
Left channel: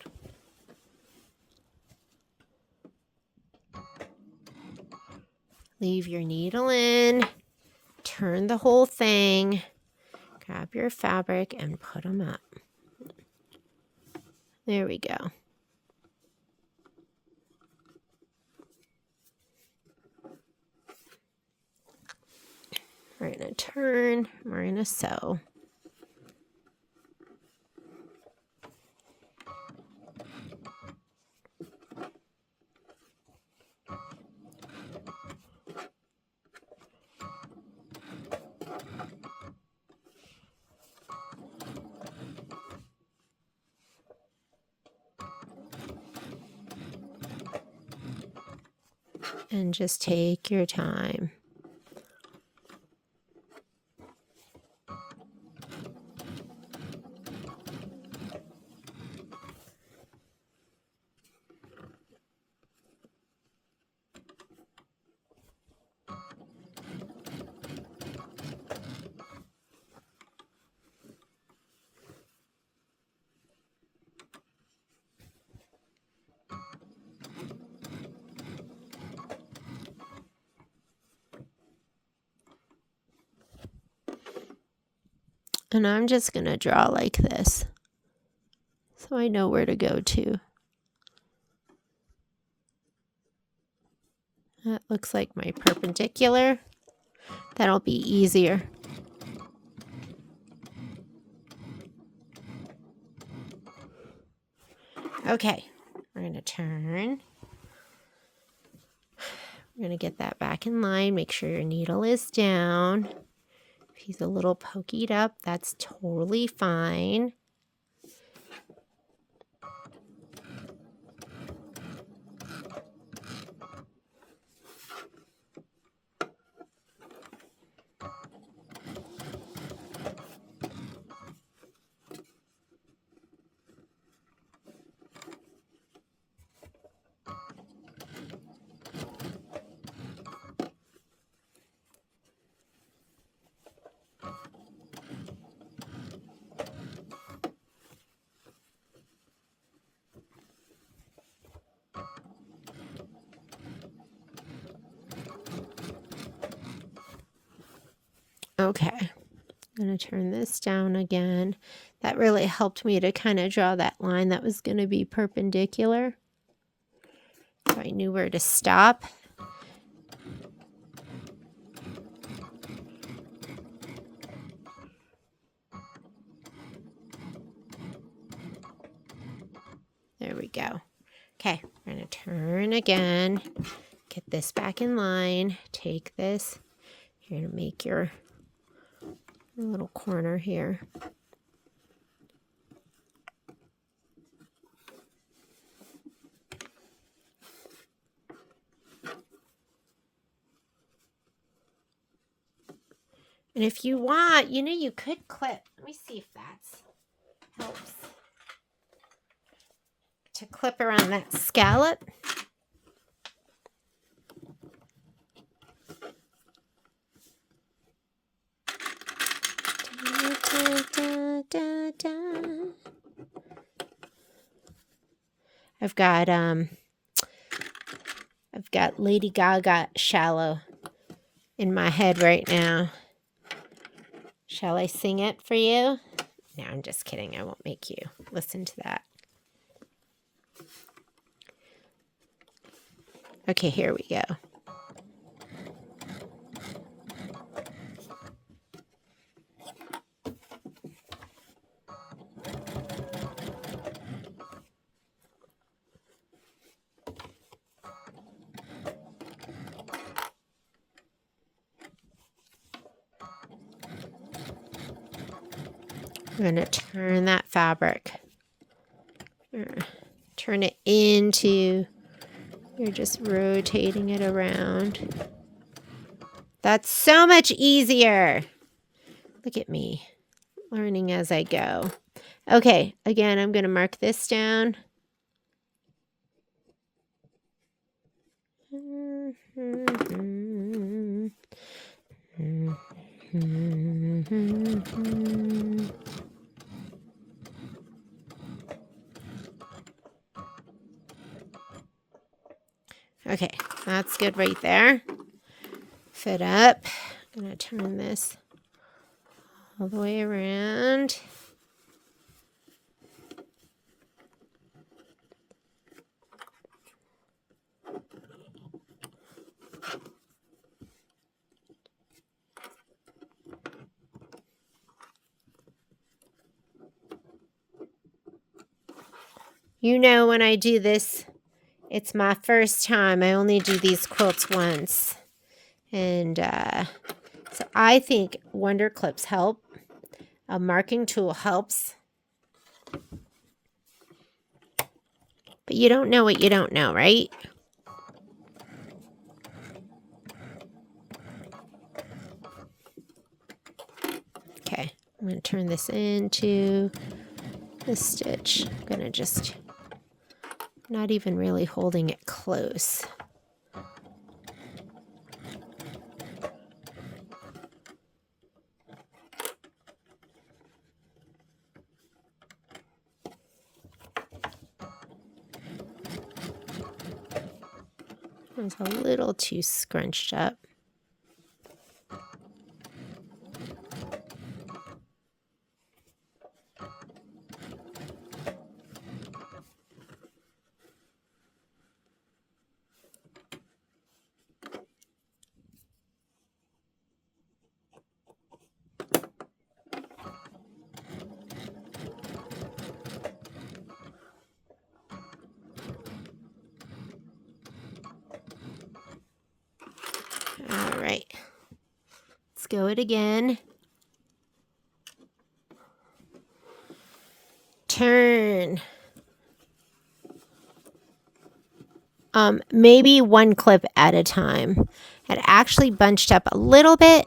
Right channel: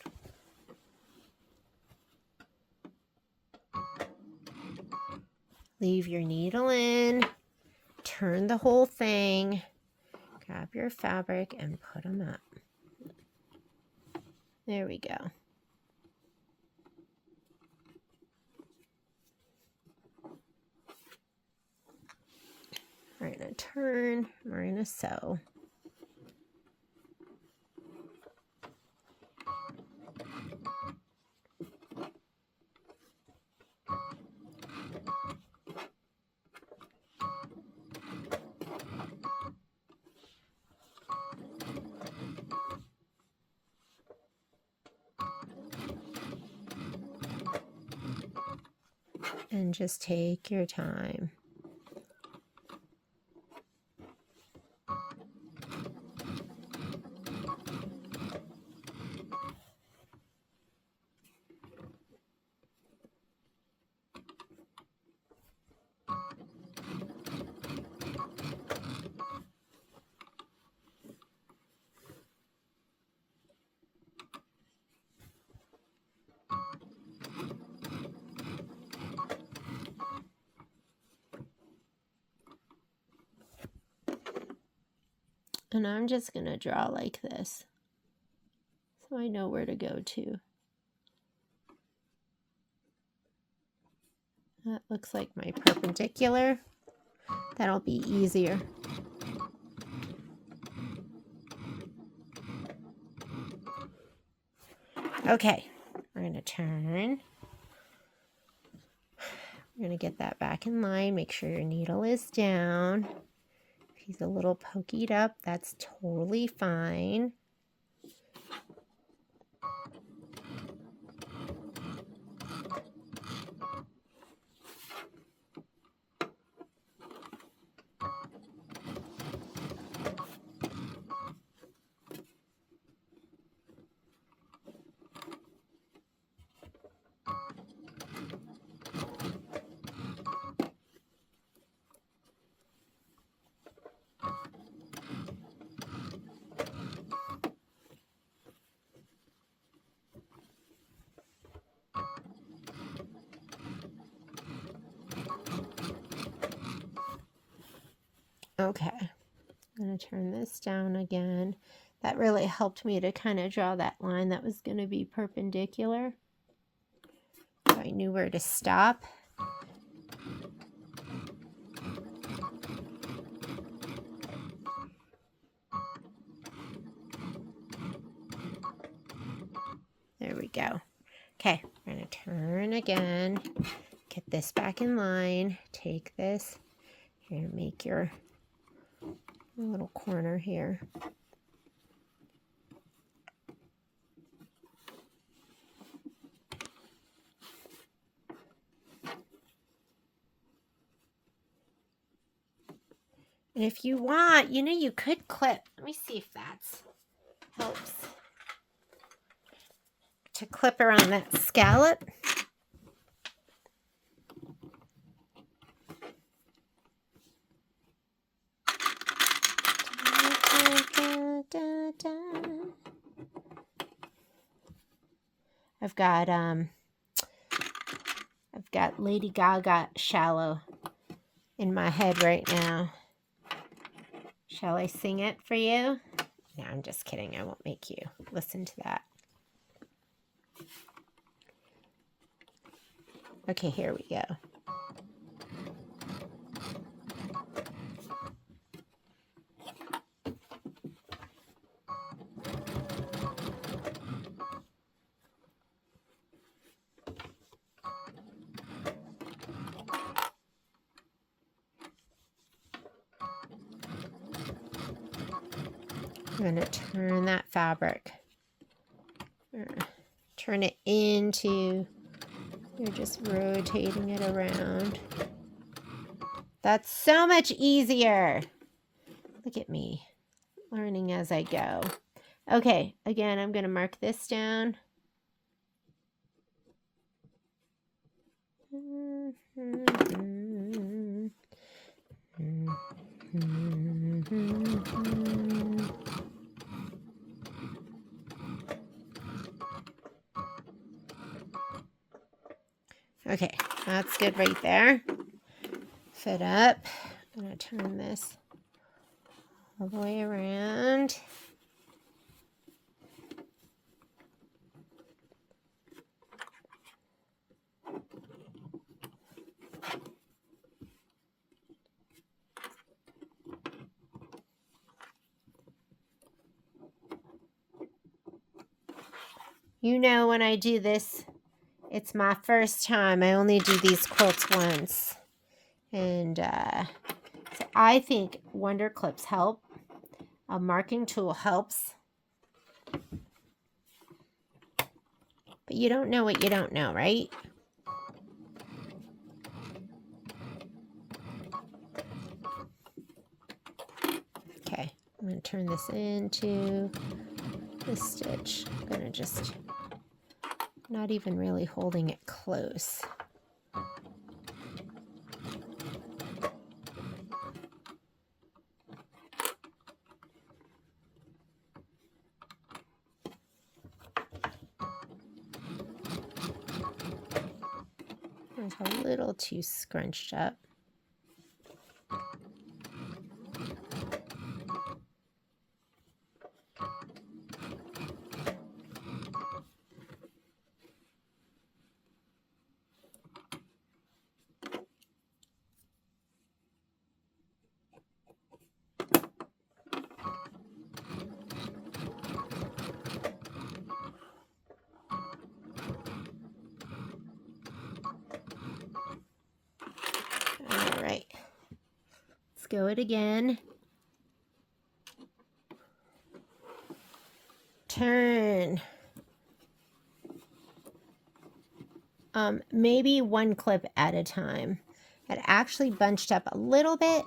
Leave your needle in. Turn the whole thing. Grab your fabric and put them up. There we go. We're going to turn, we're going to sew. And just take your time. And I'm just going to draw like this, so I know where to go to. That looks like my perpendicular. That'll be easier. Okay, we're going to turn. We're going to get that back in line. Make sure your needle is down. If he's a little pokeyed up, that's totally fine. Okay, I'm going to turn this down again. That really helped me to kind of draw that line that was going to be perpendicular. So I knew where to stop. There we go. Okay, I'm going to turn again, get this back in line, take this. You're going to make your little corner here. And if you want, you know, you could clip. Let me see if that's helps. To clip around that scallop. I've got Lady Gaga Shallow in my head right now. Shall I sing it for you? No, I'm just kidding. I won't make you listen to that. Okay, here we go. I'm going to turn that fabric. Turn it into, you're just rotating it around. That's so much easier. Look at me, learning as I go. Okay, again, I'm going to mark this down. Okay, that's good right there. Fit up. I'm going to turn this all the way around. You know, when I do this, it's my first time. I only do these quilts once. And so I think Wonder Clips help. A marking tool helps. But you don't know what you don't know, right? Okay, I'm going to turn this into the stitch. I'm going to just, not even really holding it close. It's a little too scrunched up. All right, let's go it again. Turn. Maybe one clip at a time. It actually bunched up a little bit.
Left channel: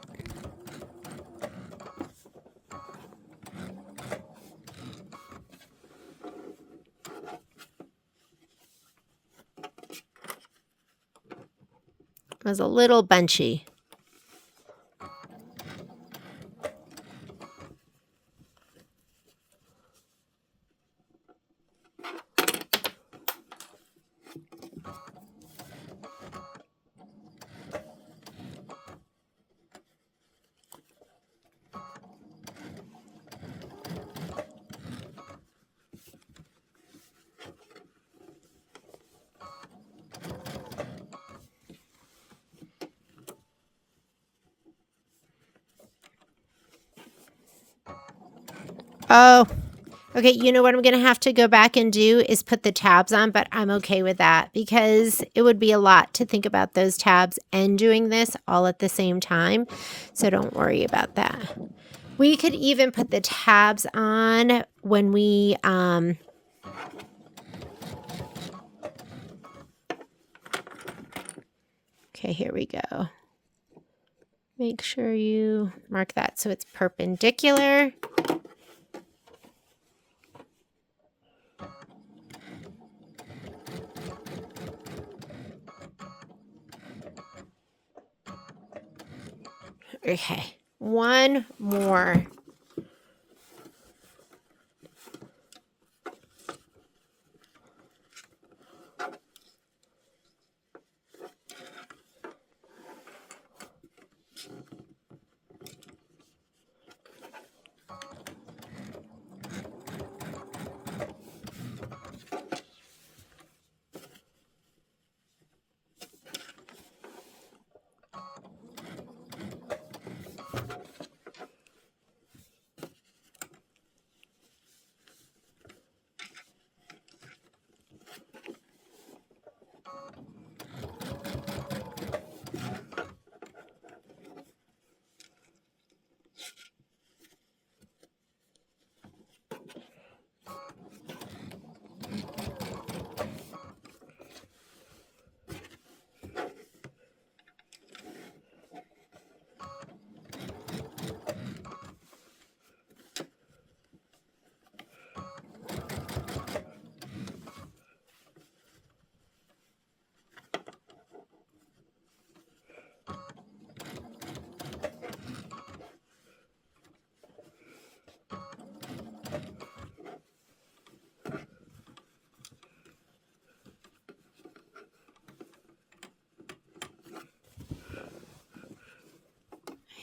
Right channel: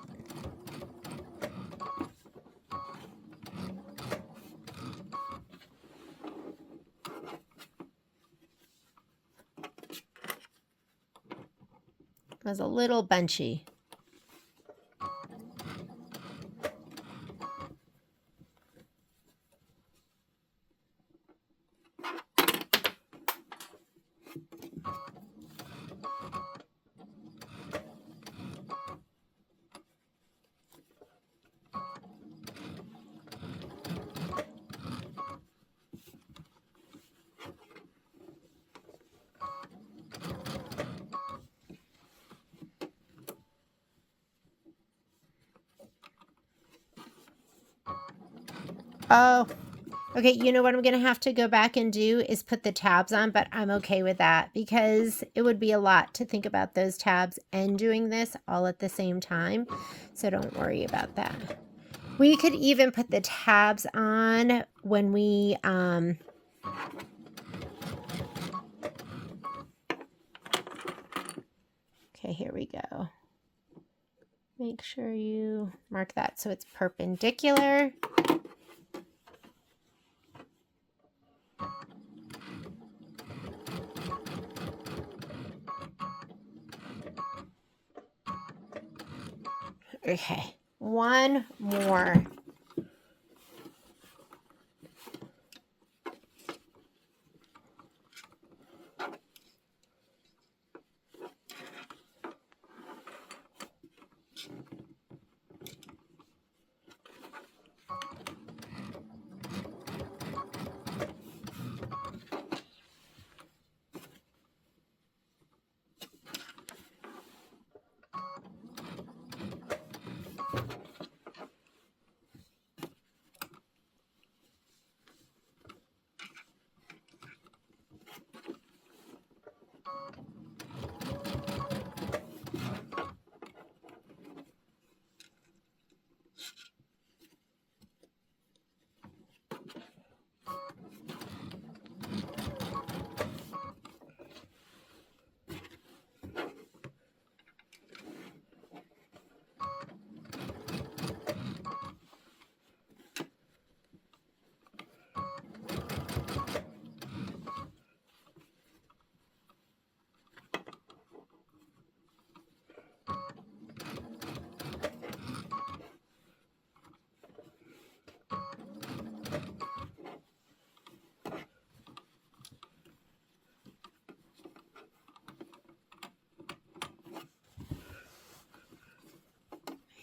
It was a little bunchy. Oh, okay. You know what I'm going to have to go back and do is put the tabs on, but I'm okay with that because it would be a lot to think about those tabs and doing this all at the same time. So don't worry about that. We could even put the tabs on when we, okay, here we go. Make sure you mark that so it's perpendicular. Okay, one more.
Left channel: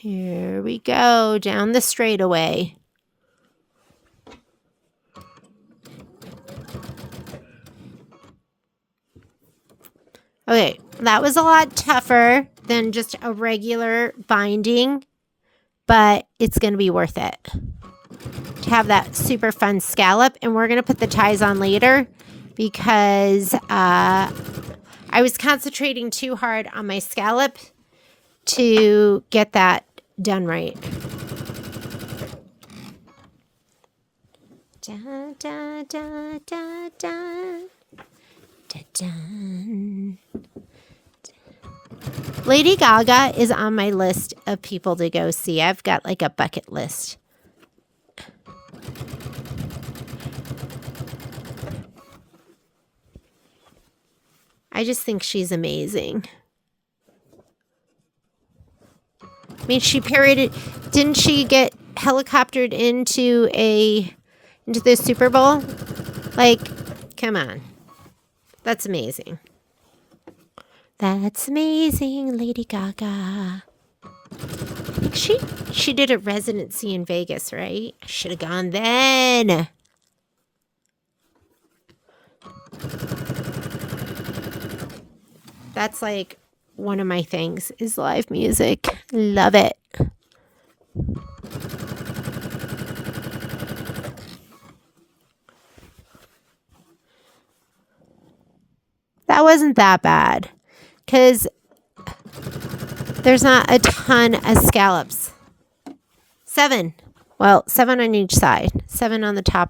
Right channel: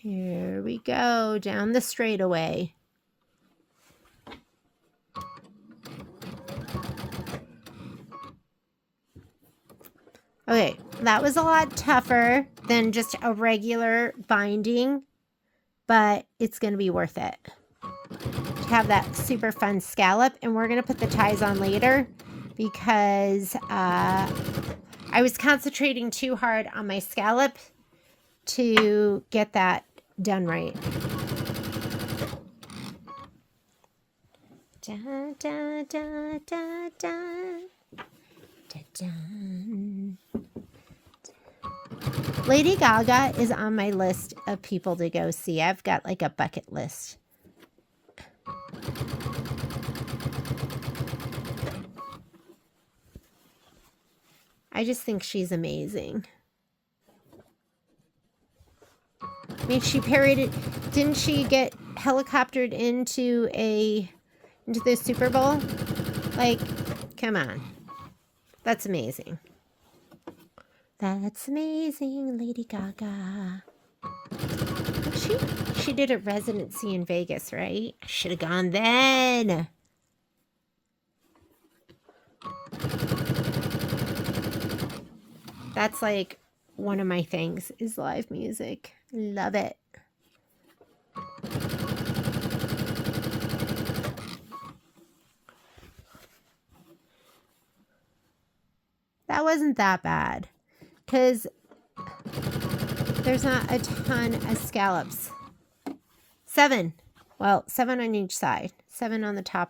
Here we go, down the straightaway. Okay, that was a lot tougher than just a regular binding, but it's going to be worth it to have that super fun scallop. And we're going to put the ties on later because I was concentrating too hard on my scallop to get that done right. Da, da, da, da, da. Da, da. Lady Gaga is on my list of people to go see. I've got like a bucket list. I just think she's amazing. I mean, she parodied, didn't she get helicoptered into the Super Bowl? Like, come on. That's amazing. That's amazing, Lady Gaga. I think she did a residency in Vegas, right? I should have gone then. That's like one of my things is live music. Love it. That wasn't that bad because there's not a ton of scallops. 7. Well, 7 on each side. 7 on the top